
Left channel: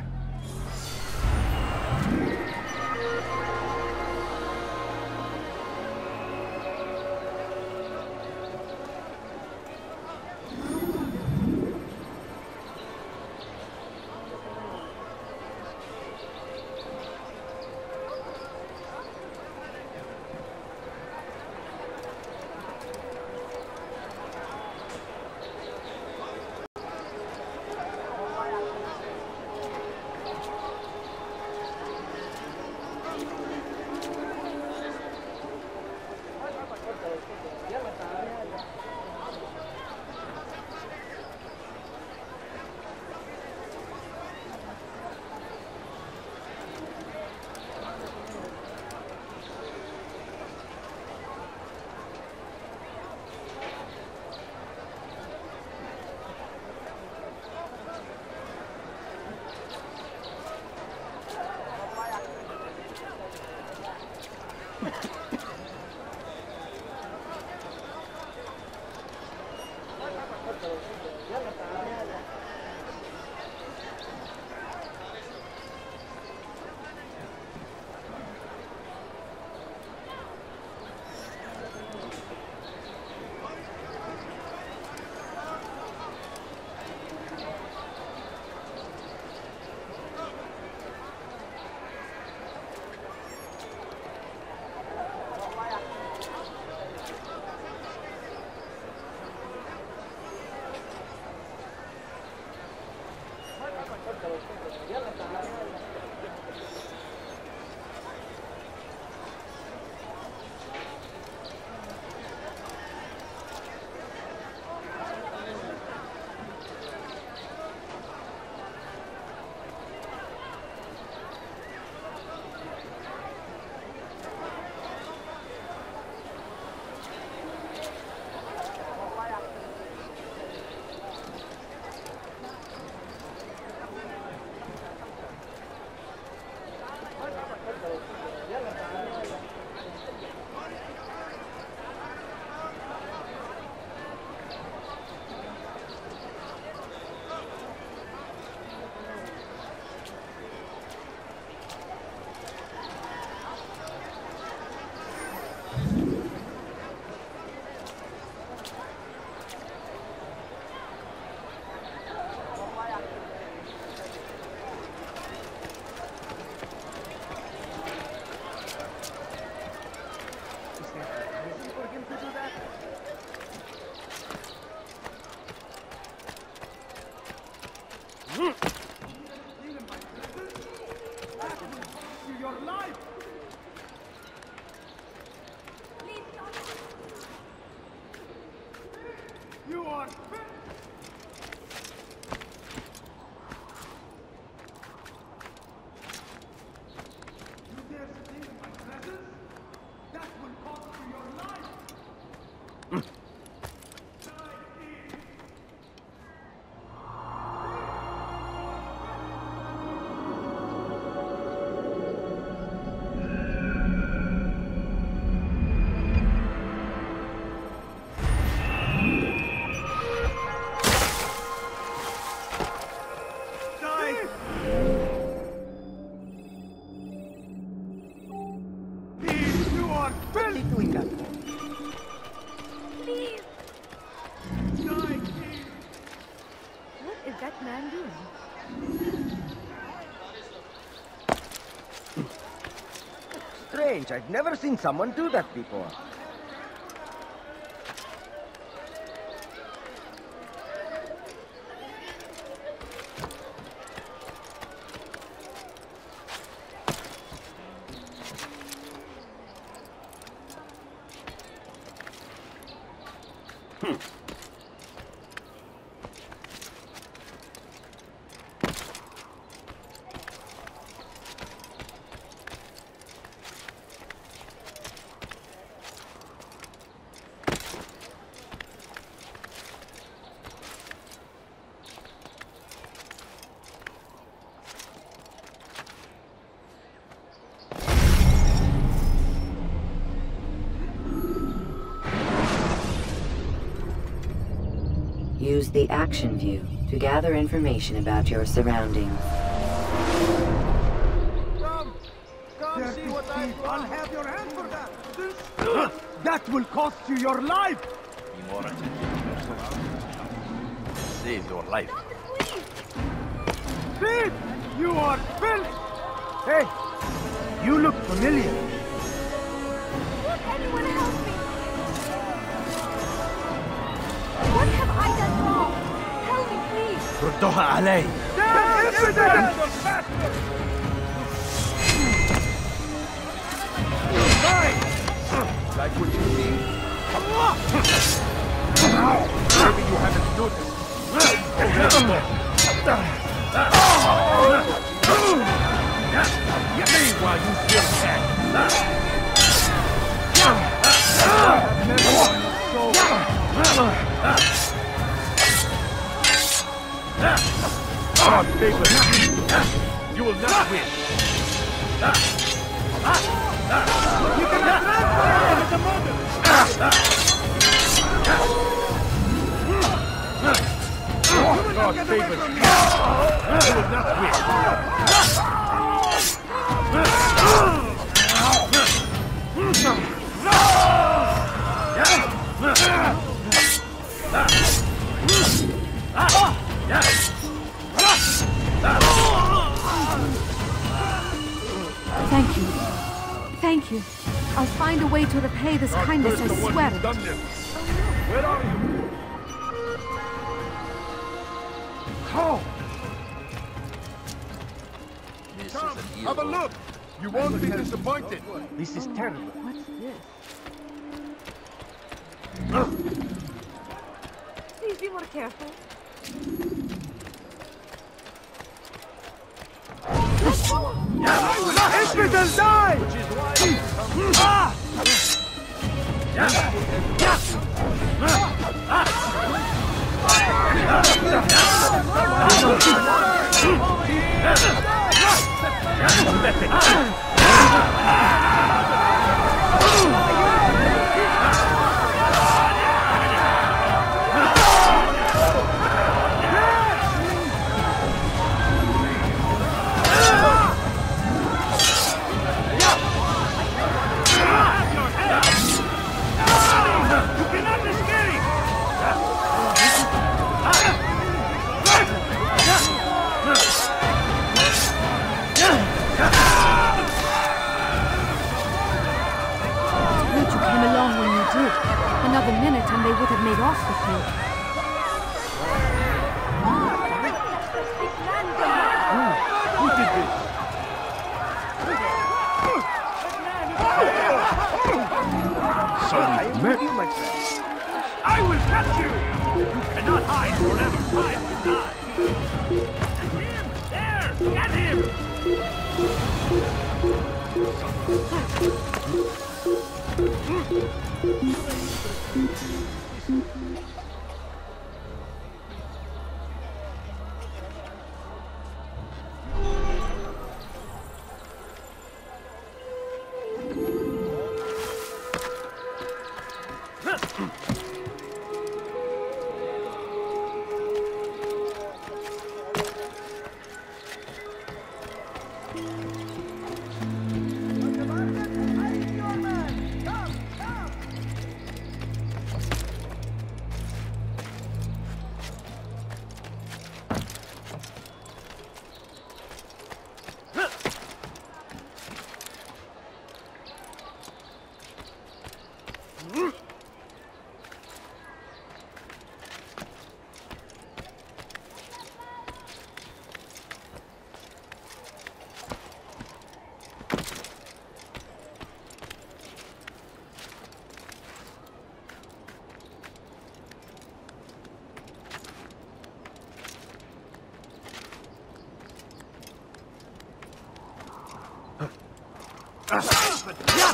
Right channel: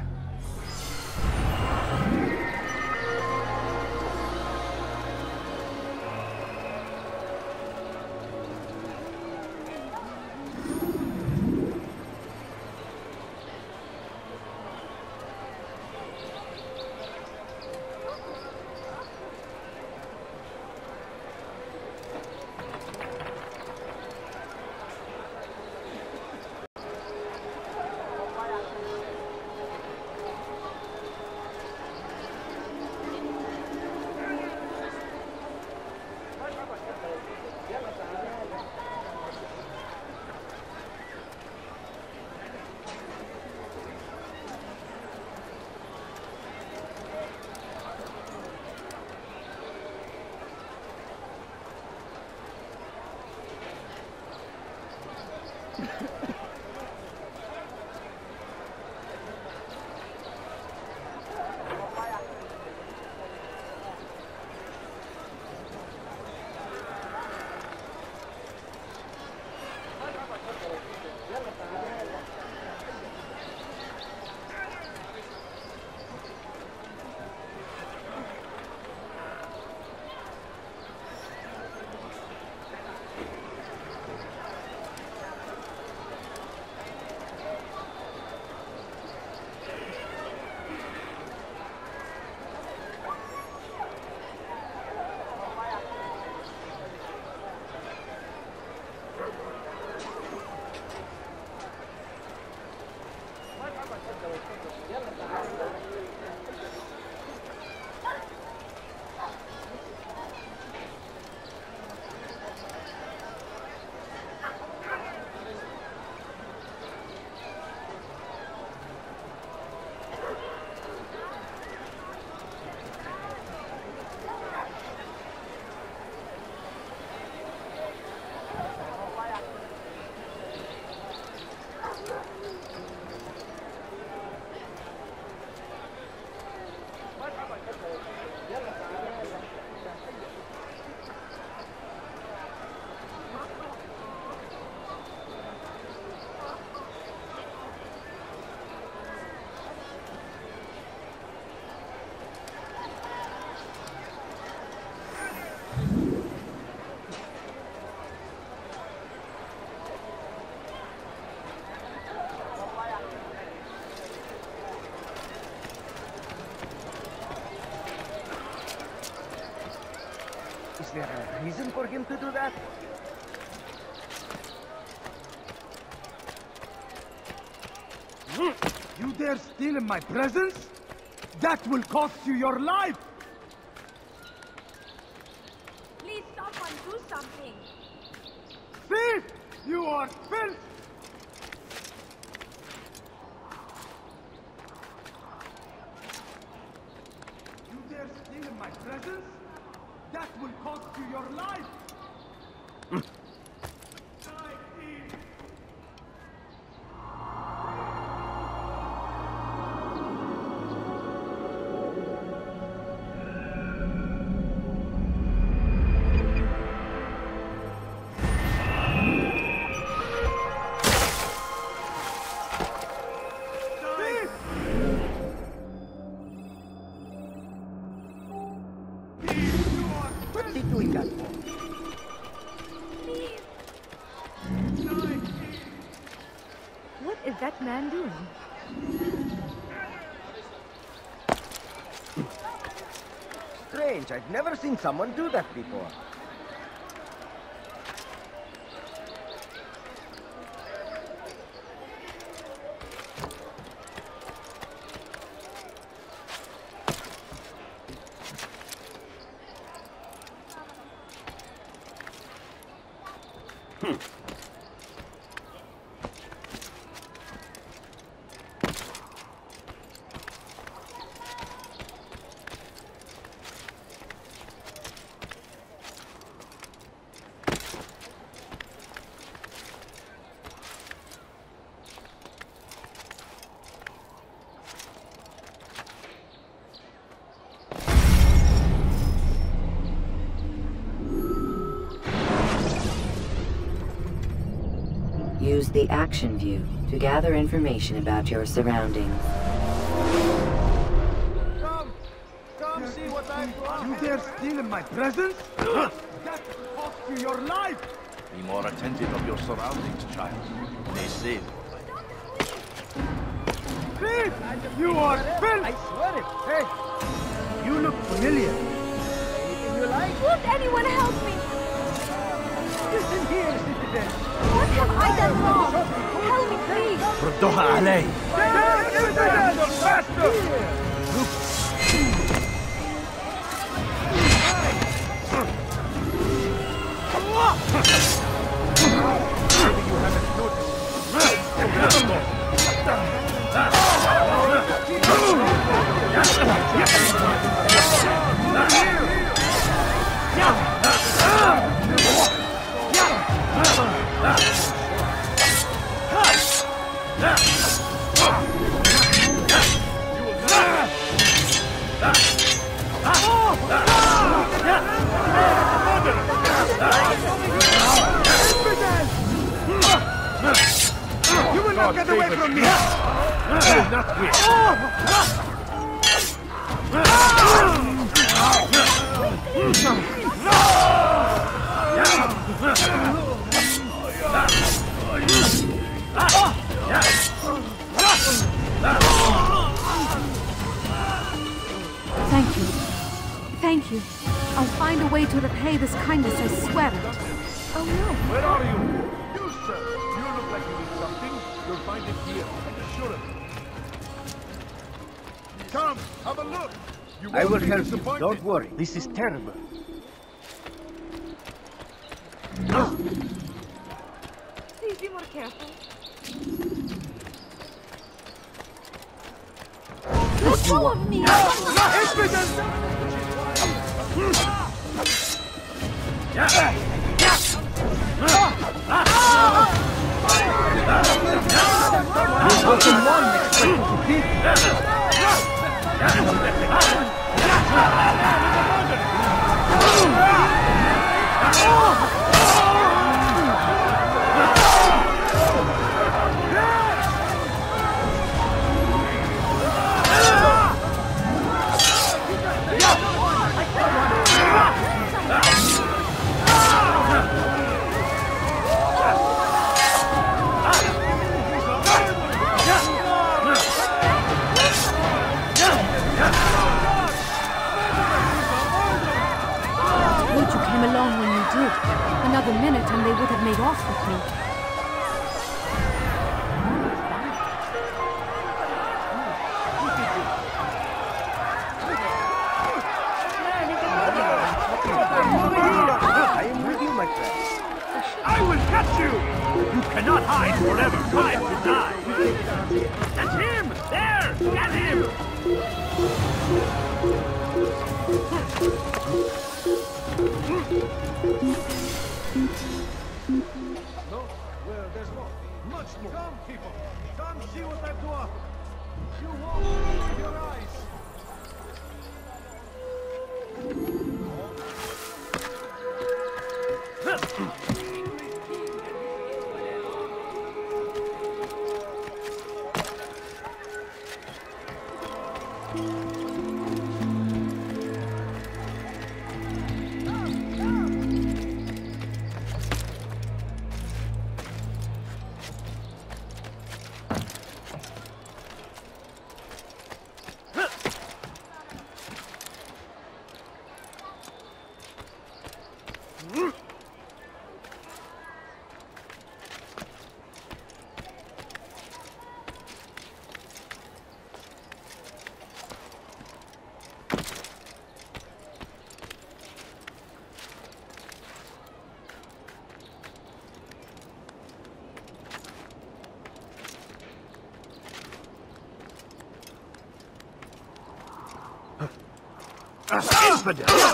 You dare steal in my presence? That will cost you your life! Please, someone do something! Thief! You are filth! You dare steal in my presence? That will cost you your life! Use the action view to gather information about your surroundings. You dare steal in my presence? That will cost you your life! They save your life. Thief! You are filth! I swear it! Hey! You look familiar. Won't anyone help me? What have I done wrong? Help me, please! ردوها علي! Thank you. Thank you. I'll find a way to repay this kindness, I swear it. I will help you, don't worry. This is terrible. Let go of me! Infidel, die! Broken one expected to beat. It's good you came along when you did. Another minute and they would have made off with me. this?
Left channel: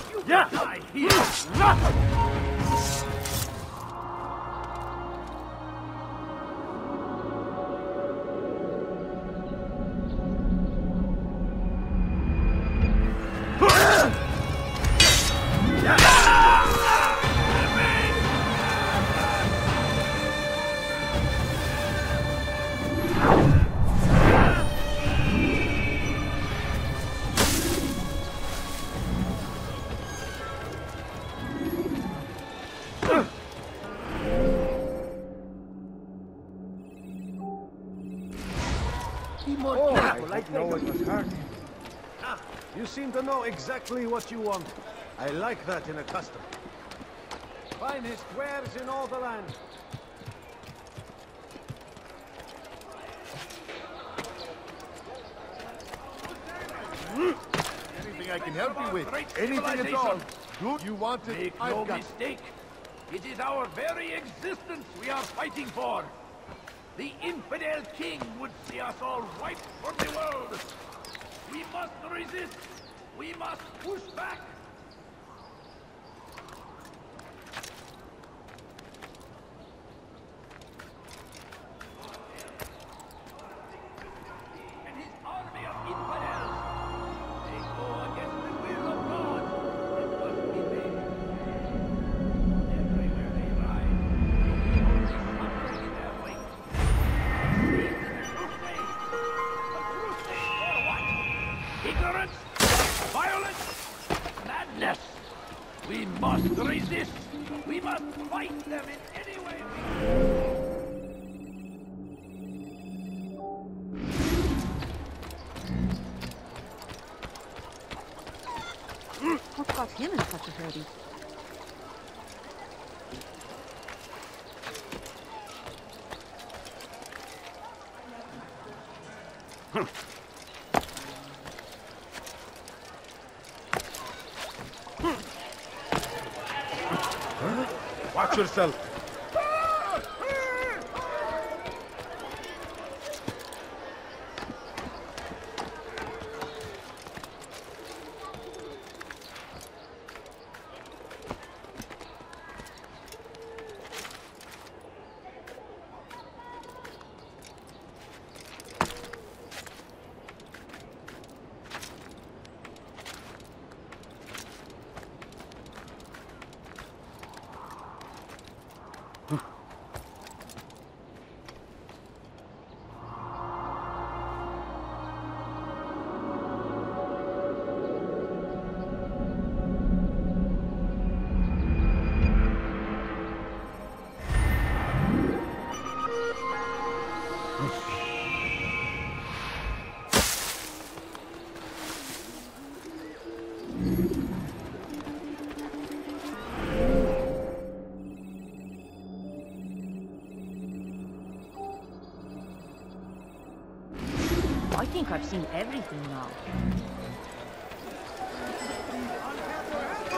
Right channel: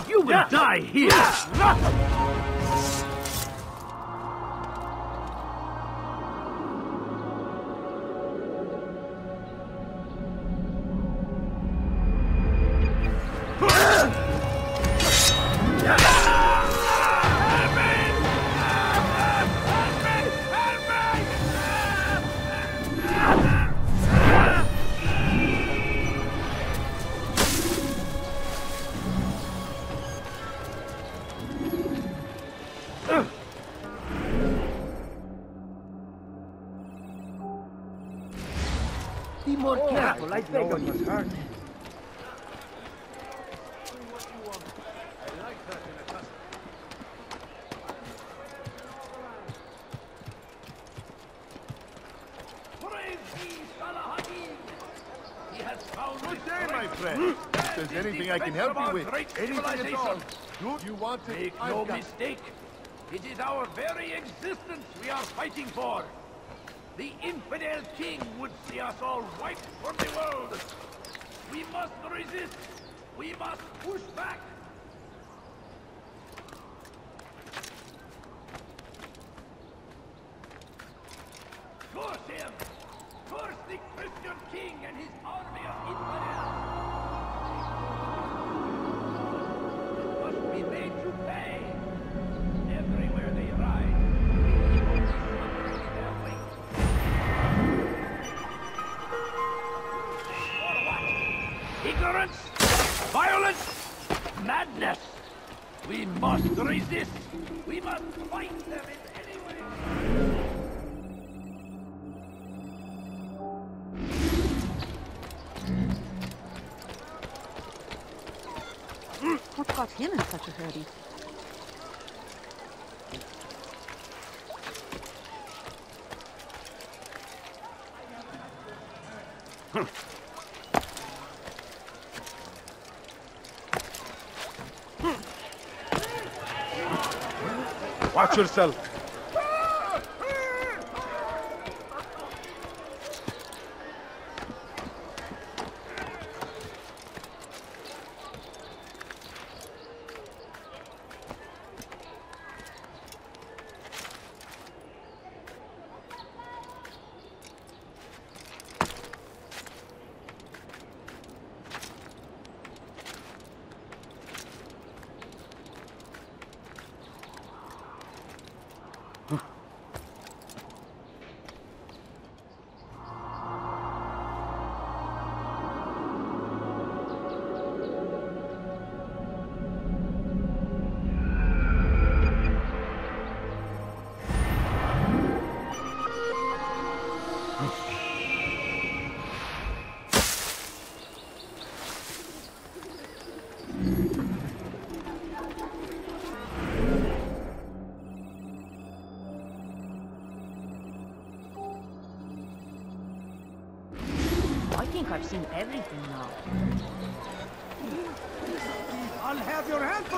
You will die here! You seem to know exactly what you want. I like that in a custom. Finest wares in all the land. Good day, my friend. If there's anything I can help out, anything at all. You want it? Ignorance, violence, madness. Watch yourself.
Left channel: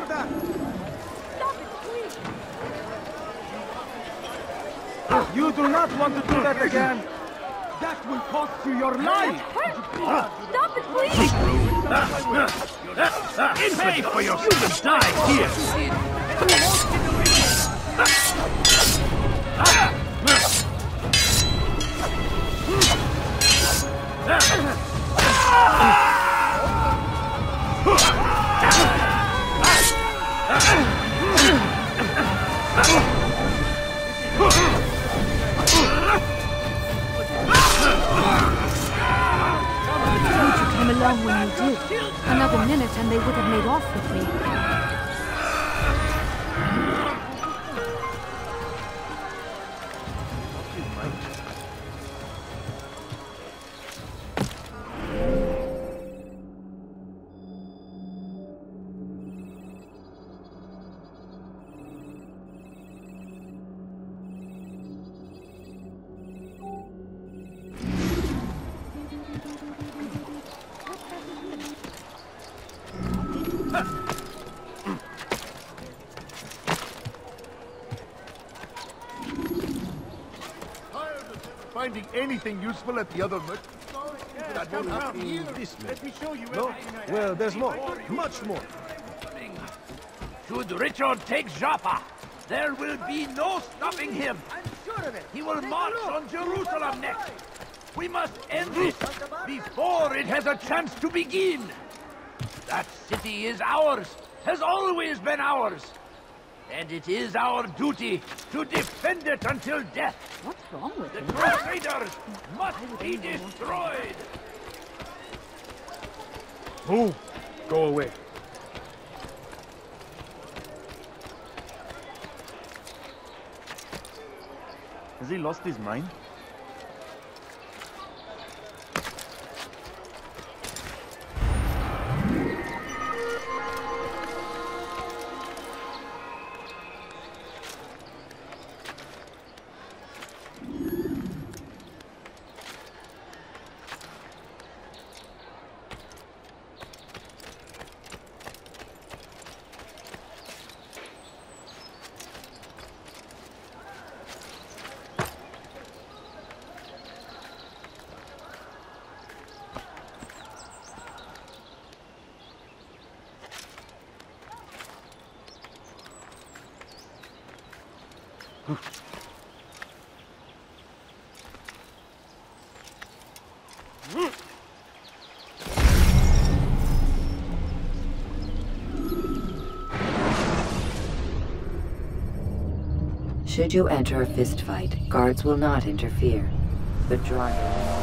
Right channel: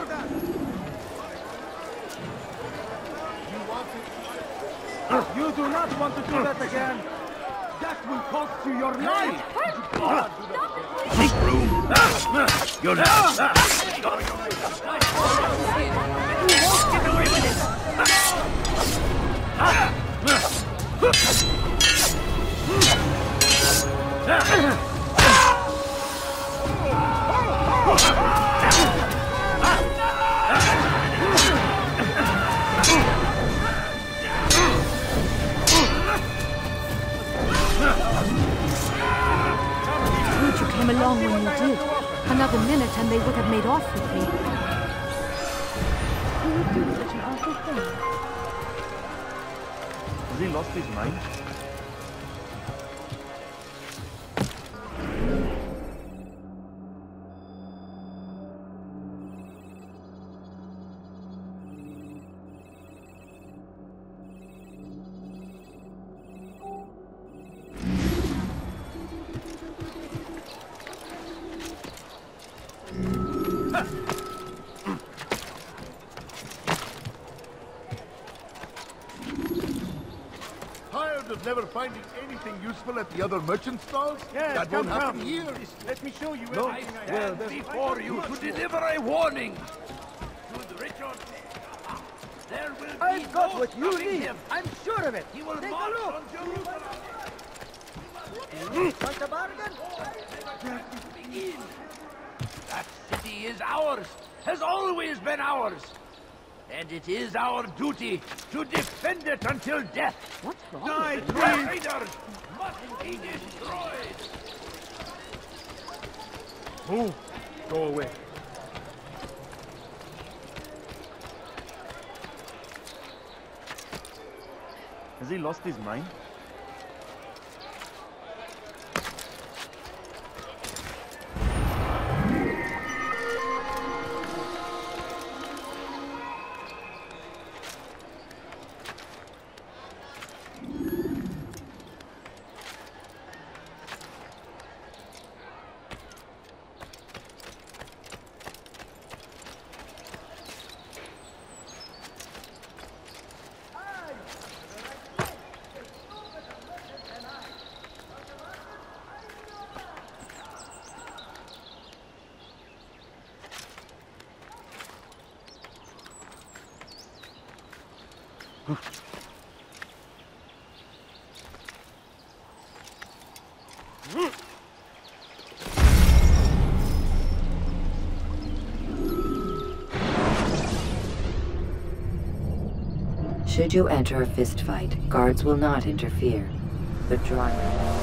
that! You do not want to do that again. That will cost you your life! Stop it, please! Make room! You're not ready for yourself to die here! Good you came along when you did. Another minute and they would have made off with me. Never finding anything useful at the other merchant stall? Yes, in this land. No? Well, there's more. Before you to deliver a warning. Should Richard take Joppa, there will be no stopping him. I'm sure of it. He will march on Jerusalem next. We must end this before it has a chance to begin. That city is ours, has always been ours. And it is our duty to defend it. Die, please! Must be destroyed. Move. Go away. Should you enter a fistfight, guards will not interfere, but draw your weapon.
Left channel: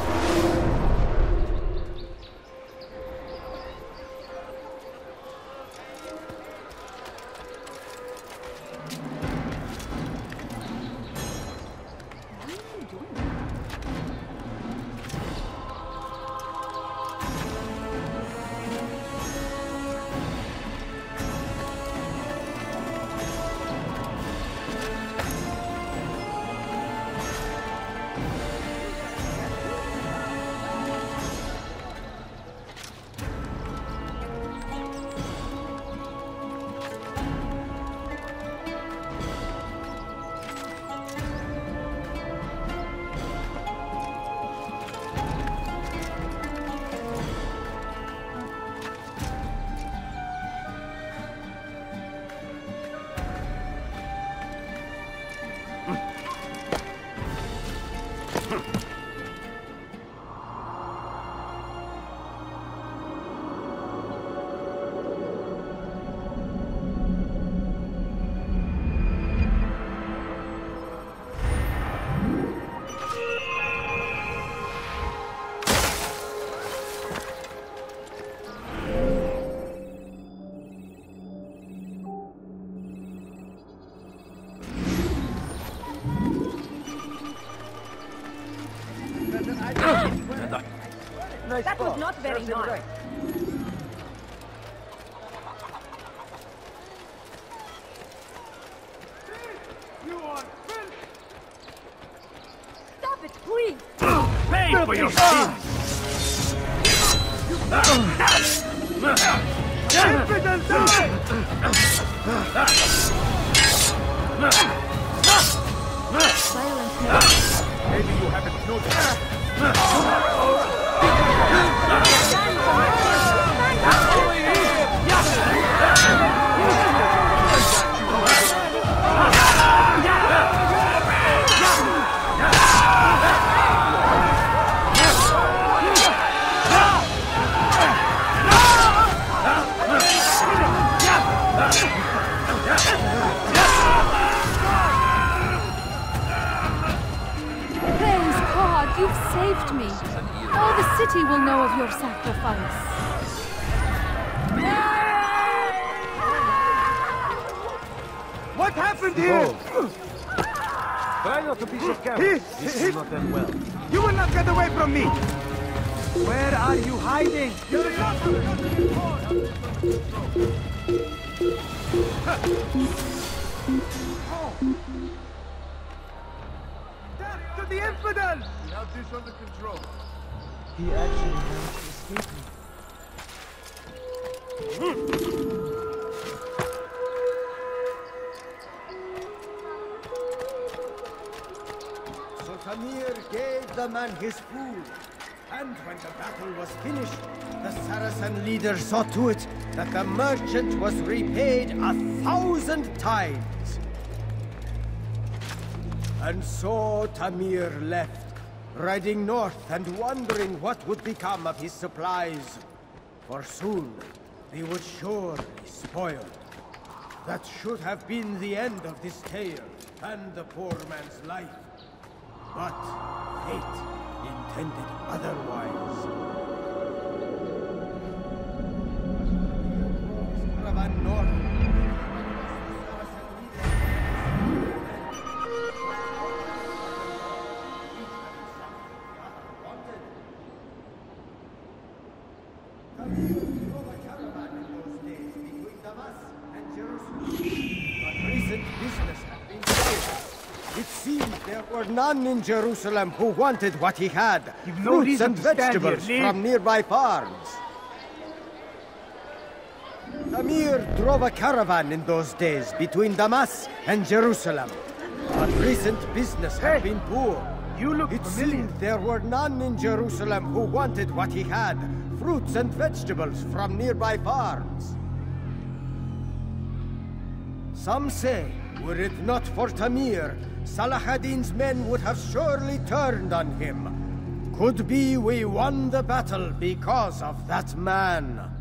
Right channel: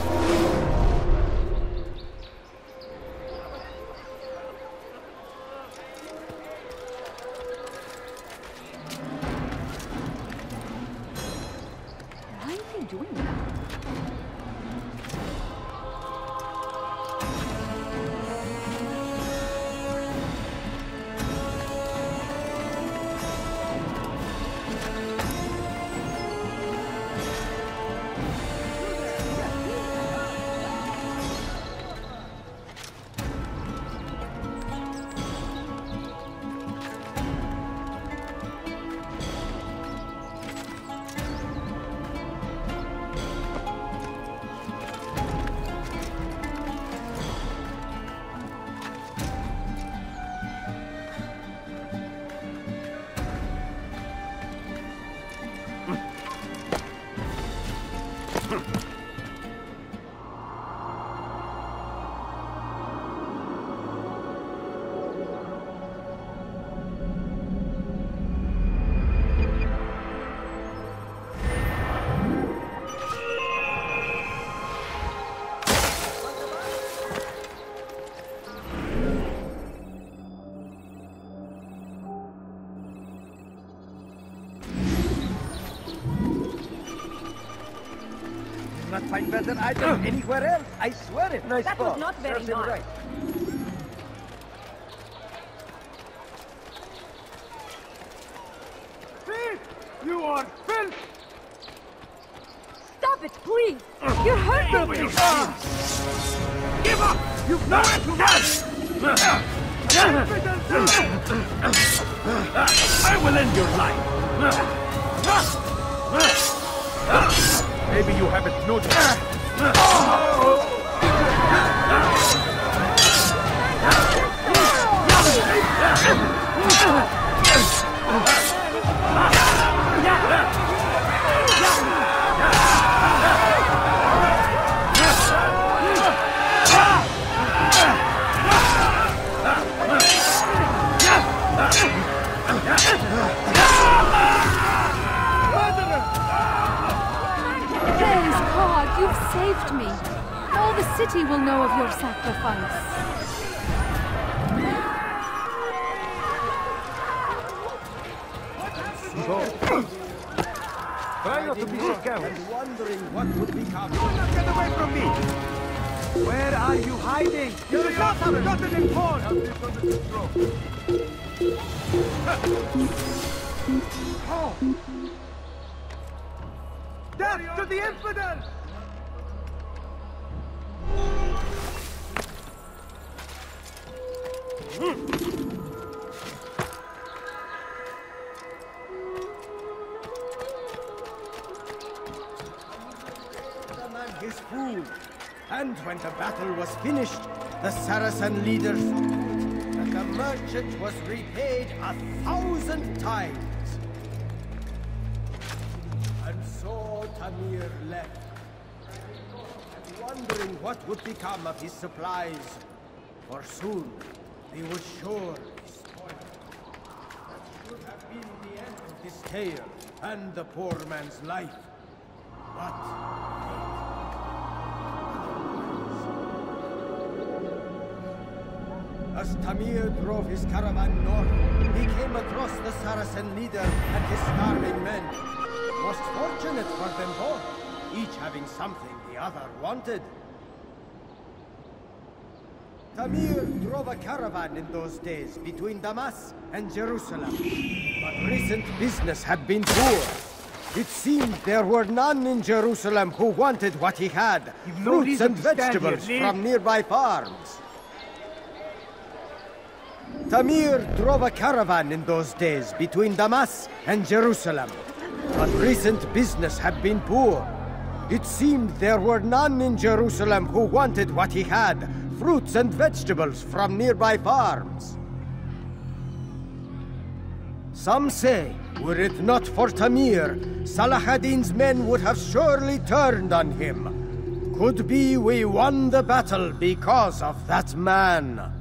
Find better items anywhere else, I swear it. Thief! You are filth! Stop it, please! You're hurting! Filthy! I will end Praise God, you've saved me. All the city will know of your sacrifice. What happened here? You will not get away from me! Death to the infidels! We have this under control. So Tamir gave the man his food, and when the battle was finished, the Saracen leader saw to it that the merchant was repaid 1,000 times. And so Tamir left, riding north and wondering what would become of his supplies. For soon he was sure spoiled. That should have been the end of this tale and the poor man's life. But fate intended otherwise. As Tamir drove his caravan, he came across the Saracen leader and his starving men. Most fortunate for them both, each having something the other wanted. Tamir drove a caravan in those days between Damas and Jerusalem. But recent business had been poor. It seemed there were none in Jerusalem who wanted what he had, fruits and vegetables from nearby farms. Tamir drove a caravan in those days between Damas and Jerusalem. But recent business had been poor. It seemed there were none in Jerusalem who wanted what he had, fruits and vegetables from nearby farms. Some say, were it not for Tamir, Salah ad-Din's men would have surely turned on him. Could be we won the battle because of that man.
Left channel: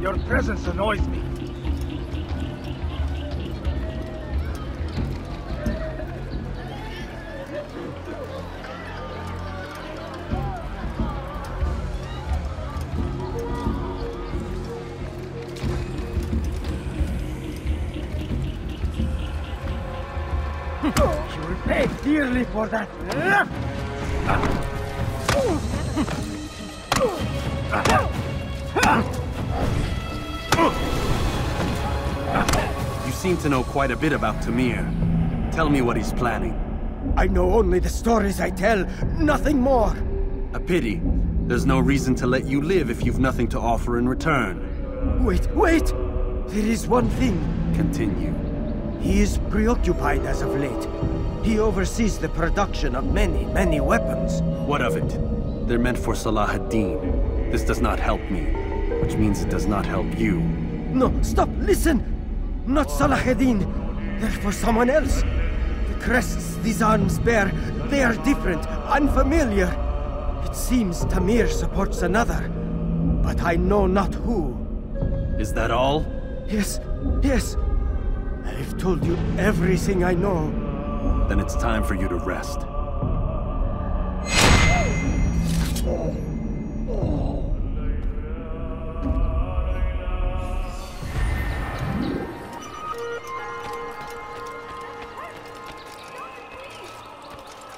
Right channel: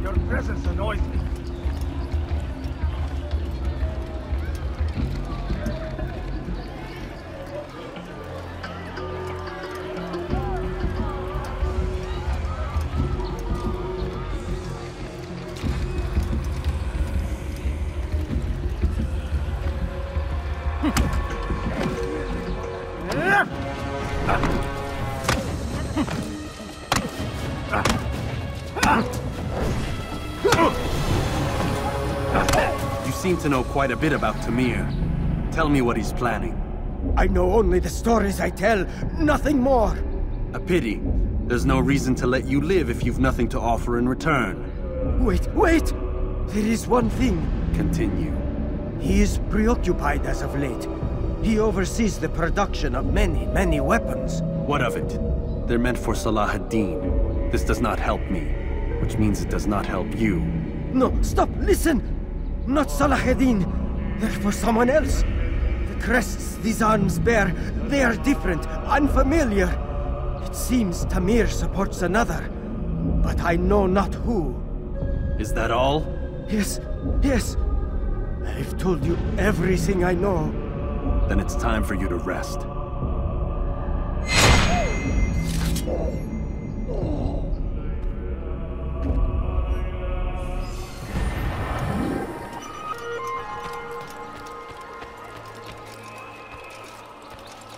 Your presence annoys me. Pay dearly for that. You seem to know quite a bit about Tamir. Tell me what he's planning. I know only the stories I tell, nothing more. A pity. There's no reason to let you live if you've nothing to offer in return. Wait! There is one thing. Continue. He is preoccupied as of late. He oversees the production of many, many weapons. What of it? They're meant for Salah ad-Din. This does not help me, which means it does not help you. No, stop, listen! Not Salah ad-Din. They're for someone else. The crests these arms bear, they are different, unfamiliar. It seems Tamir supports another, but I know not who. Is that all? Yes. I've told you everything I know. Then it's time for you to rest.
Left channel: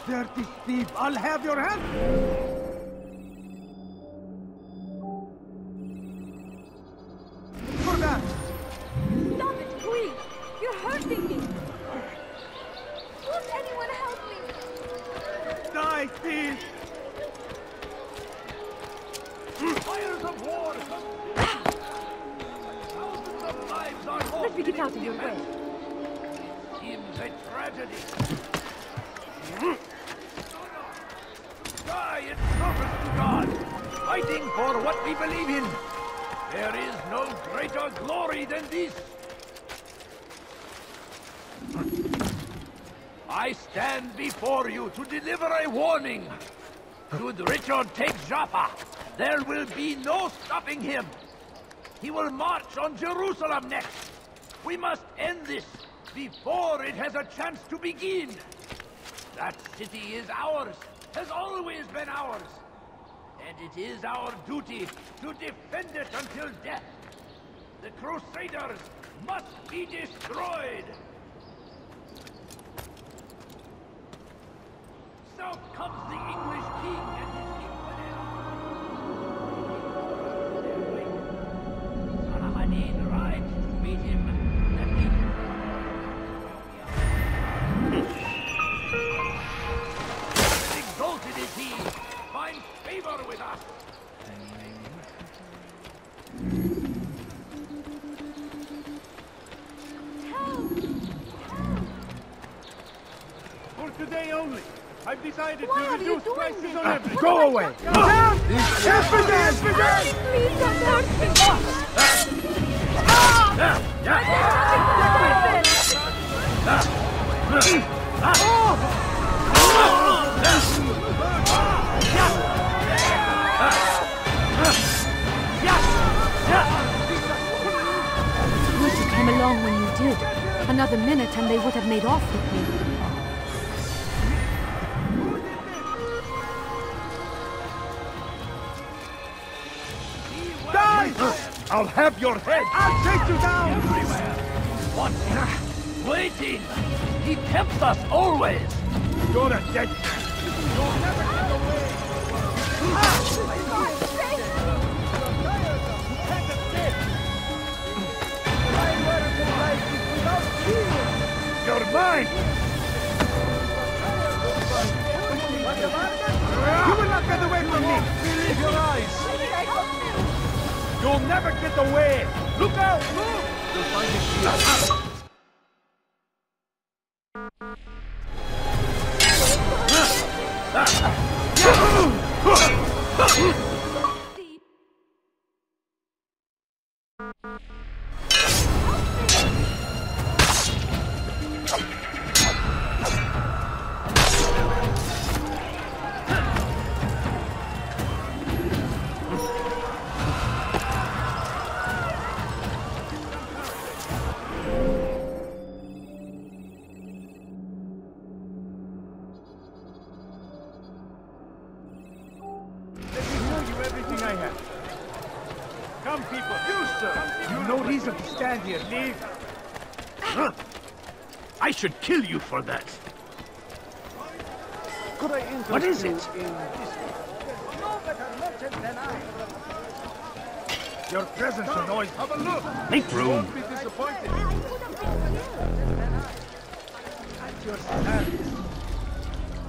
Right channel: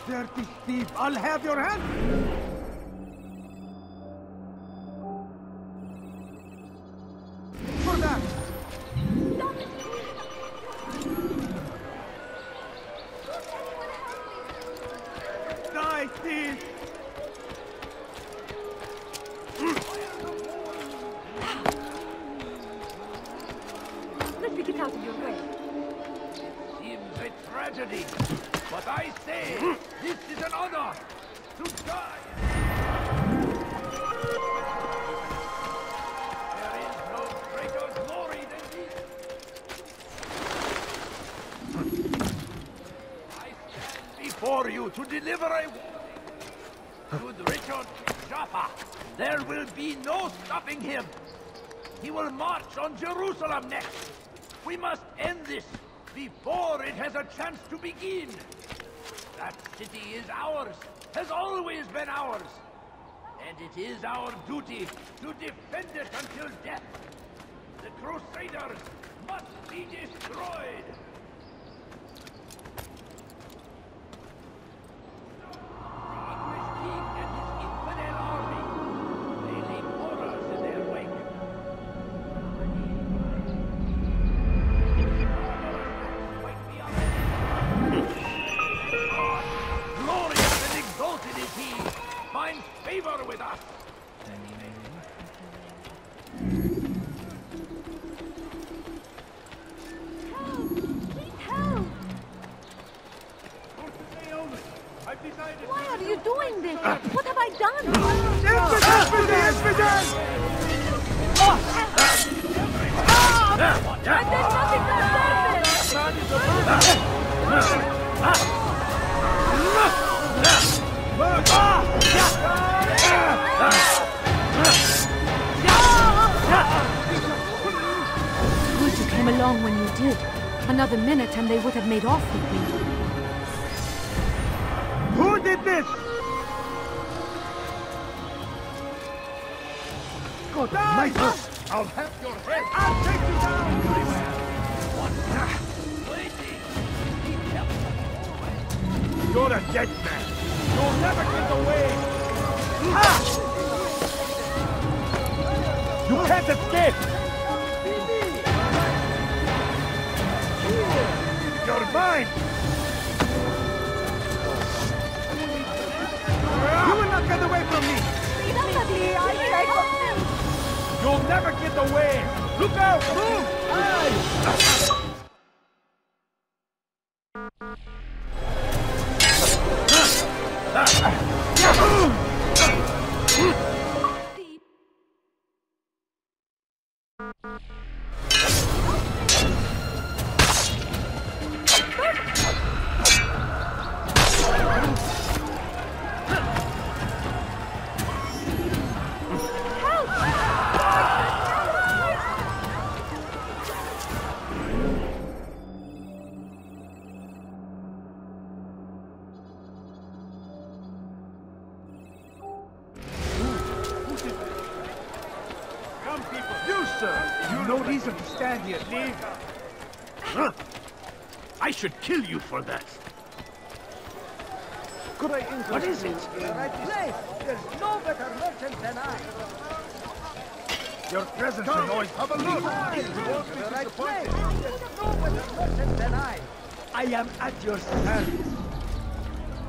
Dirty thief, I'll have your hand! For that! Stop it, please! You're hurting me! tragedy. But I say, this is an honor to die in front of God, fighting for what we believe in. There is no greater glory than this. I stand before a warning. Should Richard take Jaffa, there will be no coming here. He will march on Jerusalem next. We must end this before it has a chance to begin. That city is ours, and always been ours. It is our duty to defend it to the death. The Crusaders must be destroyed. So comes the English king and his infidel army, waiting orders in their wake. Saladin rides to meet him, and he... Help! Please help! For today only, I've decided. Why are you doing this? What Go have away. I done? Down, Please don't hurt me. Good you came along when you did. Another minute and they would have made off with me. Who did this? God almighty! I'll have your head! Everywhere! Watching, waiting! He tempts us always! You can't escape! I should kill you for that. What is it? Make room. I am at your mercy.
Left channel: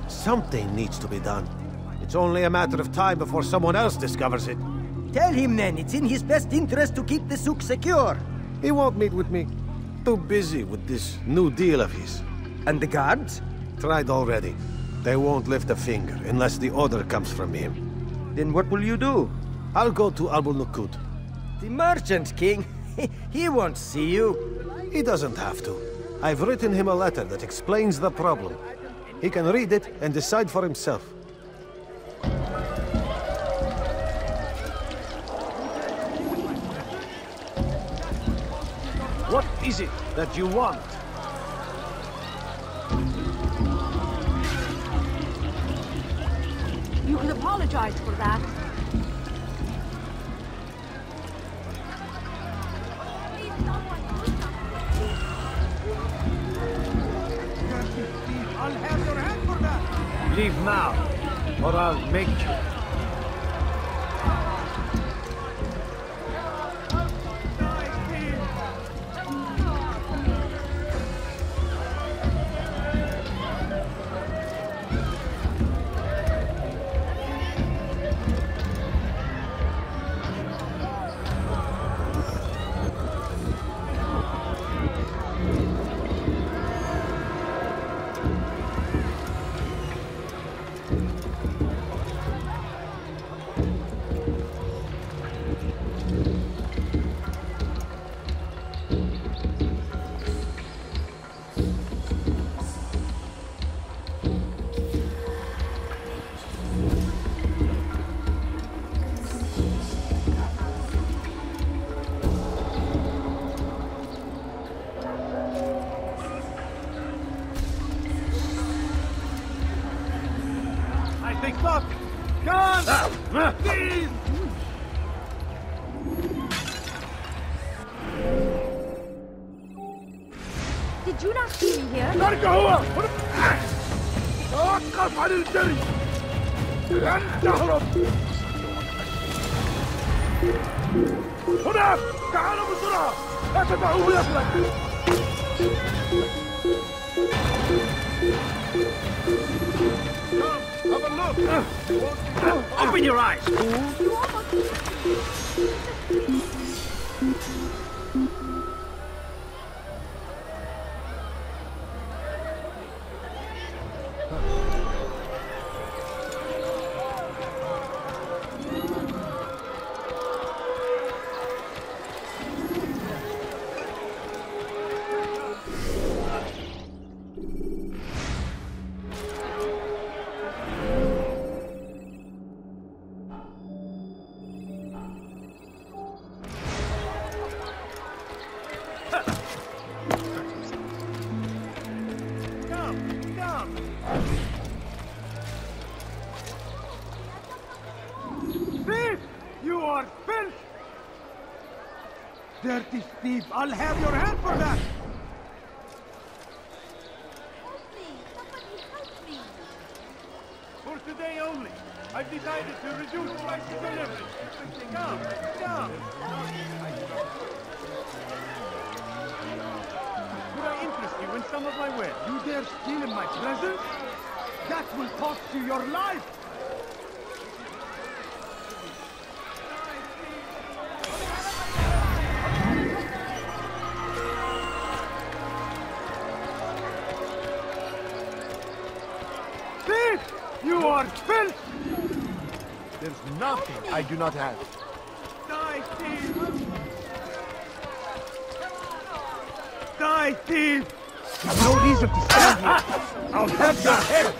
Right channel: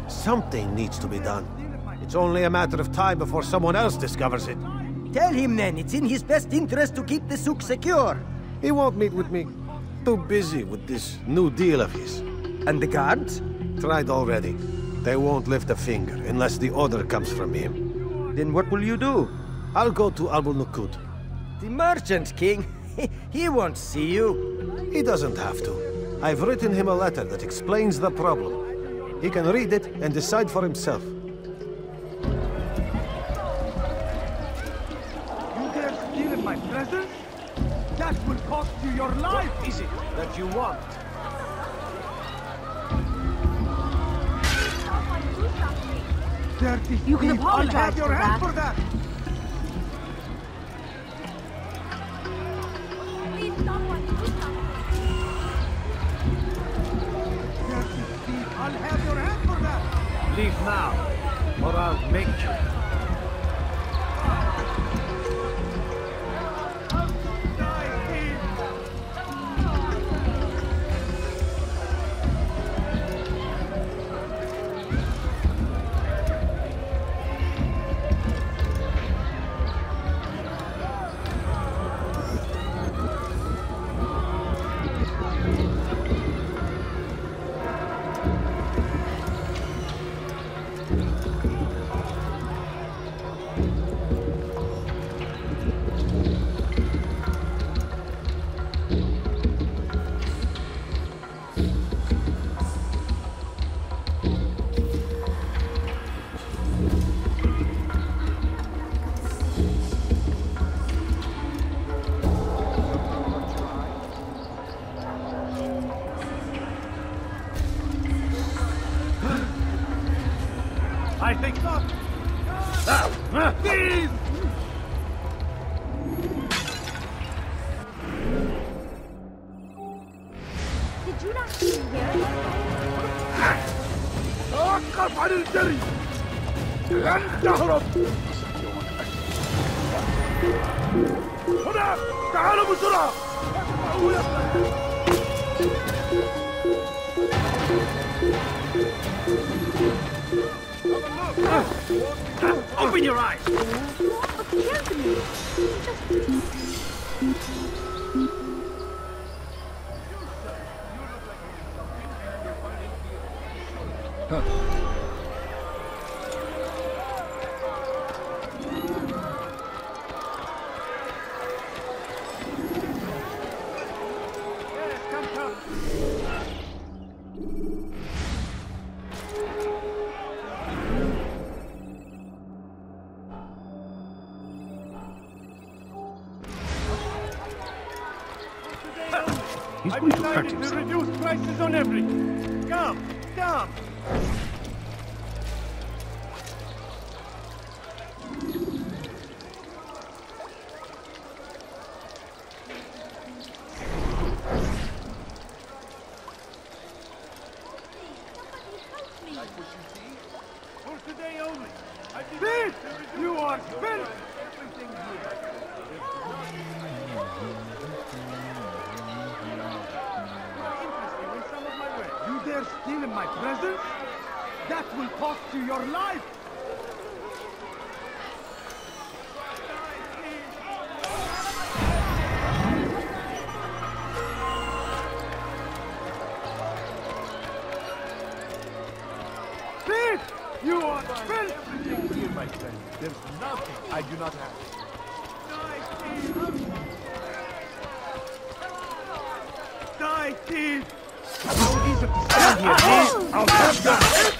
Something needs to be done. It's only a matter of time before someone else discovers it. Tell him then, it's in his best interest to keep the souk secure. He won't meet with me. Too busy with this new deal of his. And the guards? Tried already. They won't lift a finger unless the order comes from him. Then what will you do? I'll go to Albul-Nukud. The merchant king? He won't see you. He doesn't have to. I've written him a letter that explains the problem. He can read it and decide for himself. What is it that you want? Dirty thief! I'll have your hand for that! Leave now, or I'll make you. تعالوا بسرعة! I'm deciding to reduce prices on everything. Come, come. Thief! You are filth! Dirty thief! I'll have your hand for that! Help me! Somebody help me! Thief! You are filth! Come, come. Could I interest you in some of my wares? You are filth! My friend, there's nothing I do not have. Die, thief! No reason to stand here. I'll have your head!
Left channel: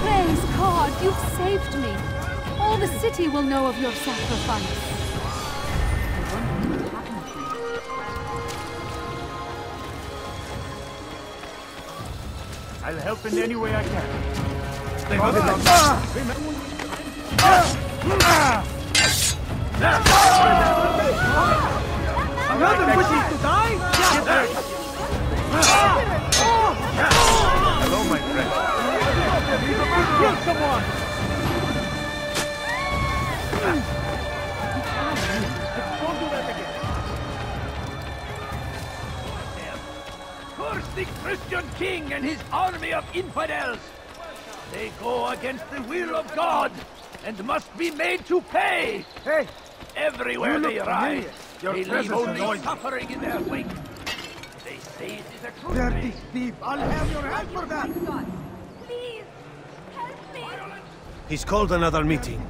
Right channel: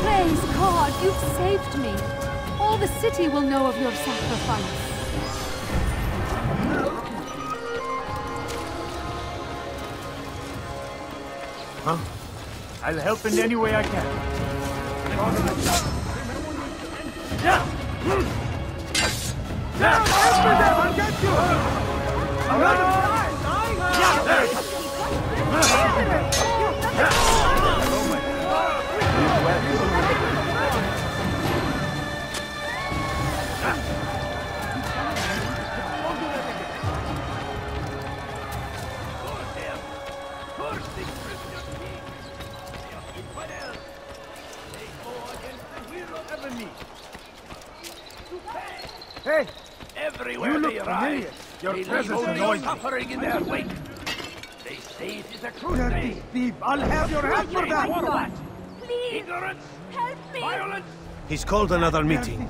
Praise God, you've saved me. All the city will know of your sacrifice. Huh? I'll help in any way I can. Another wishes to die? Kill someone! Curse the Christian king and his army of infidels! They go against the will of God and must be made to pay! Everywhere they arrive, they leave Are you quite gone? ignorance, violence. He's called another meeting.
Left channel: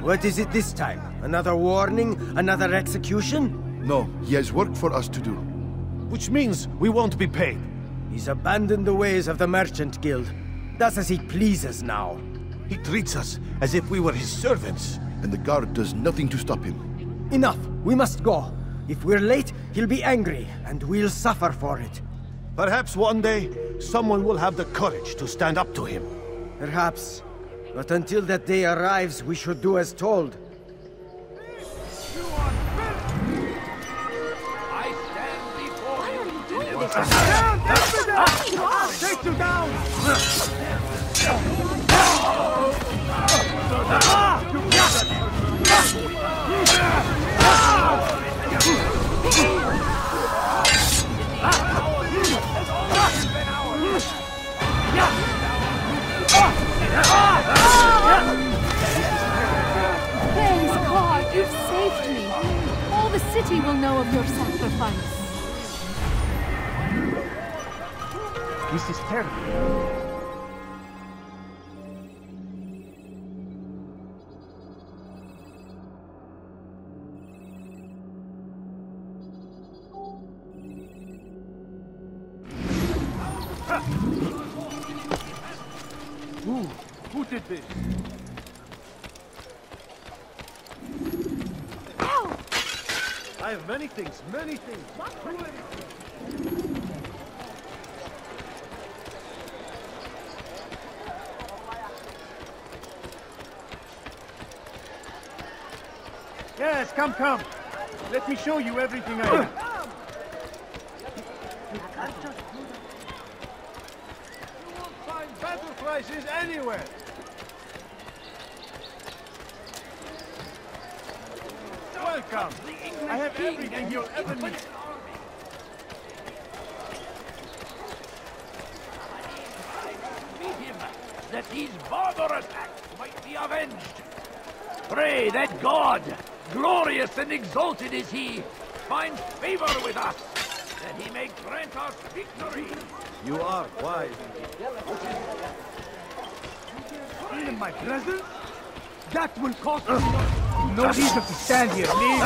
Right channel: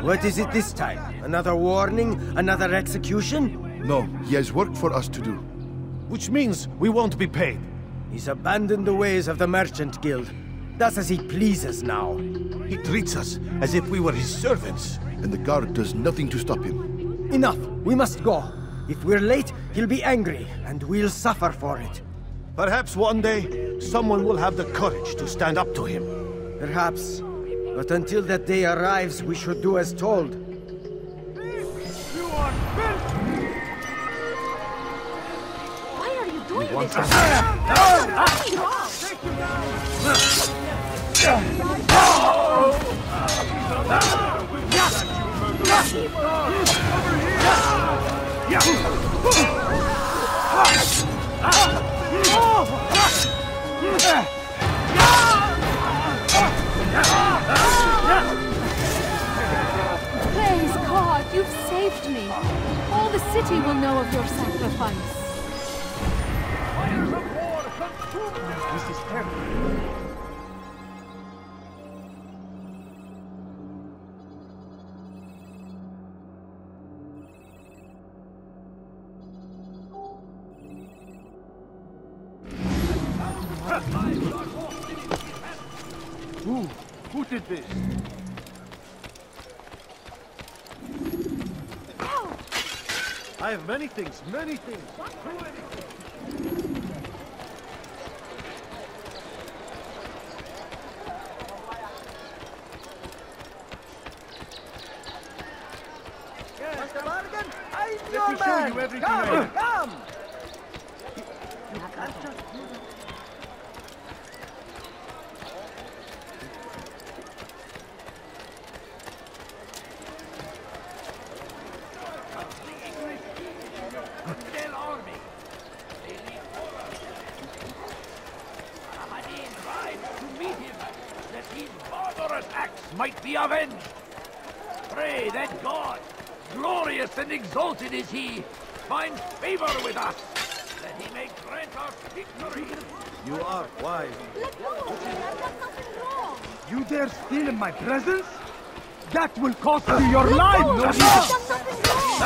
What is it this time? Another warning? Another execution? No, he has work for us to do. Which means we won't be paid. He's abandoned the ways of the Merchant Guild. Does as he pleases now. He treats us as if we were his servants. And the guard does nothing to stop him. Enough! We must go. If we're late, he'll be angry, and we'll suffer for it. Perhaps one day, someone will have the courage to stand up to him. Perhaps. But until that day arrives, we should do as told. Why are you doing this? You've done nothing wrong! Praise God, you've saved me. All the city will know of your sacrifice. This is terrible. Come. I'm your man. Come. You won't find battle prices anywhere. Welcome. The English king and your everything. Saladin rides to meet him, that these barbarous acts might be avenged. Pray that God, glorious in the You dare steal in my presence? That will cost you your life! No reason to stand here, me!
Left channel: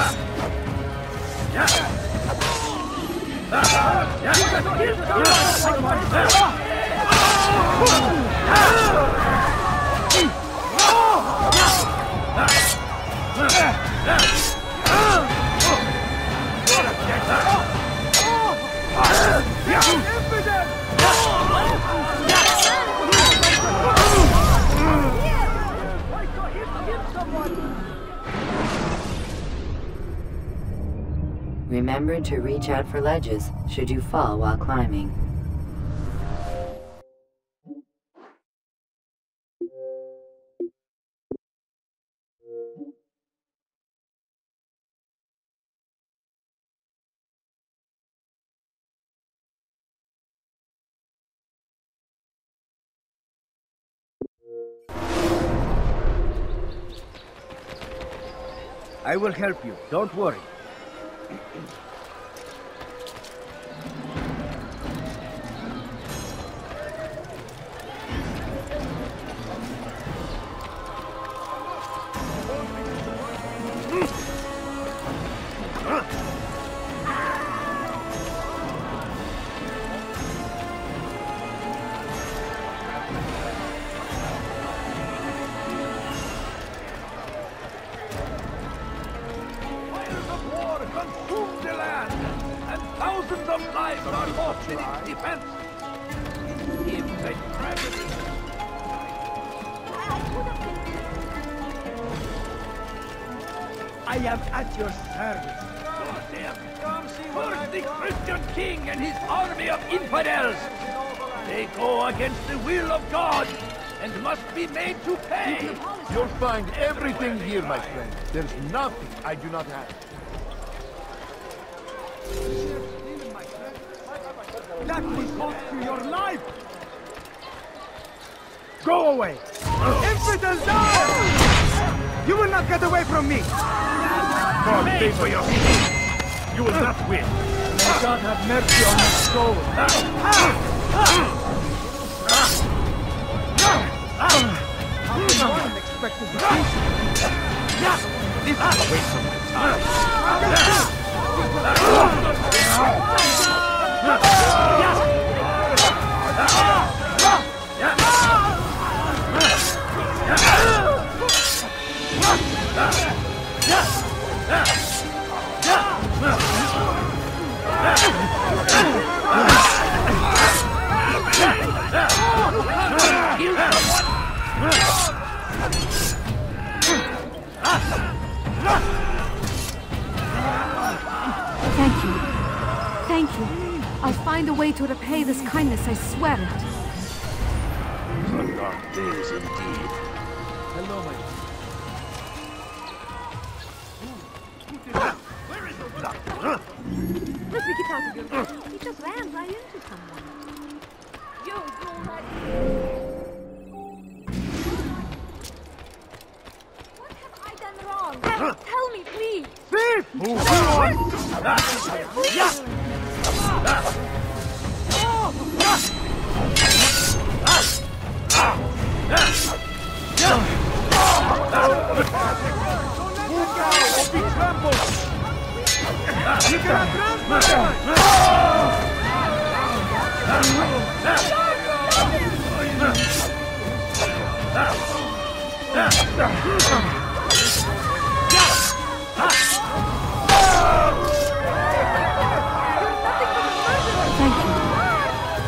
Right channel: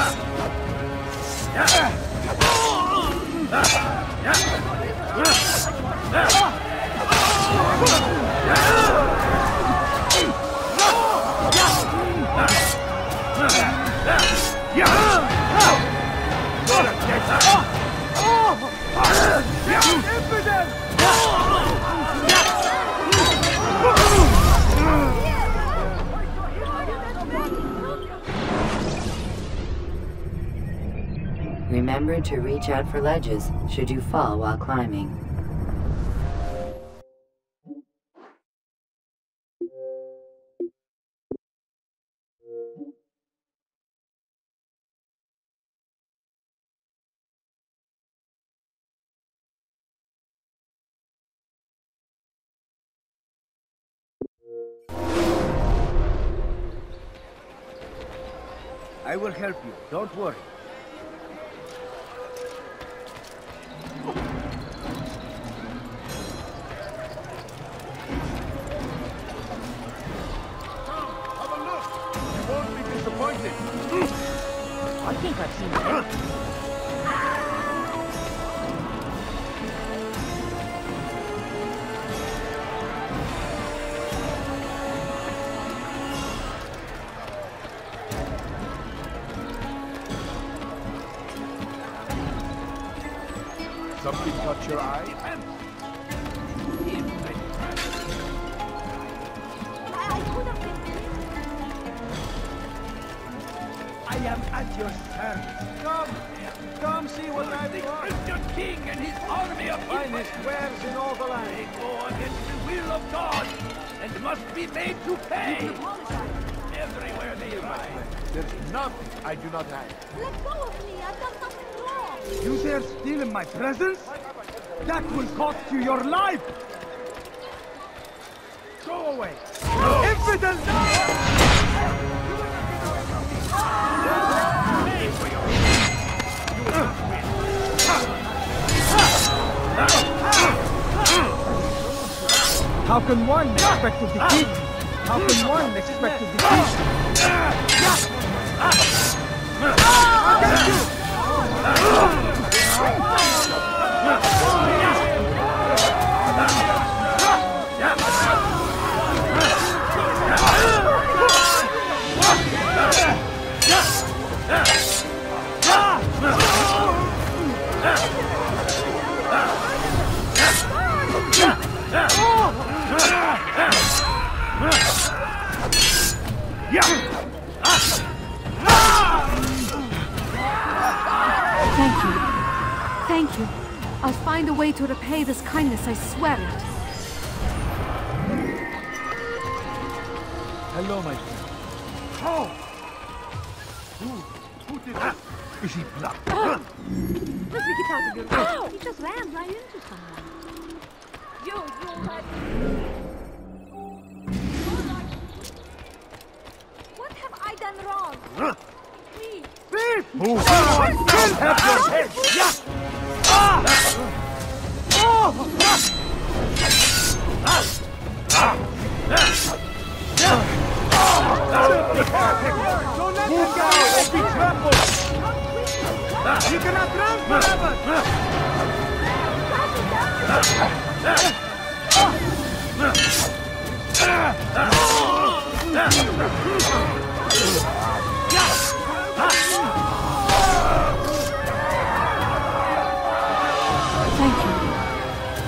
Remember to reach out for ledges should you fall while climbing. I will help you, don't worry. King and his army of infidels! They go against the will of God! You'll find everything here, my friend. You dare steal in my presence? That will cost you your life! Go away! You will not get away from me! Pay for your sin! You will not win! May God have mercy on my soul! How can one be expected to beat? Thank you. Thank you. I'll find a way to repay this kindness, I swear it. Hello, my friend. What have I done wrong? Tell me, please. Thief! Move on! Thank you.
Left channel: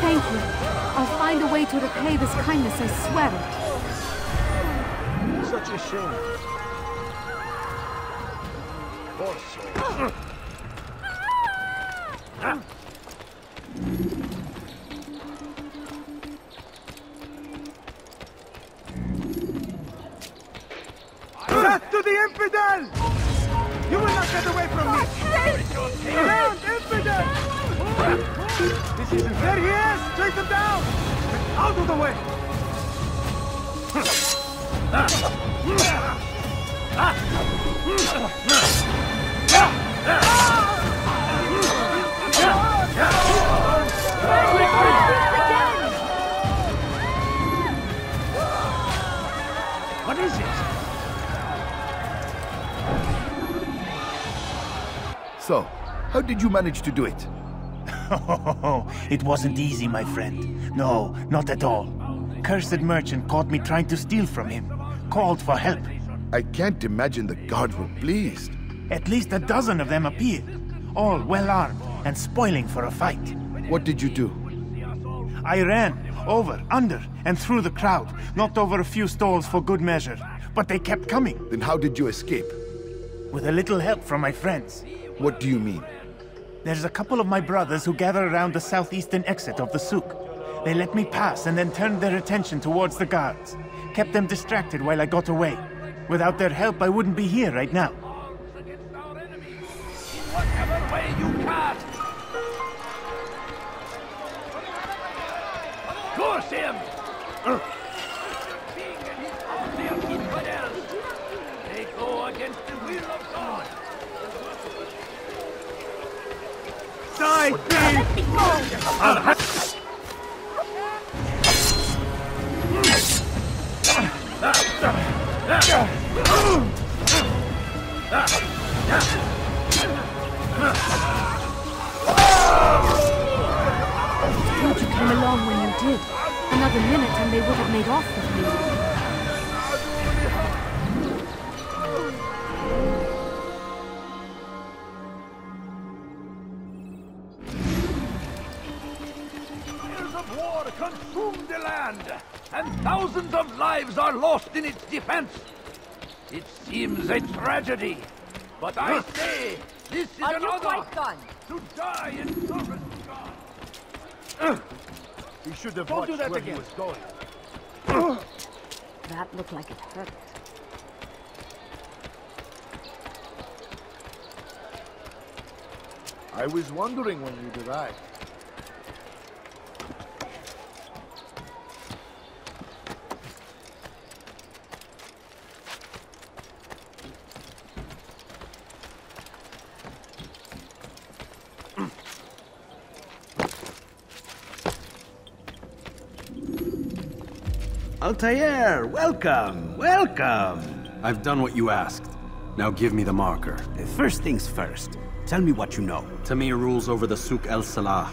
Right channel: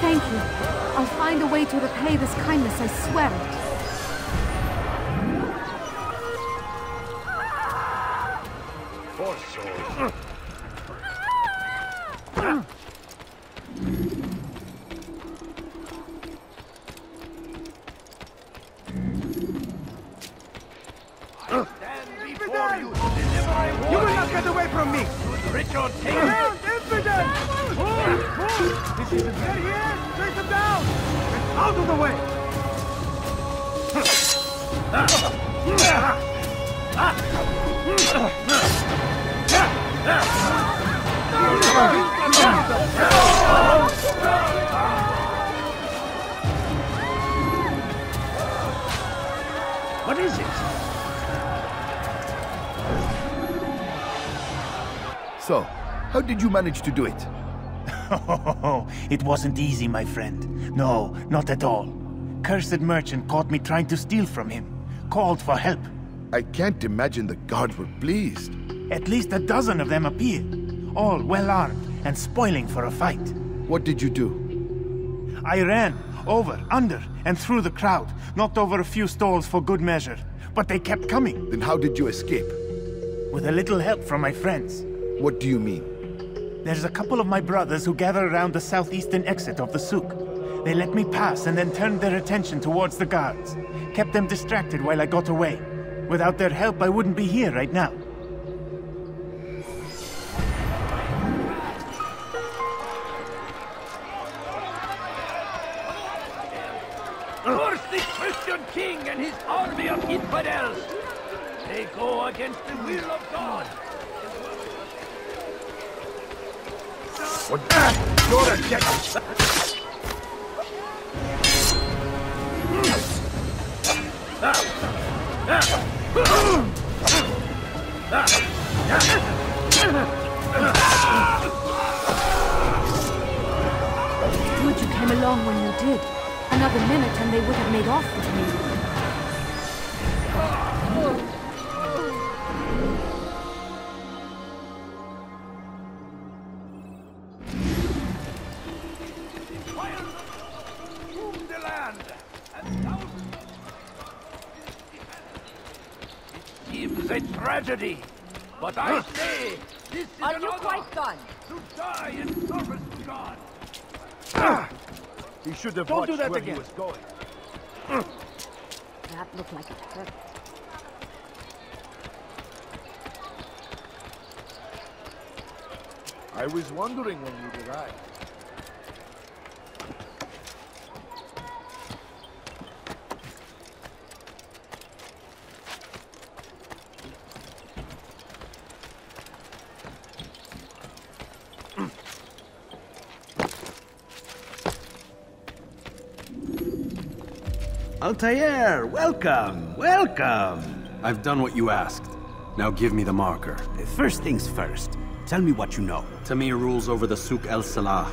Thank you. I'll find a way to repay this kindness, I swear it. Such a shame. Poor soul. Death to the infidel! Richard, take him! So, how did you manage to do it? It wasn't easy, my friend. No, not at all. Cursed merchant caught me trying to steal from him. Called for help. I can't imagine the guards were pleased. At least a dozen of them appeared. All well armed and spoiling for a fight. What did you do? I ran over, under, and through the crowd. Knocked over a few stalls for good measure. But they kept coming. Then how did you escape? With a little help from my friends. What do you mean? There's a couple of my brothers who gather around the southeastern exit of the souk. They let me pass and then turned their attention towards the guards. Kept them distracted while I got away. Without their help, I wouldn't be here right now. Curse him! Curse the Christian king and his army of infidels! Good you came along when you did. Another minute and they would have made off with me. Fires of war consume the land, and thousands of lives are lost in its defense. It seems that... This is an honor! Altair, welcome, welcome! I've done what you asked. Now give me the marker. First things first, tell me what you know. Tamir rules over the Souk El Salah.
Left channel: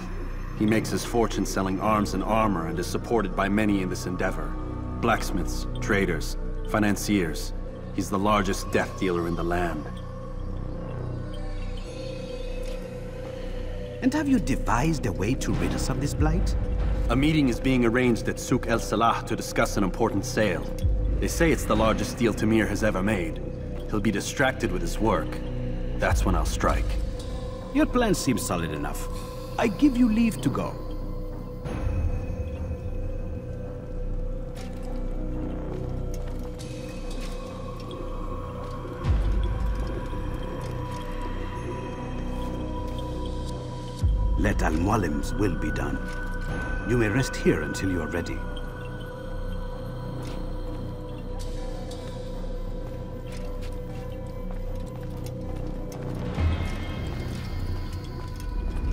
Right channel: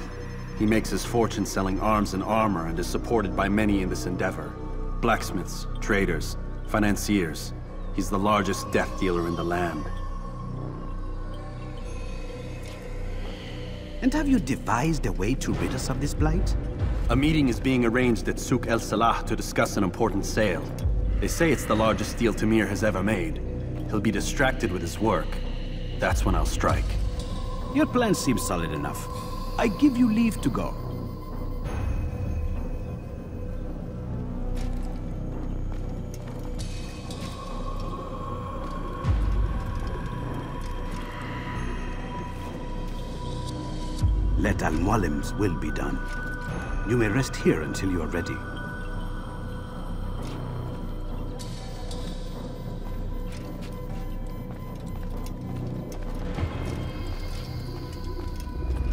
He makes his fortune selling arms and armor and is supported by many in this endeavor. Blacksmiths, traders, financiers. He's the largest death dealer in the land. And have you devised a way to rid us of this blight? A meeting is being arranged at Souk El Salah to discuss an important sale. They say it's the largest deal Tamir has ever made. He'll be distracted with his work. That's when I'll strike. Your plan seems solid enough. I give you leave to go. Let Al-Mualim's will be done. You may rest here until you are ready.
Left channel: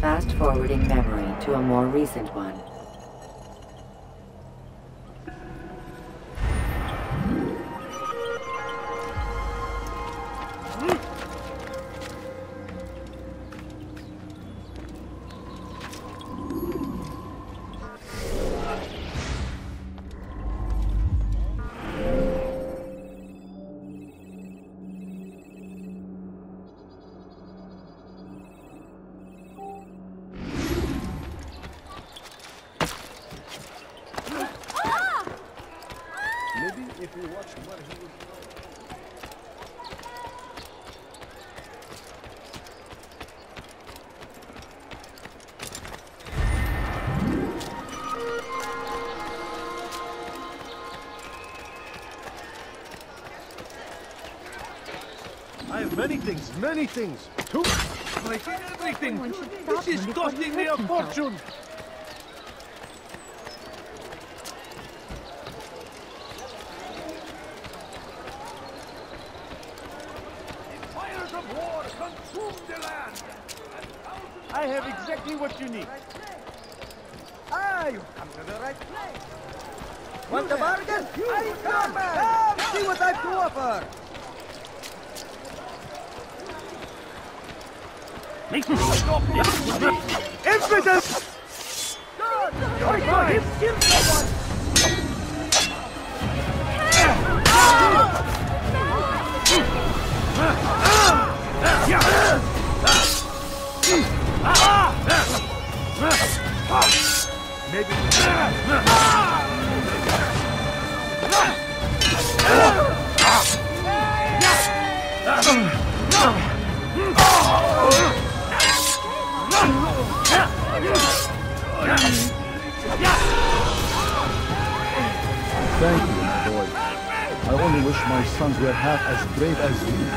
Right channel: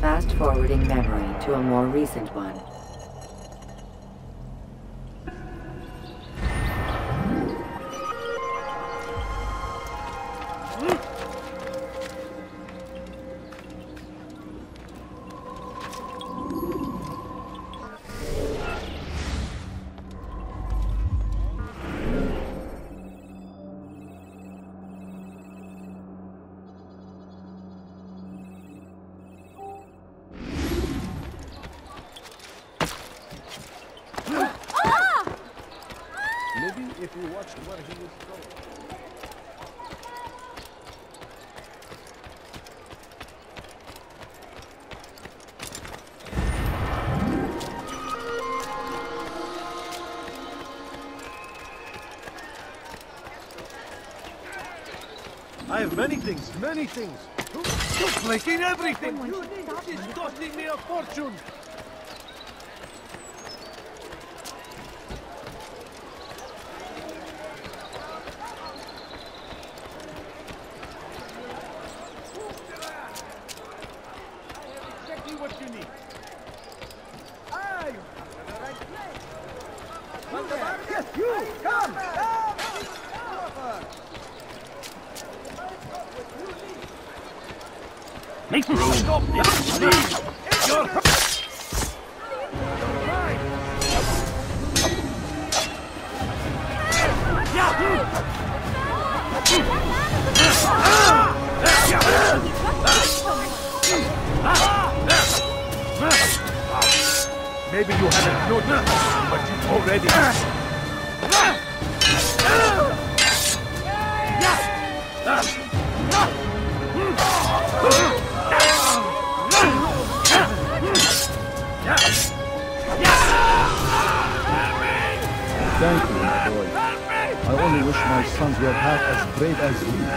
Fast-forwarding memory to a more recent one. everything! Someone should stop him before he hurts himself. I have exactly what you need. You there! Yes, you! Come! Come! See what I've to offer! Make me stop this! Infidels! You're mine! Maybe you haven't noticed, but you've already... Thank you, my boy. I only wish my sons were half as brave as you.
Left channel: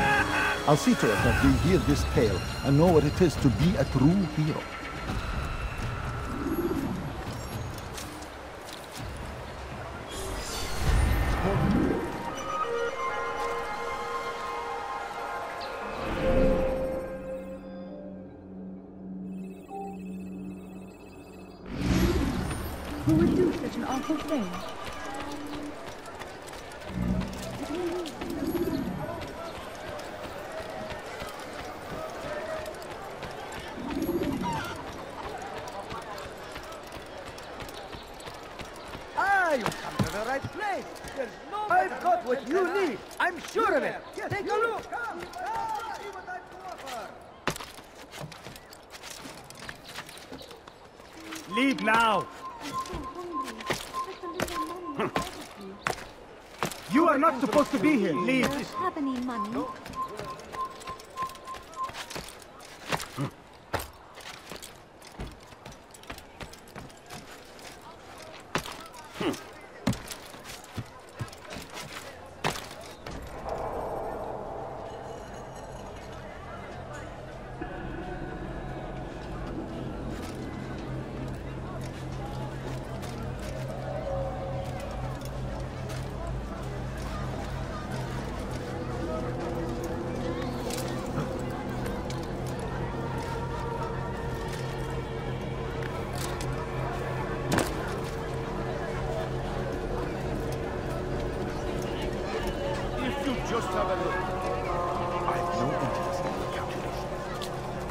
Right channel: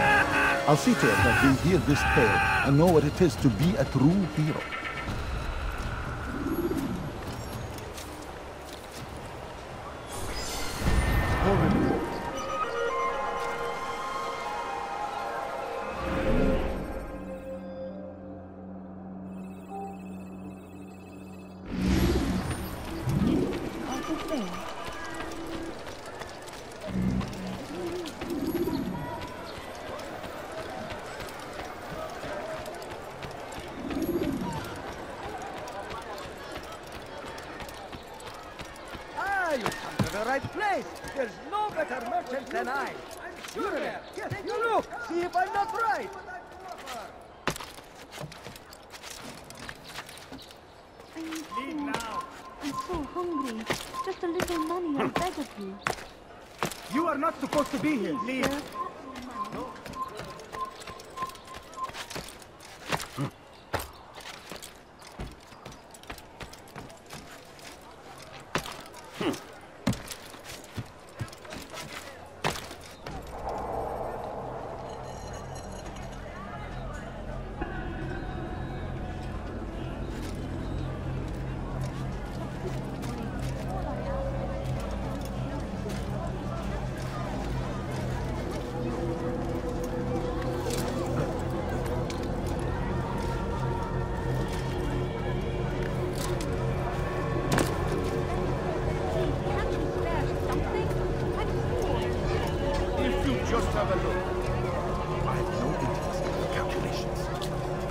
I'll see to it that they hear this tale and know what it is to be a true hero. I've got what you need. I'm sure of it. Take a look. See if I'm not right. Leave now. I'm so hungry. Just a little money, I beg of you. You are not supposed to be here. Please, sir, have any money?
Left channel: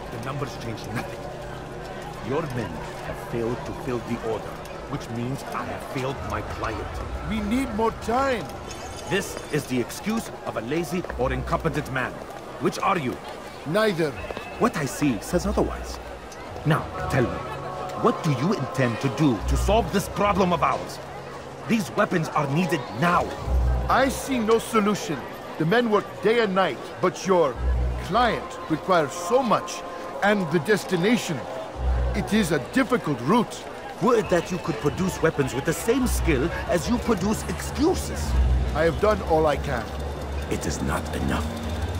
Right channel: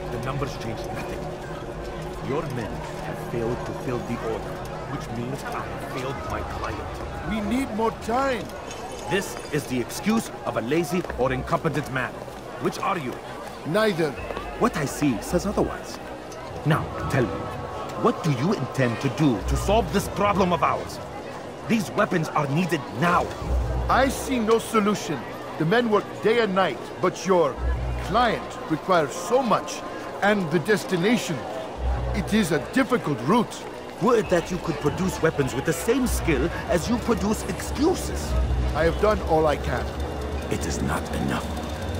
The numbers change nothing. Your men have failed to fill the order, which means I have failed my client. We need more time. This is the excuse of a lazy or incompetent man. Which are you? Neither. What I see says otherwise. Now, tell me, what do you intend to do to solve this problem of ours? These weapons are needed now. I see no solution. The men work day and night, but your client requires so much, and the destination. It is a difficult route. Would that you could produce weapons with the same skill as you produce excuses. I have done all I can. It is not enough.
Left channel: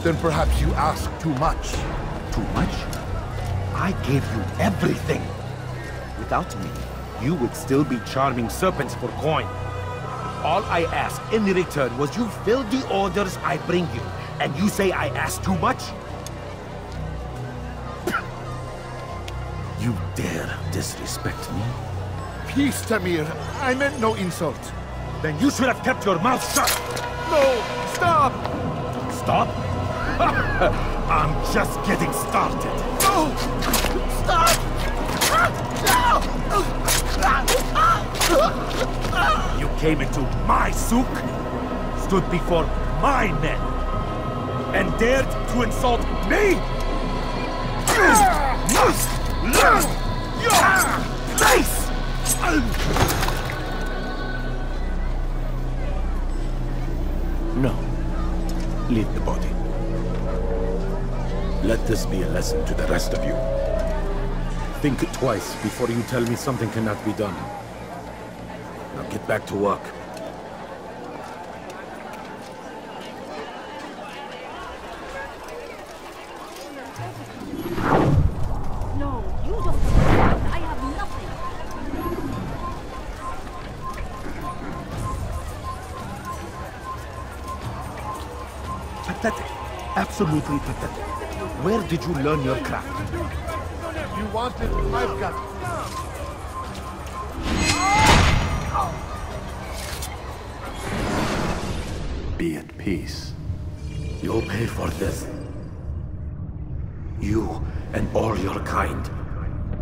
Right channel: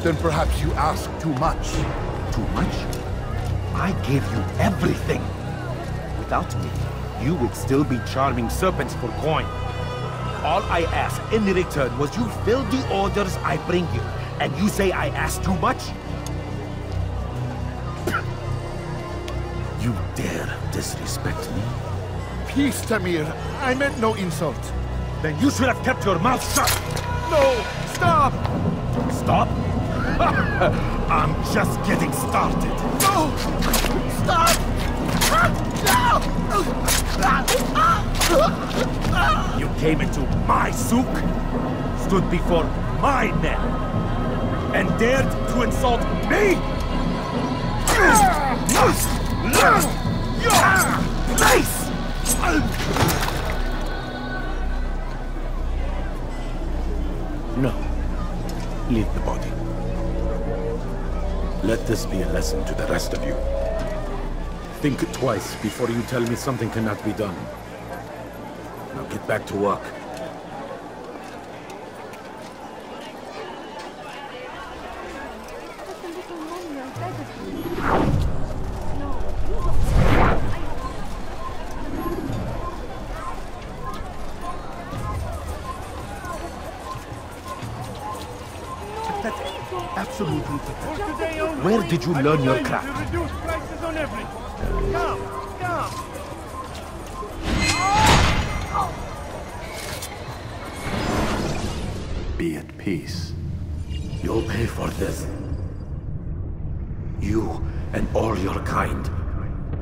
Then perhaps you ask too much. Too much? I gave you everything. Without me, you would still be charming serpents for coin. All I ask in return was you fill the orders I bring you, and you say I ask too much? You dare disrespect me? Peace, Tamir. I meant no insult. Then you should have kept your mouth shut! No! Stop! Stop? I'm just getting started. No! Stop! You came into my souk, stood before my men, and dared to insult me? Must learn your place! No. Leave the body. Let this be a lesson to the rest of you. Think twice before you tell me something cannot be done. Now get back to work. Pathetic. Absolutely pathetic. Where did you learn your craft? You want it? I've got it. Be at peace. You'll pay for this. You and all your kind.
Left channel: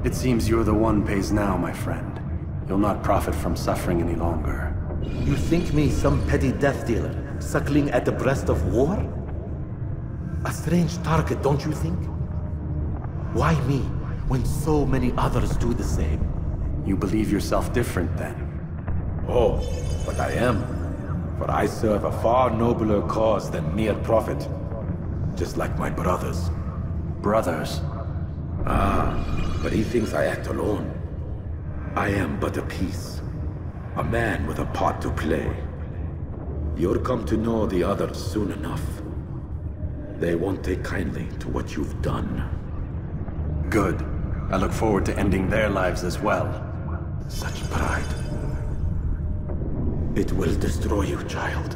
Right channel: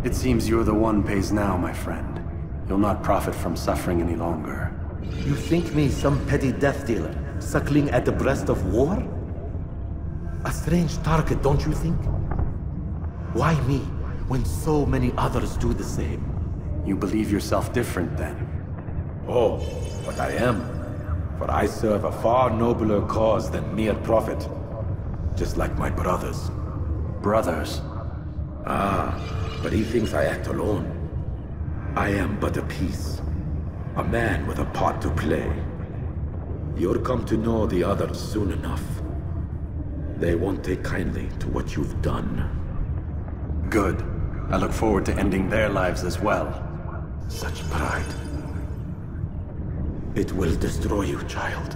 It seems you're the one pays now, my friend. You'll not profit from suffering any longer. You think me some petty death dealer, suckling at the breast of war? A strange target, don't you think? Why me, when so many others do the same? You believe yourself different, then? Oh, but I am. For I serve a far nobler cause than mere profit. Just like my brothers. Brothers? Ah, but he thinks I act alone. I am but a piece. A man with a part to play. You'll come to know the others soon enough. They won't take kindly to what you've done. Good. I look forward to ending their lives as well. Such pride. It will destroy you, child.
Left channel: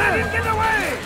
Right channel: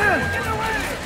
Let him get away!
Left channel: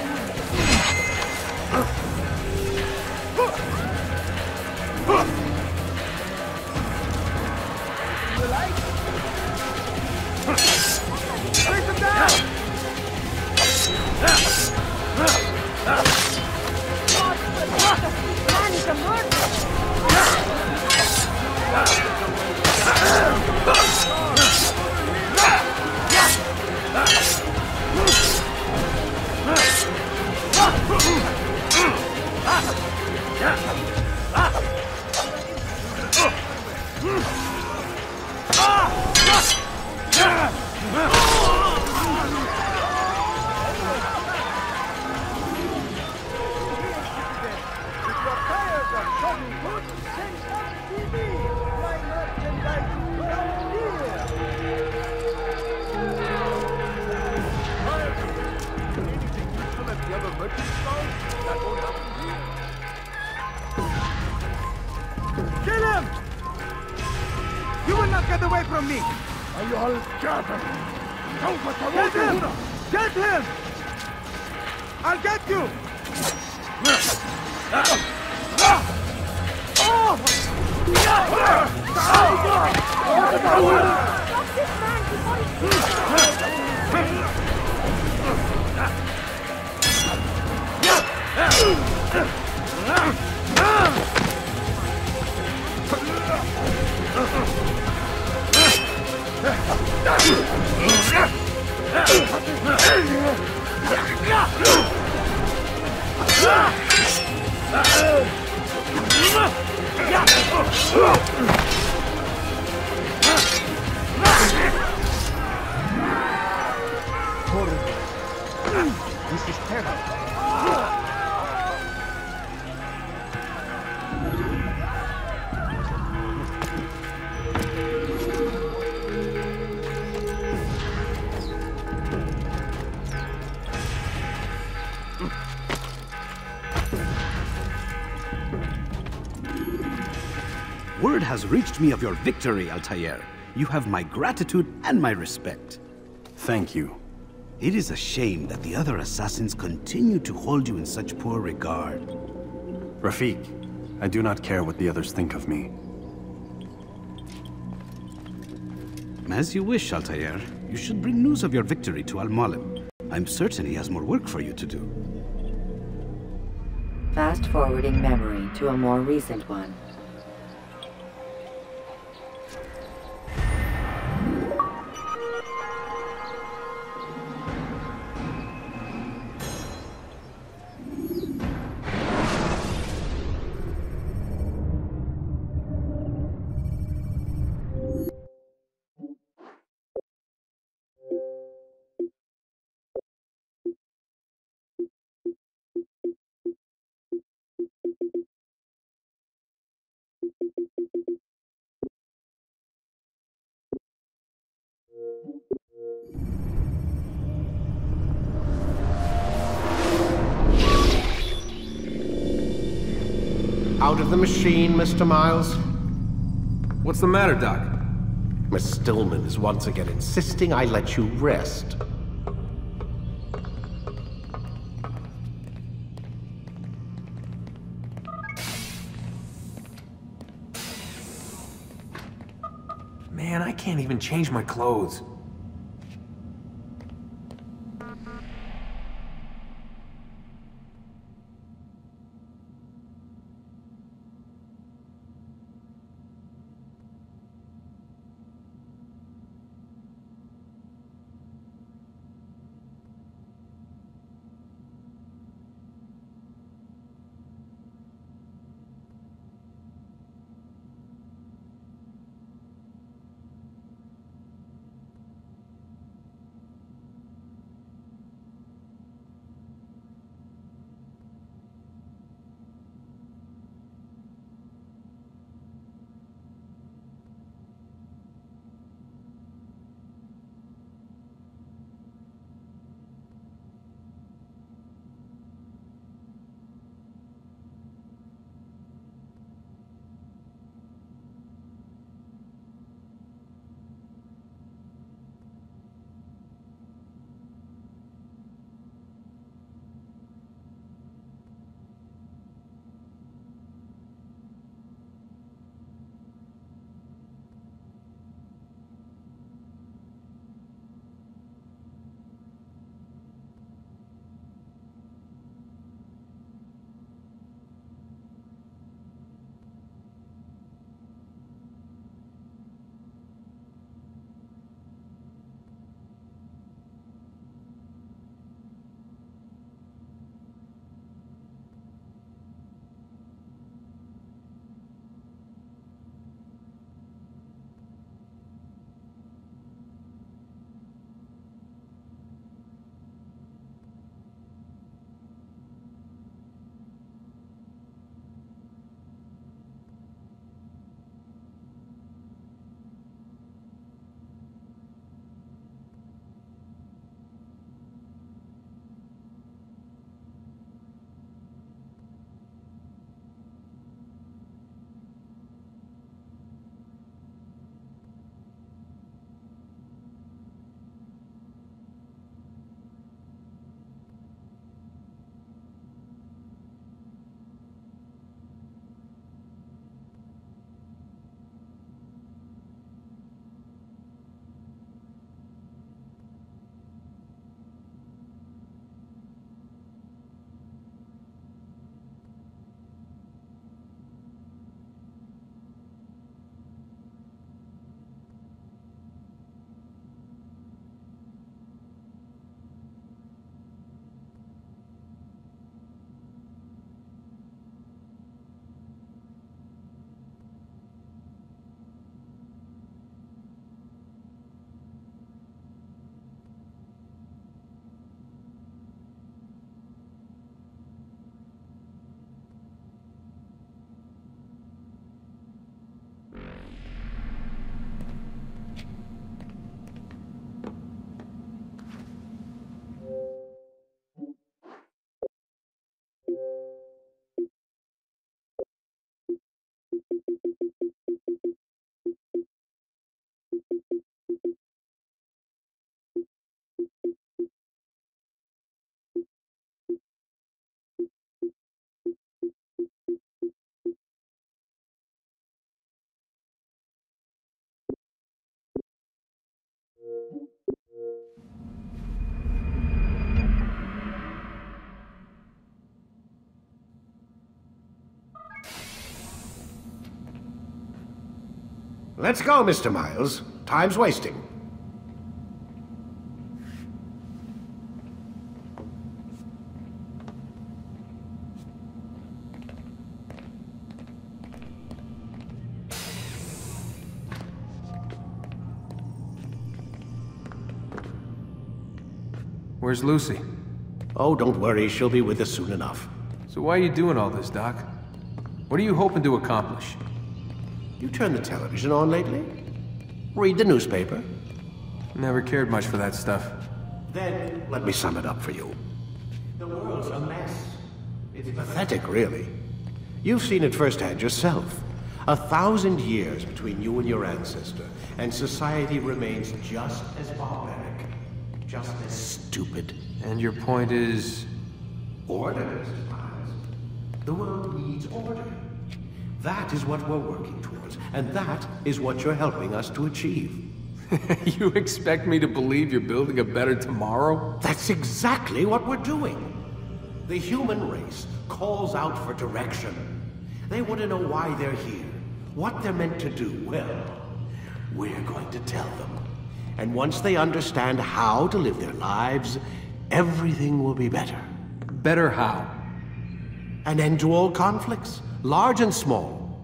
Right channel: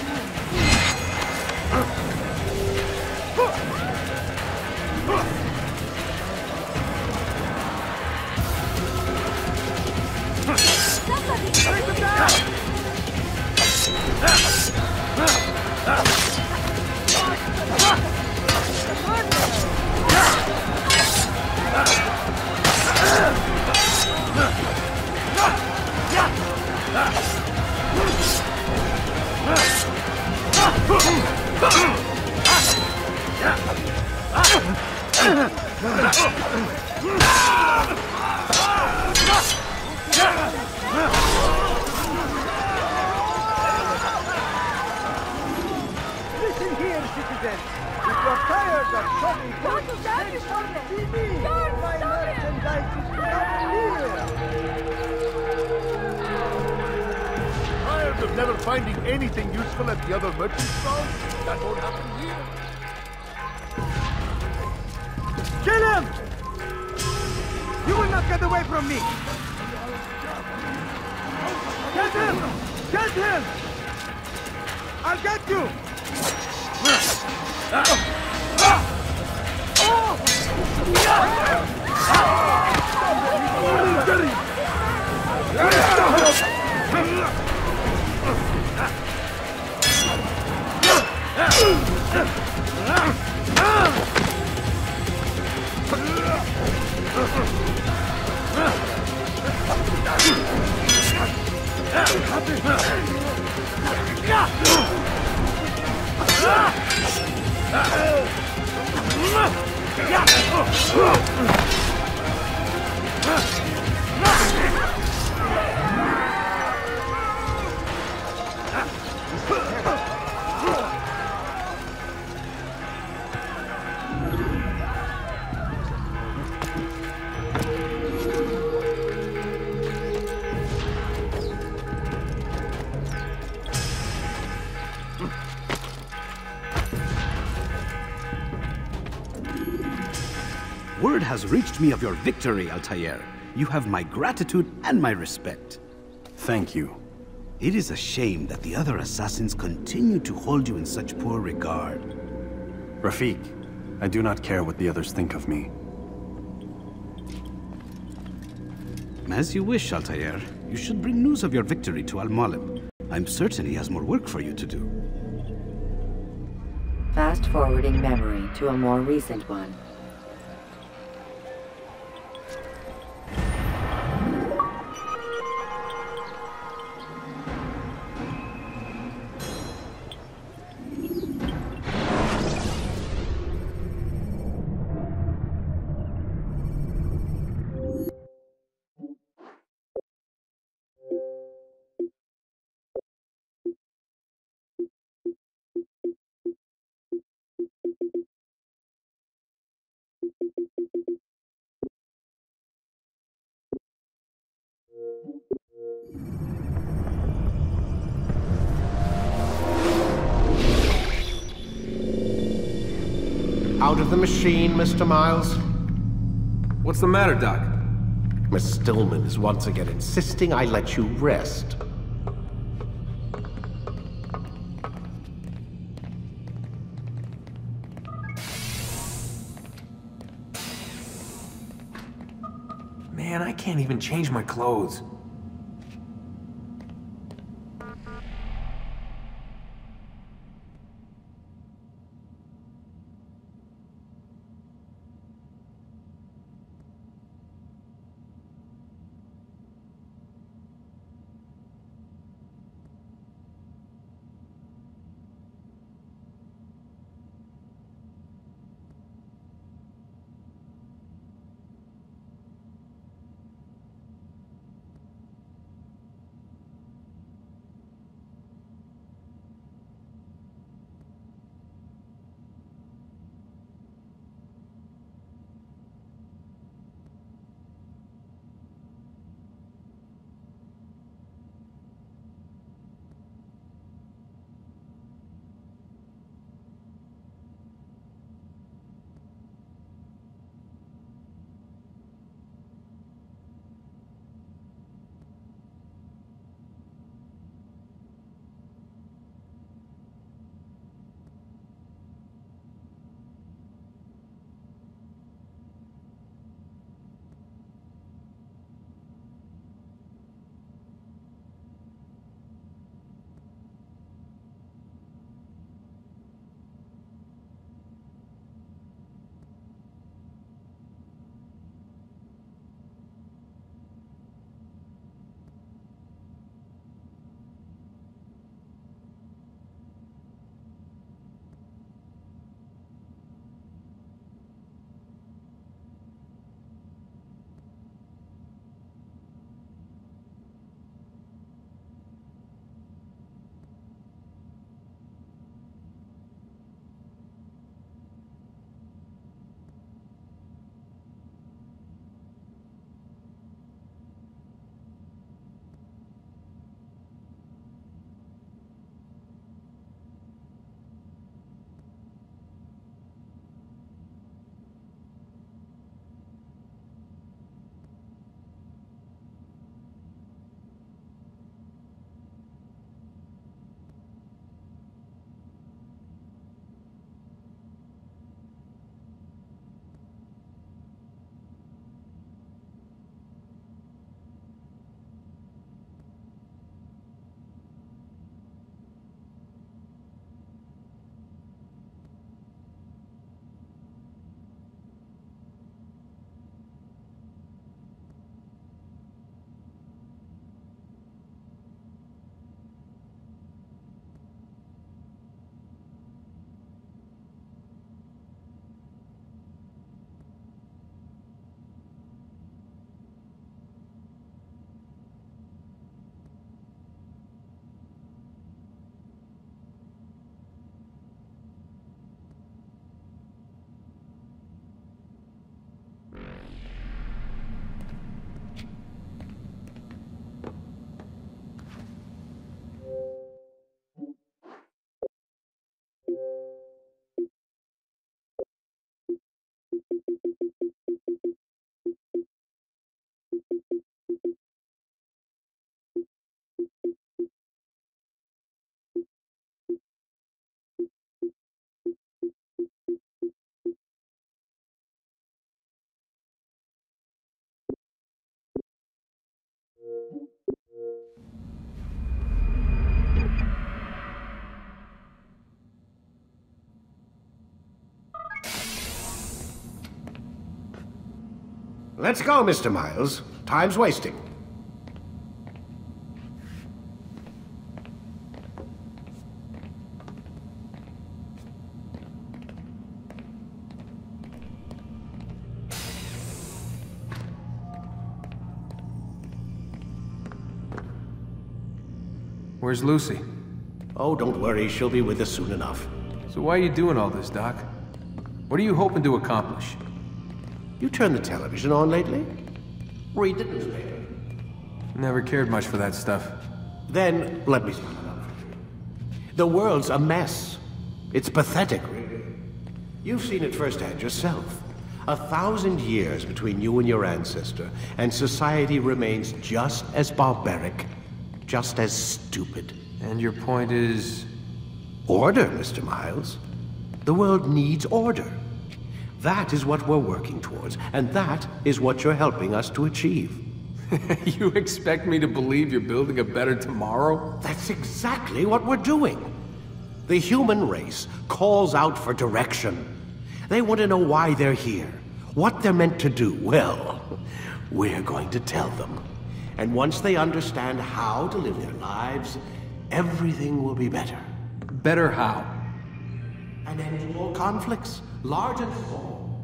Tired of never finding anything useful at the other end. Are you all scared? Word has reached me of your victory, Altair. You have my gratitude and my respect. Thank you. It is a shame that the other assassins continue to hold you in such poor regard. Rafik, I do not care what the others think of me. As you wish, Altair. You should bring news of your victory to Al-Mualim. I'm certain he has more work for you to do. Fast-forwarding memory to a more recent one. Out of the machine, Mr. Miles. What's the matter, Doc? Miss Stillman is once again insisting I let you rest. Man, I can't even change my clothes. Let's go, Mr. Miles. Time's wasting. Where's Lucy? Oh, don't worry. She'll be with us soon enough. So why are you doing all this, Doc? What are you hoping to accomplish? You turned the television on lately? Read the newspaper? Never cared much for that stuff. Then, let me sum it up for you. The world's a mess. It's pathetic, really. You've seen it firsthand yourself. 1,000 years between you and your ancestor, and society remains just as barbaric, just as stupid. And your point is? Order, Mr. Miles. The world needs order. That is what we're working towards, and that is what you're helping us to achieve. You expect me to believe you're building a better tomorrow? That's exactly what we're doing. The human race calls out for direction. They want to know why they're here, what they're meant to do. Well, we're going to tell them. And once they understand how to live their lives, everything will be better. Better how? An end to all conflicts, large and small.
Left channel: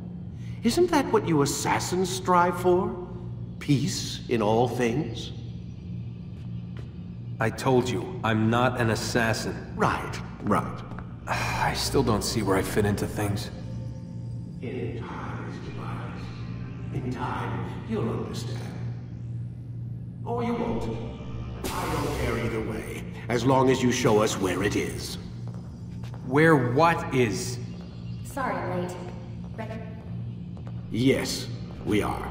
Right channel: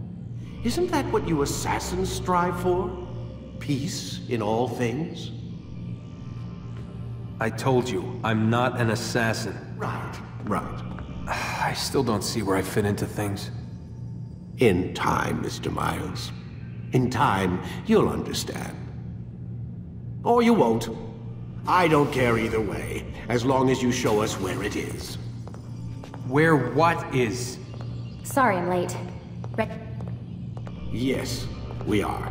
Isn't that what you assassins strive for? Peace in all things? I told you, I'm not an assassin. Right. I still don't see where I fit into things. In time, Mr. Miles. In time, you'll understand. Or you won't. I don't care either way, as long as you show us where it is. Where what is? Sorry I'm late. Yes, we are.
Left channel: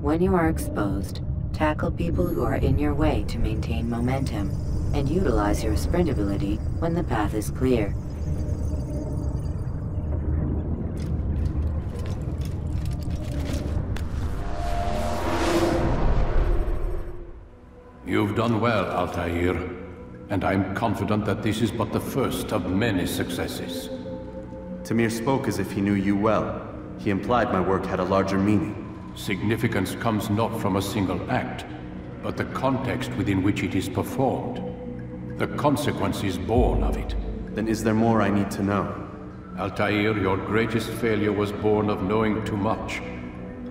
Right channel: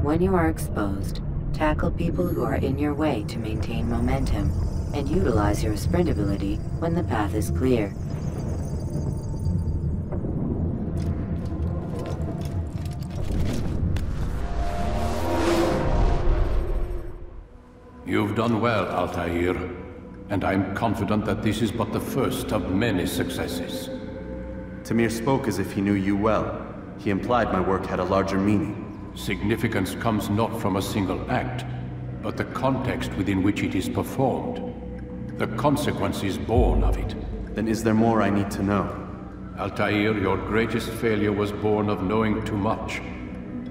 When you are exposed, tackle people who are in your way to maintain momentum, and utilize your sprint ability when the path is clear. You've done well, Altair, and I'm confident that this is but the first of many successes. Tamir spoke as if he knew you well. He implied my work had a larger meaning. Significance comes not from a single act, but the context within which it is performed. The consequences born of it. Then is there more I need to know? Altair, your greatest failure was born of knowing too much.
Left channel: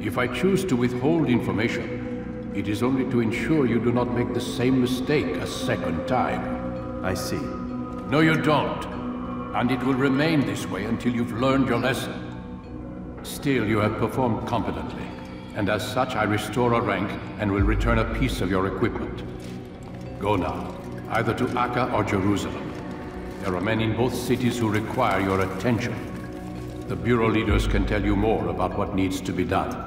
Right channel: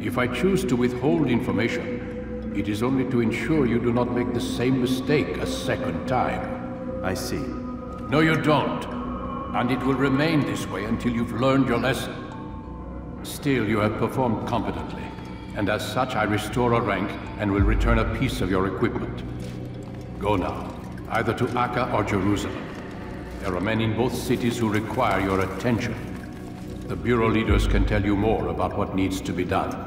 If I choose to withhold information, it is only to ensure you do not make the same mistake a second time. I see. No, you don't. And it will remain this way until you've learned your lesson. Still, you have performed competently. And as such, I restore a rank and will return a piece of your equipment. Go now, either to Acre or Jerusalem. There are men in both cities who require your attention. The Bureau leaders can tell you more about what needs to be done.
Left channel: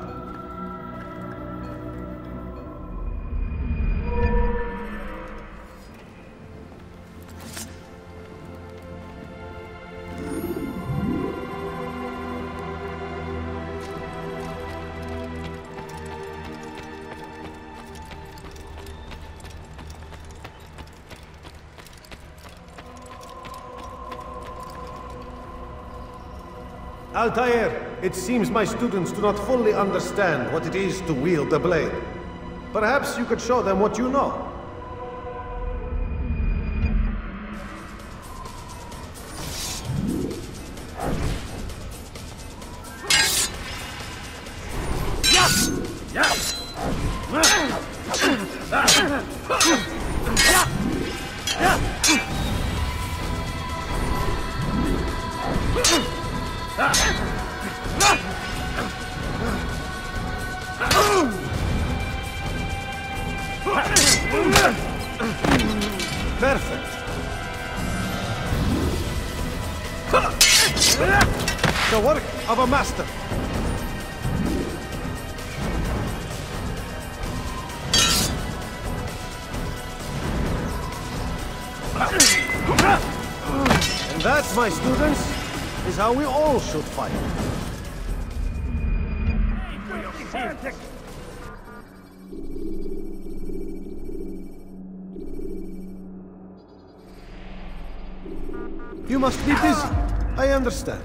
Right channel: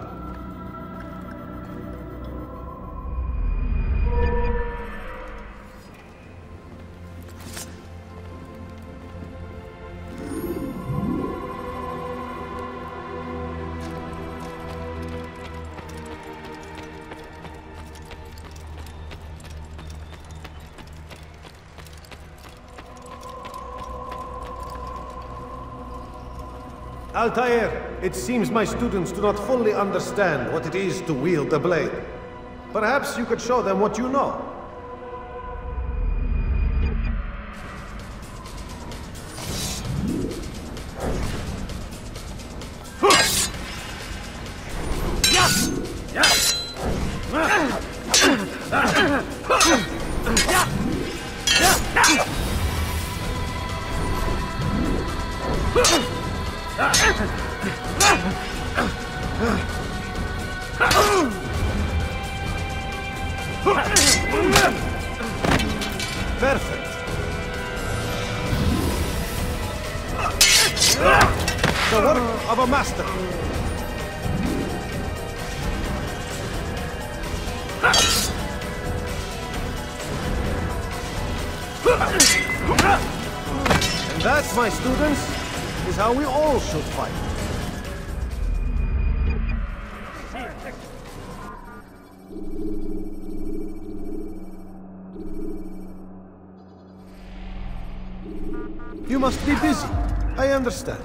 Altair, it seems my students do not fully understand what it is to wield the blade. Perhaps you could show them what you know. Perfect. The work of a master. And that, my students, is how we all should fight. You must be busy. I understand.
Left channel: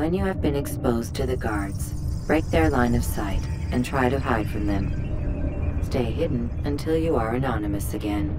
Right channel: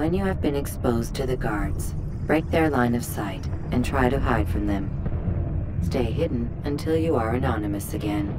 When you have been exposed to the guards, break their line of sight and try to hide from them. Stay hidden until you are anonymous again.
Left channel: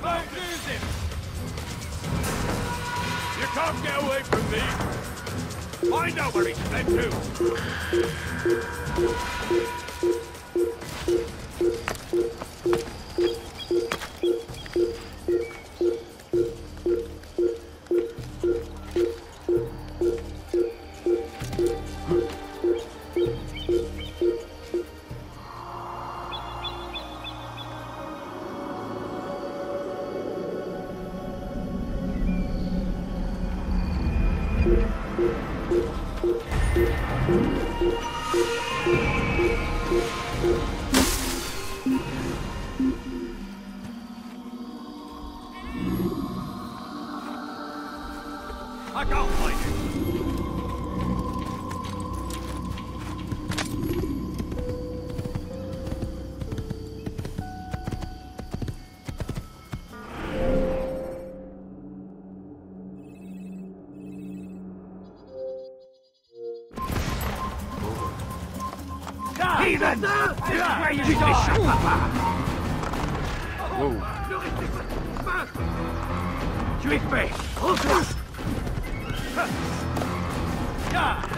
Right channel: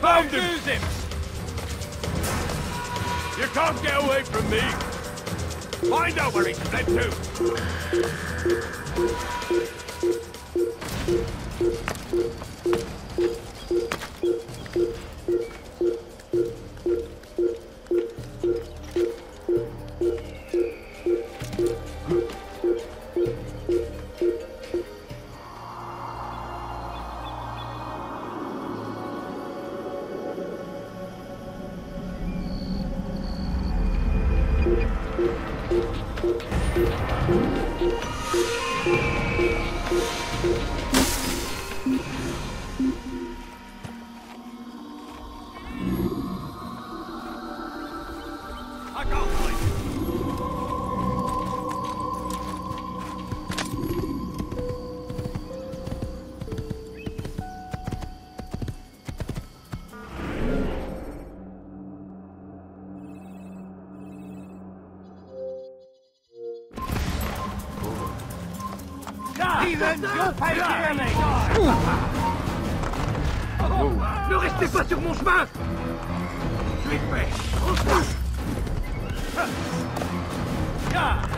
Found him! Wow. Ne restez pas sur mon chemin! Tu es fait!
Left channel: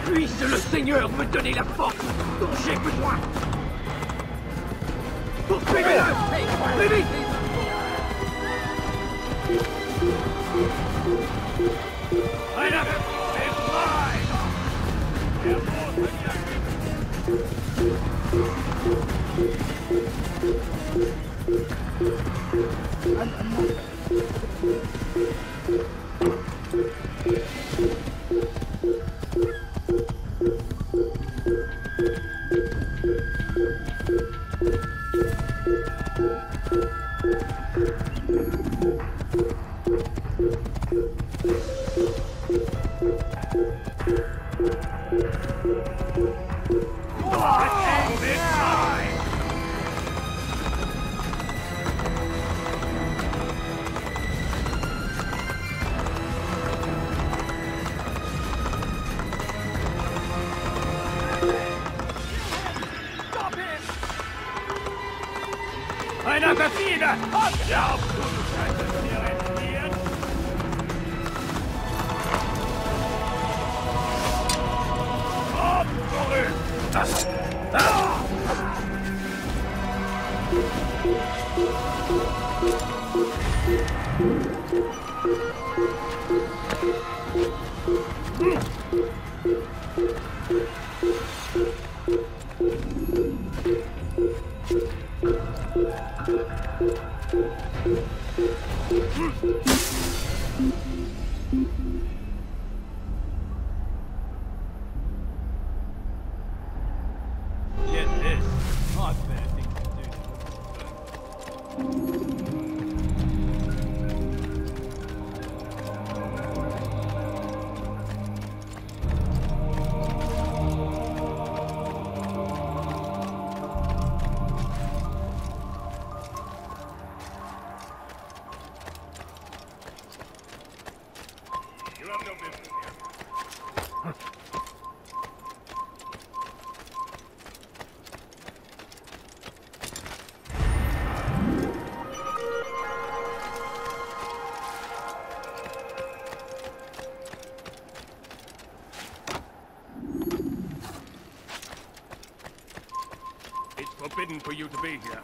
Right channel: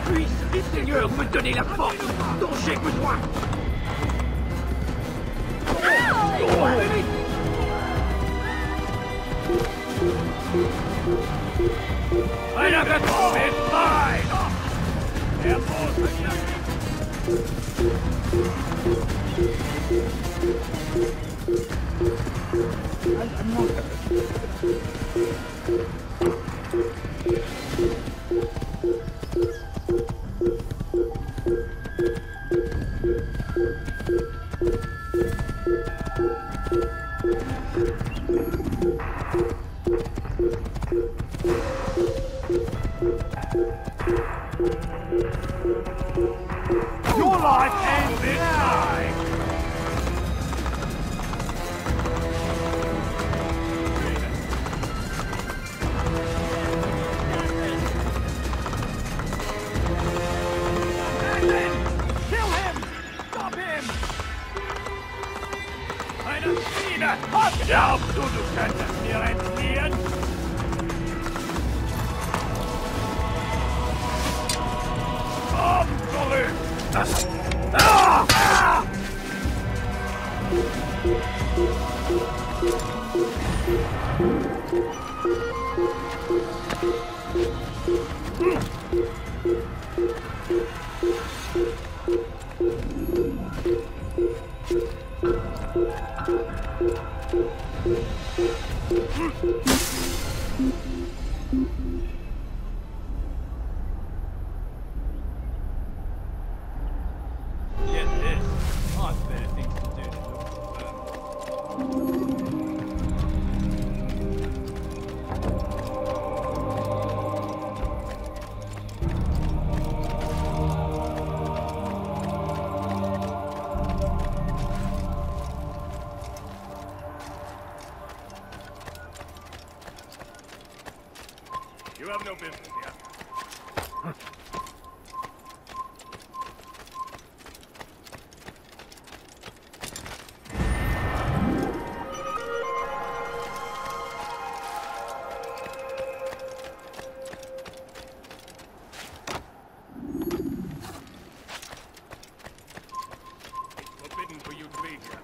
Puisse le Seigneur! Rien à faire! Einer Befehl! Das. For you to be here.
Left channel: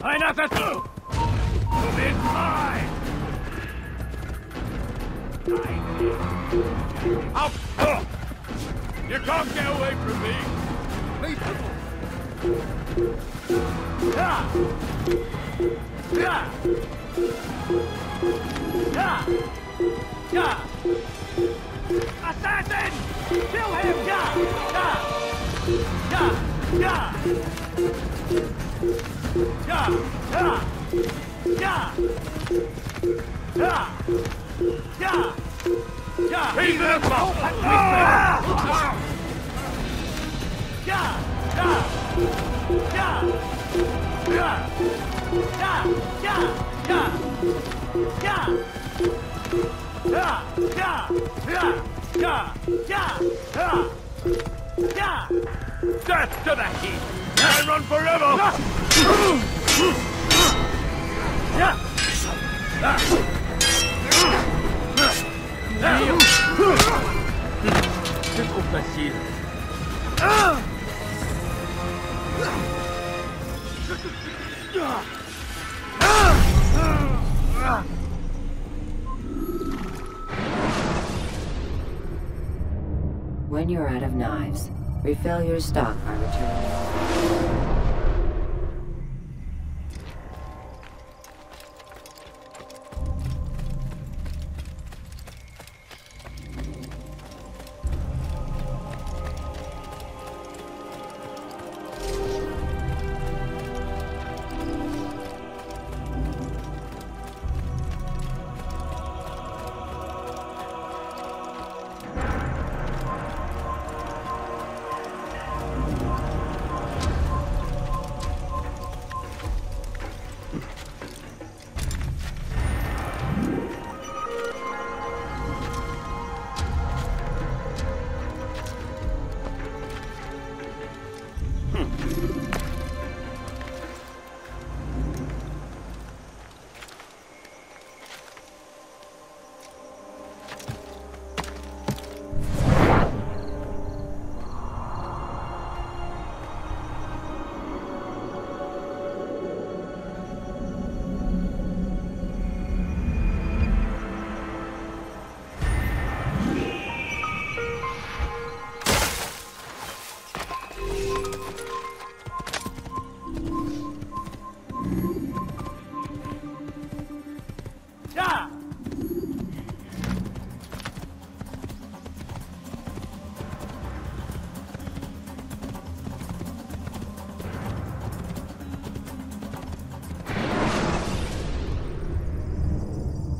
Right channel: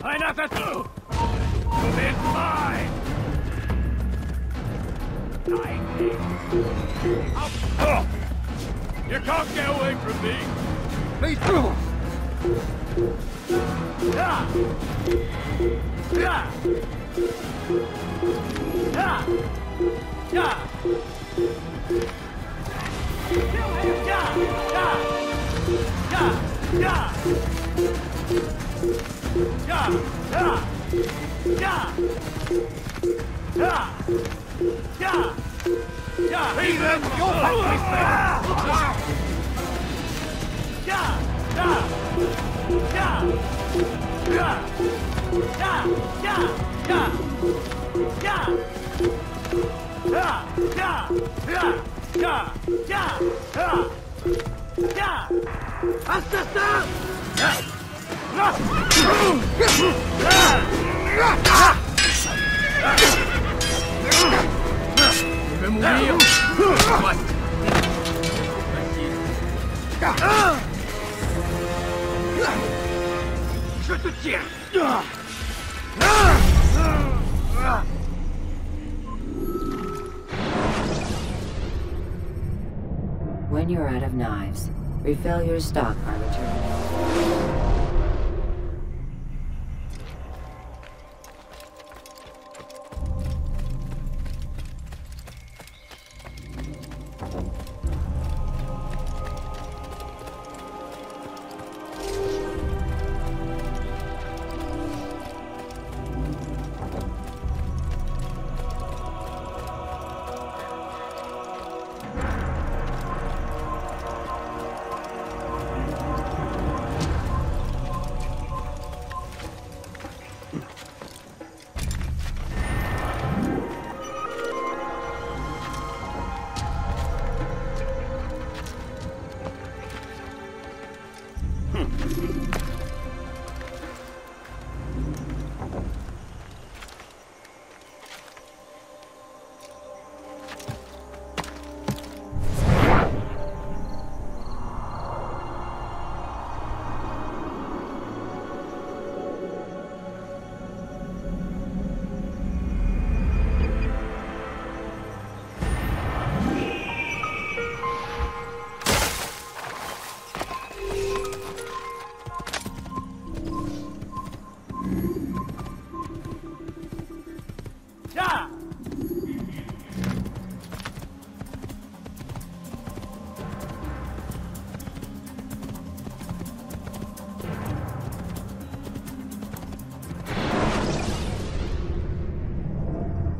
Einer dazu! Auf! Me through! Ja! Ja! Ja! Ja! Assassins! Ja! Ja! Ja! Ja! Ja! Ja! Ja! Ja! Ja! Ja! Wie wird man? Ja! Ja! Ja! Ja! Ja! Ja! Ja! Ja! Ja! Ja! Ja! Ja! Ja! Ja! Ja! That's the thing! Can't run forever! Je vais mourir! Je te tiens! When you're out of knives, refill your stock by returning.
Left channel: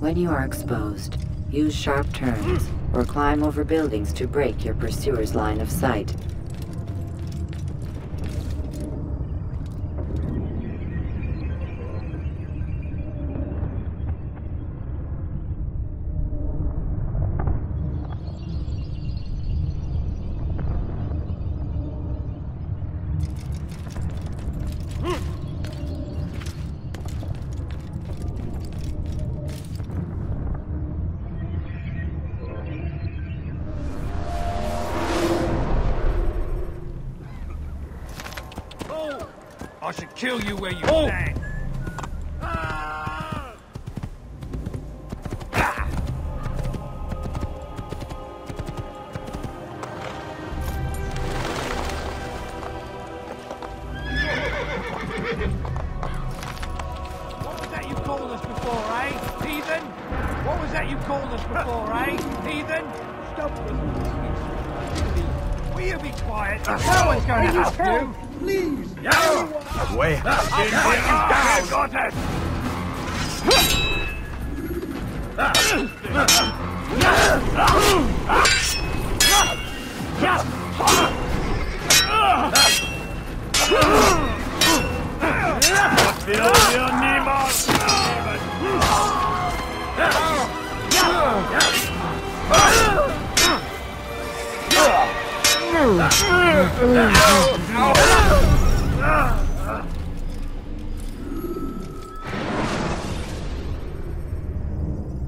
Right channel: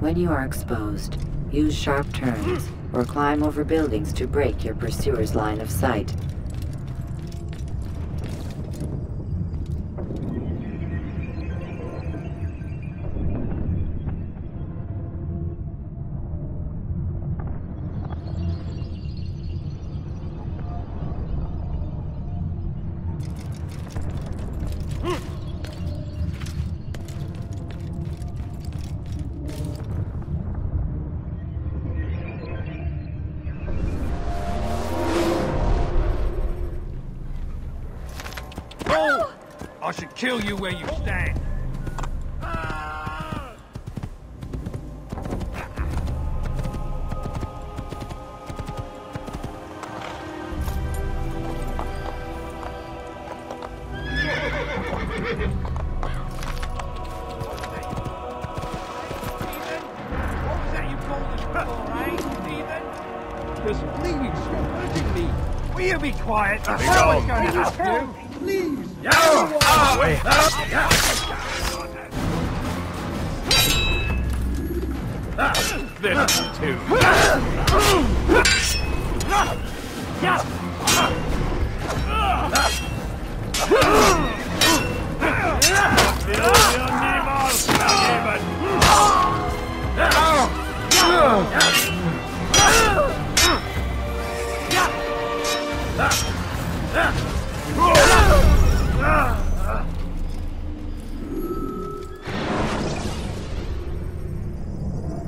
When you are exposed, use sharp turns or climb over buildings to break your pursuer's line of sight.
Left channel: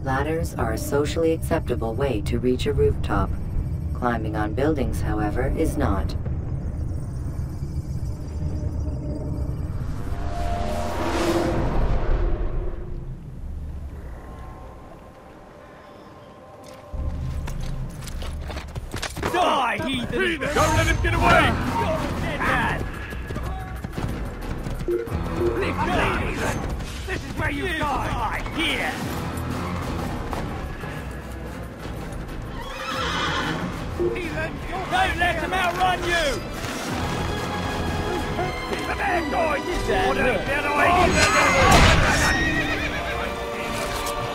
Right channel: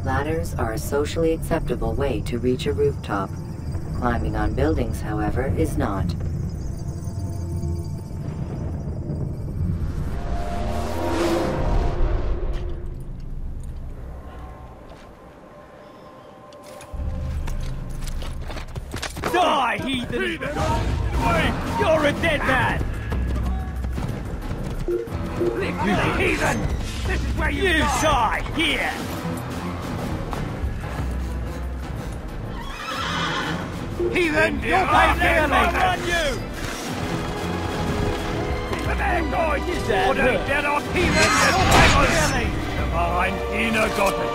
Ladders are a socially acceptable way to reach a rooftop. Climbing on buildings, however, is not. Don't let him get away! You're a dead man! You heathen! You die! Heathen, you'll pay dearly! Did that hurt? I'm in a goblin.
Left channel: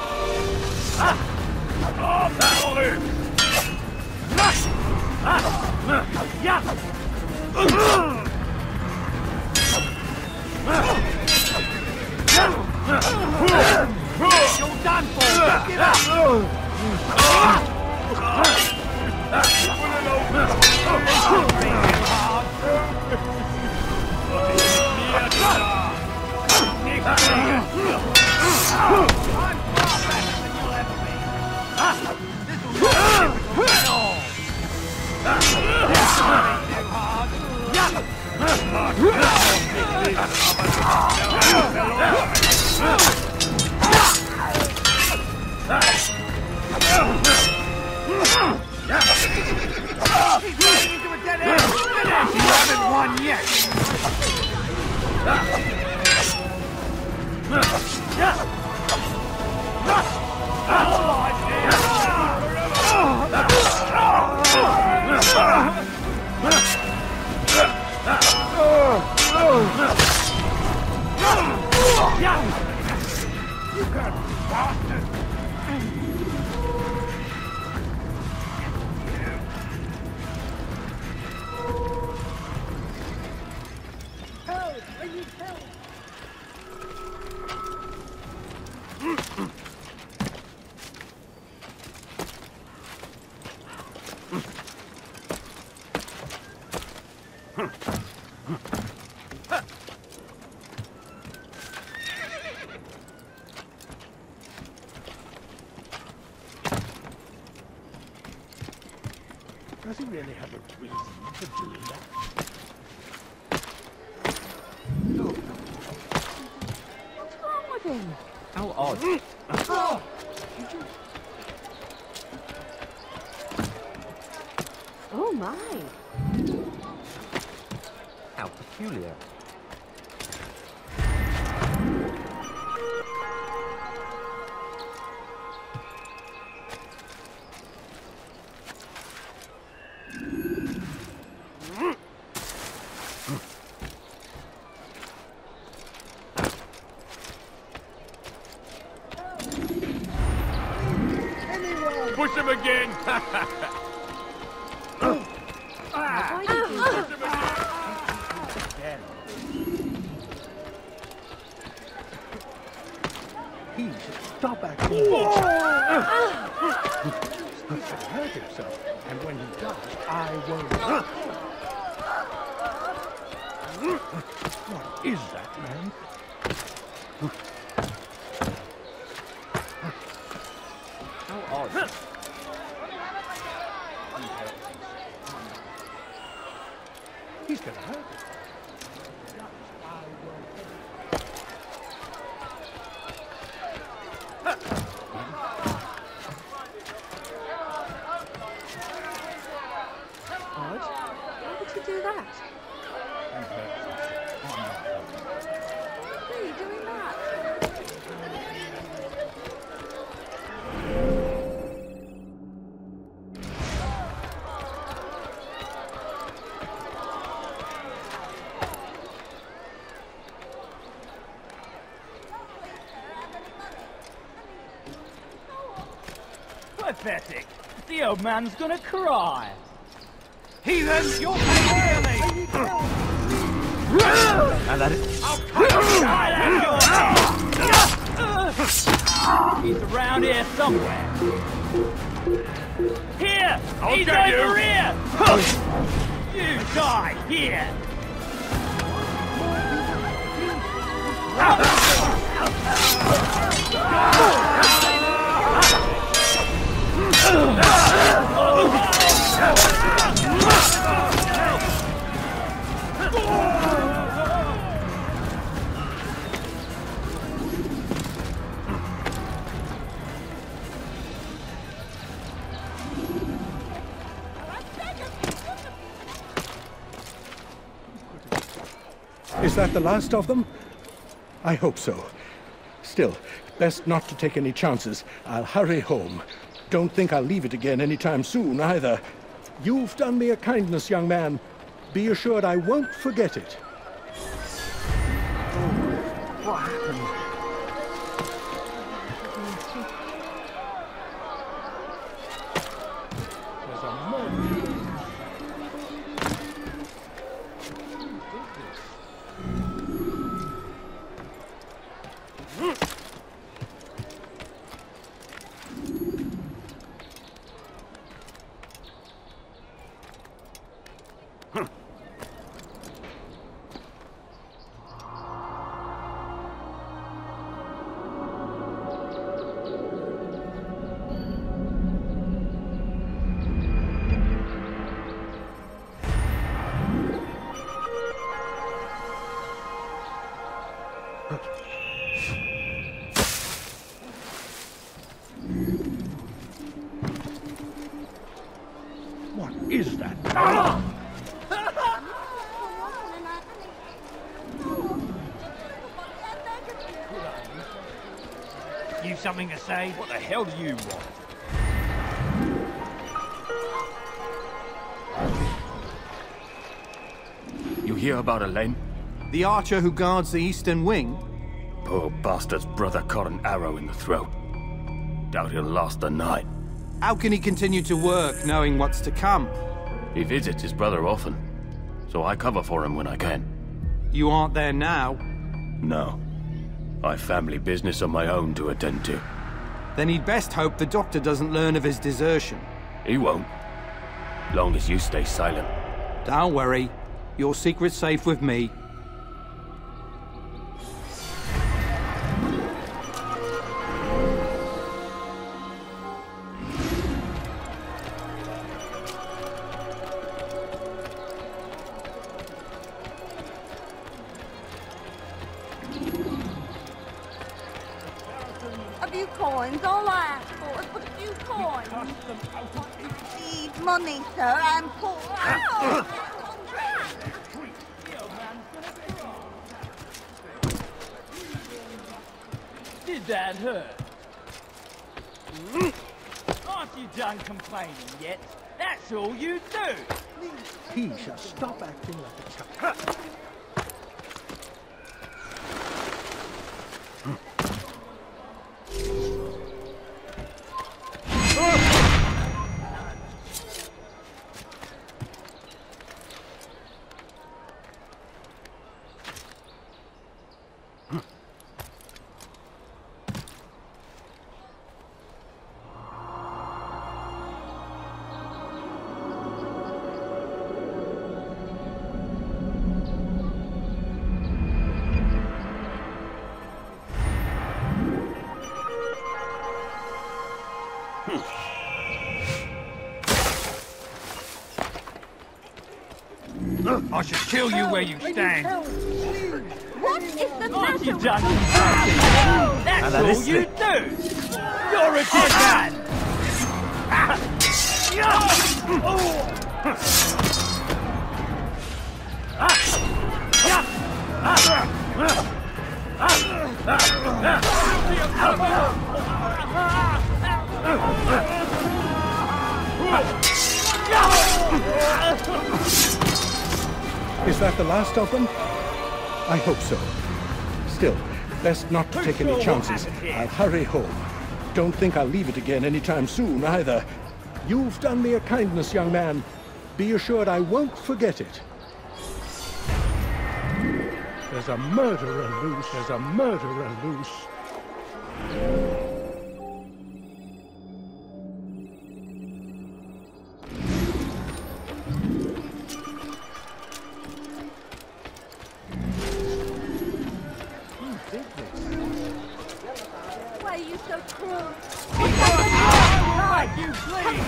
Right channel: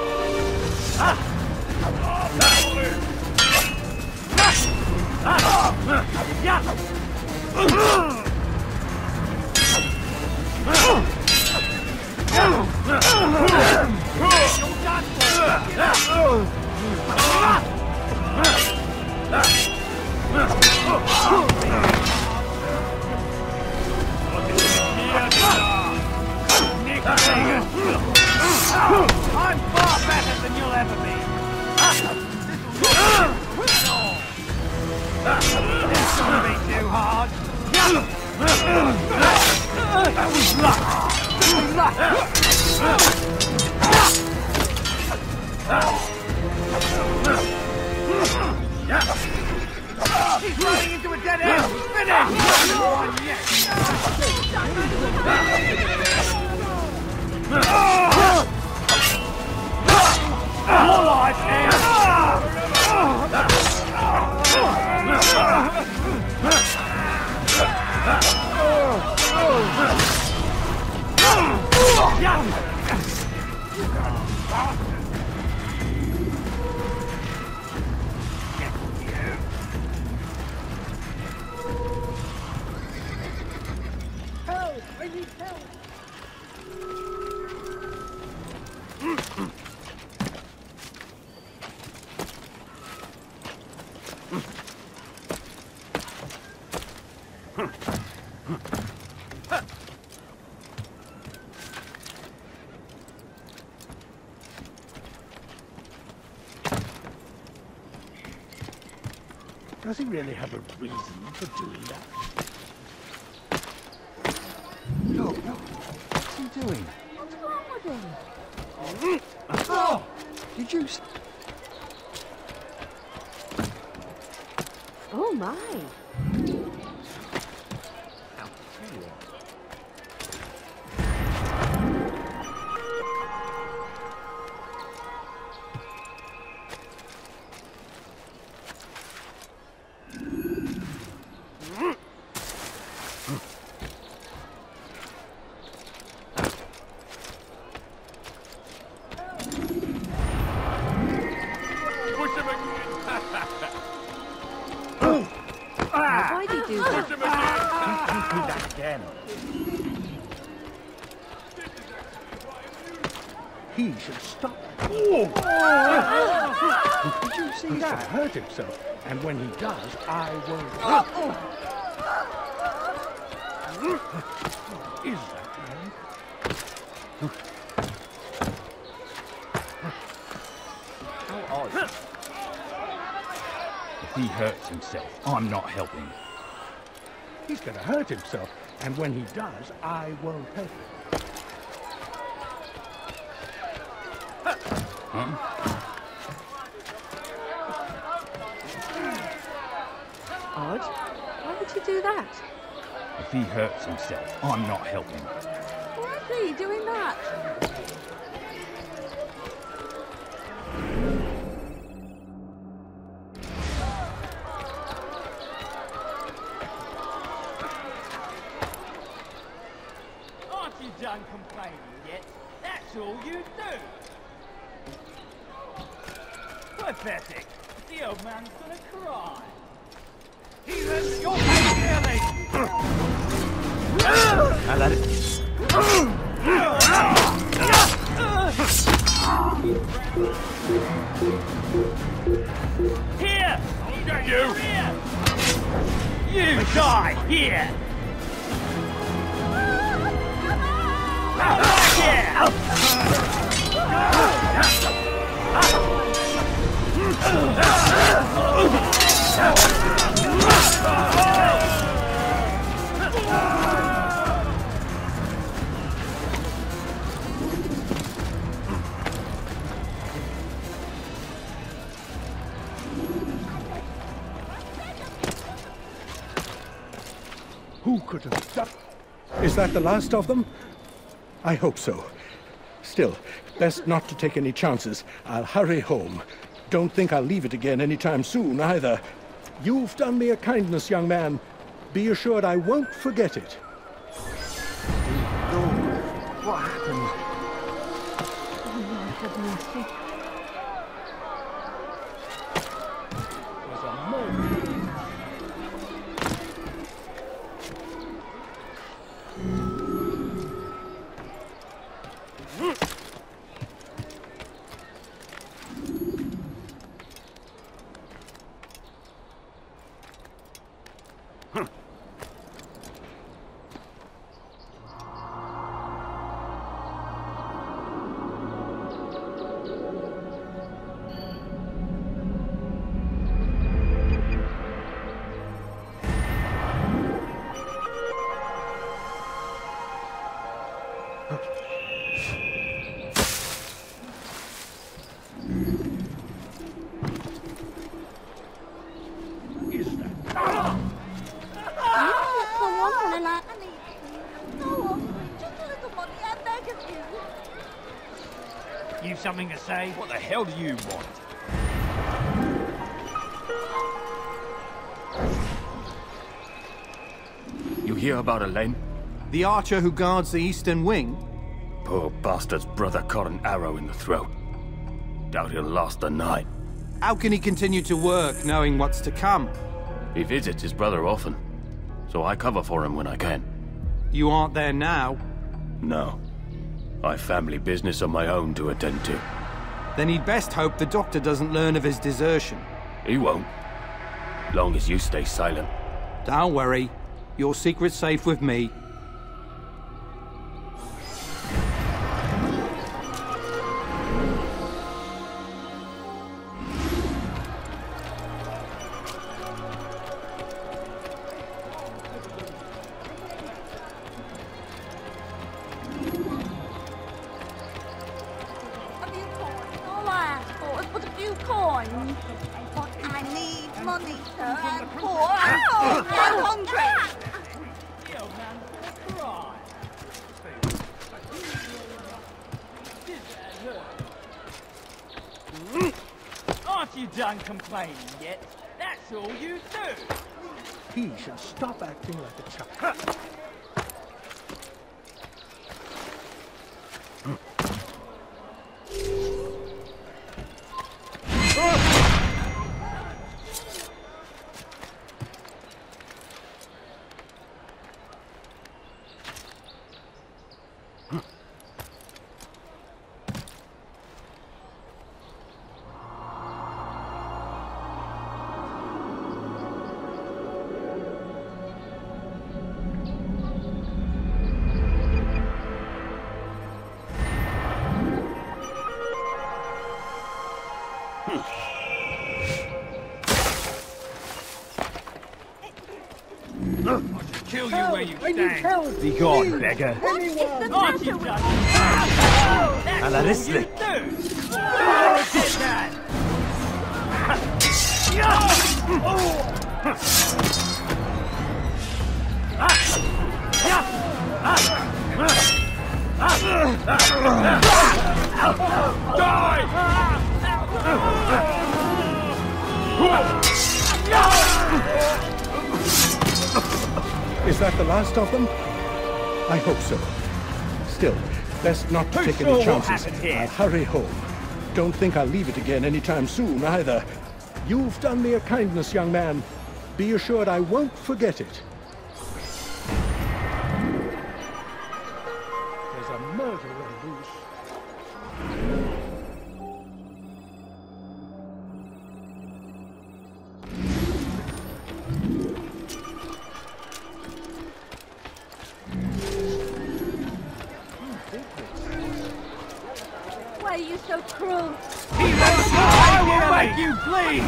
This gonna be too hard. life ends! What's wrong with him? How odd. Oh! Did you... How peculiar. Push him again! Stop acting. Did you see that? And when he died. If he hurts himself, I'm not helping. He's gonna hurt himself, and when he does, I won't help him. Huh? If he hurts himself, I'm not helping. Why is he doing that? Aren't you done complaining yet? That's all you do. Pathetic. The old man's gonna cry. Heathens, you're really. I'll let it. Around here somewhere. Here! I'll He's get you. over here! Who could have stopped? Is that the last of them? I hope so. Still, best not to take any chances. I'll hurry home. Don't think I'll leave it again anytime soon, either. You've done me a kindness, young man. Be assured I won't forget it. Oh, what happened? hear about Elaine? The archer who guards the eastern wing? Poor bastard's brother caught an arrow in the throat. Doubt he'll last the night. How can he continue to work, knowing what's to come? He visits his brother often, so I cover for him when I can. You aren't there now? No. I've family business of my own to attend to. Then he'd best hope the doctor doesn't learn of his desertion. He won't. Long as you stay silent. Don't worry. Your secret's safe with me. Money, sir. I'm poor. I'm hungry. The old man's gonna cry. Did that hurt? Aren't you just that's all you I should kill you where you stand. I need help. Be gone, please. beggar. Anyone. Aren't you just... على رسلك. Is that the last of them? I hope so. Still, best not to take any chances. I'll hurry home. Don't think I'll leave it again anytime soon, either. You've done me a kindness, young man. Be assured I won't forget it. There's a murderer loose. There's a murderer loose. Why are you so cruel? I will make you bleed!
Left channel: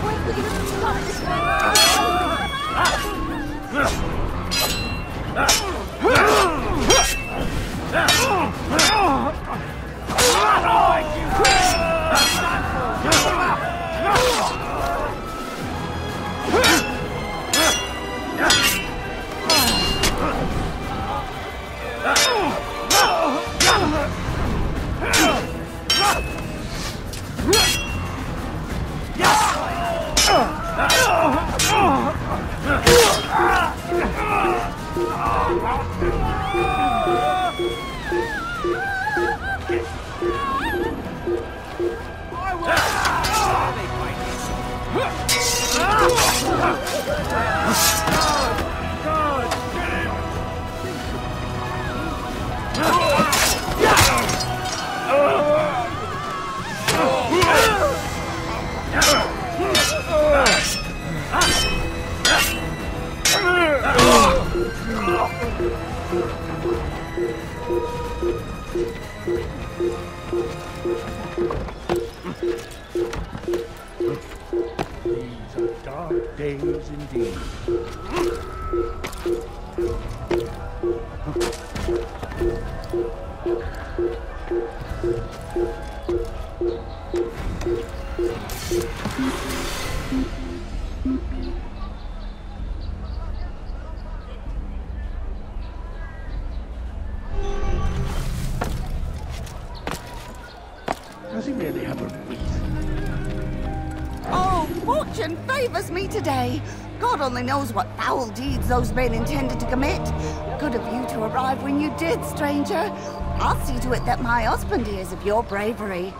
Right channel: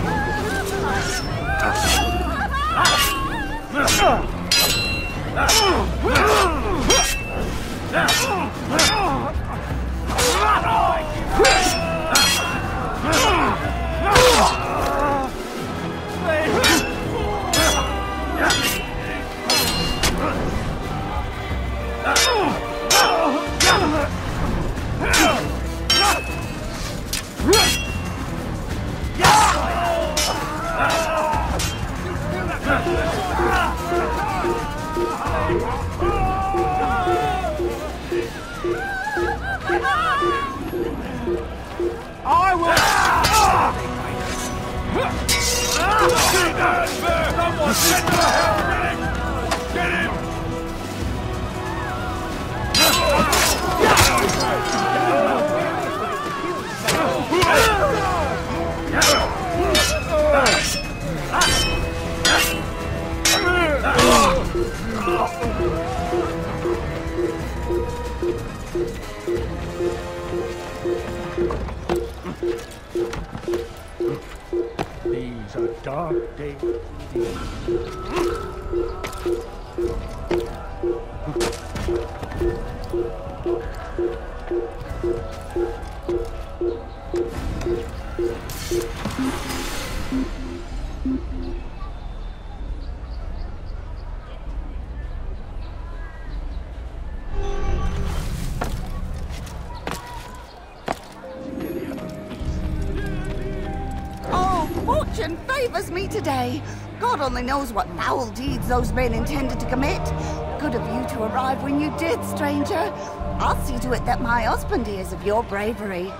These are dark days. Oh, fortune favors me today. God only knows what foul deeds those men intended to commit. good of you to arrive when you did, stranger. I'll see to it that my husband hears of your bravery.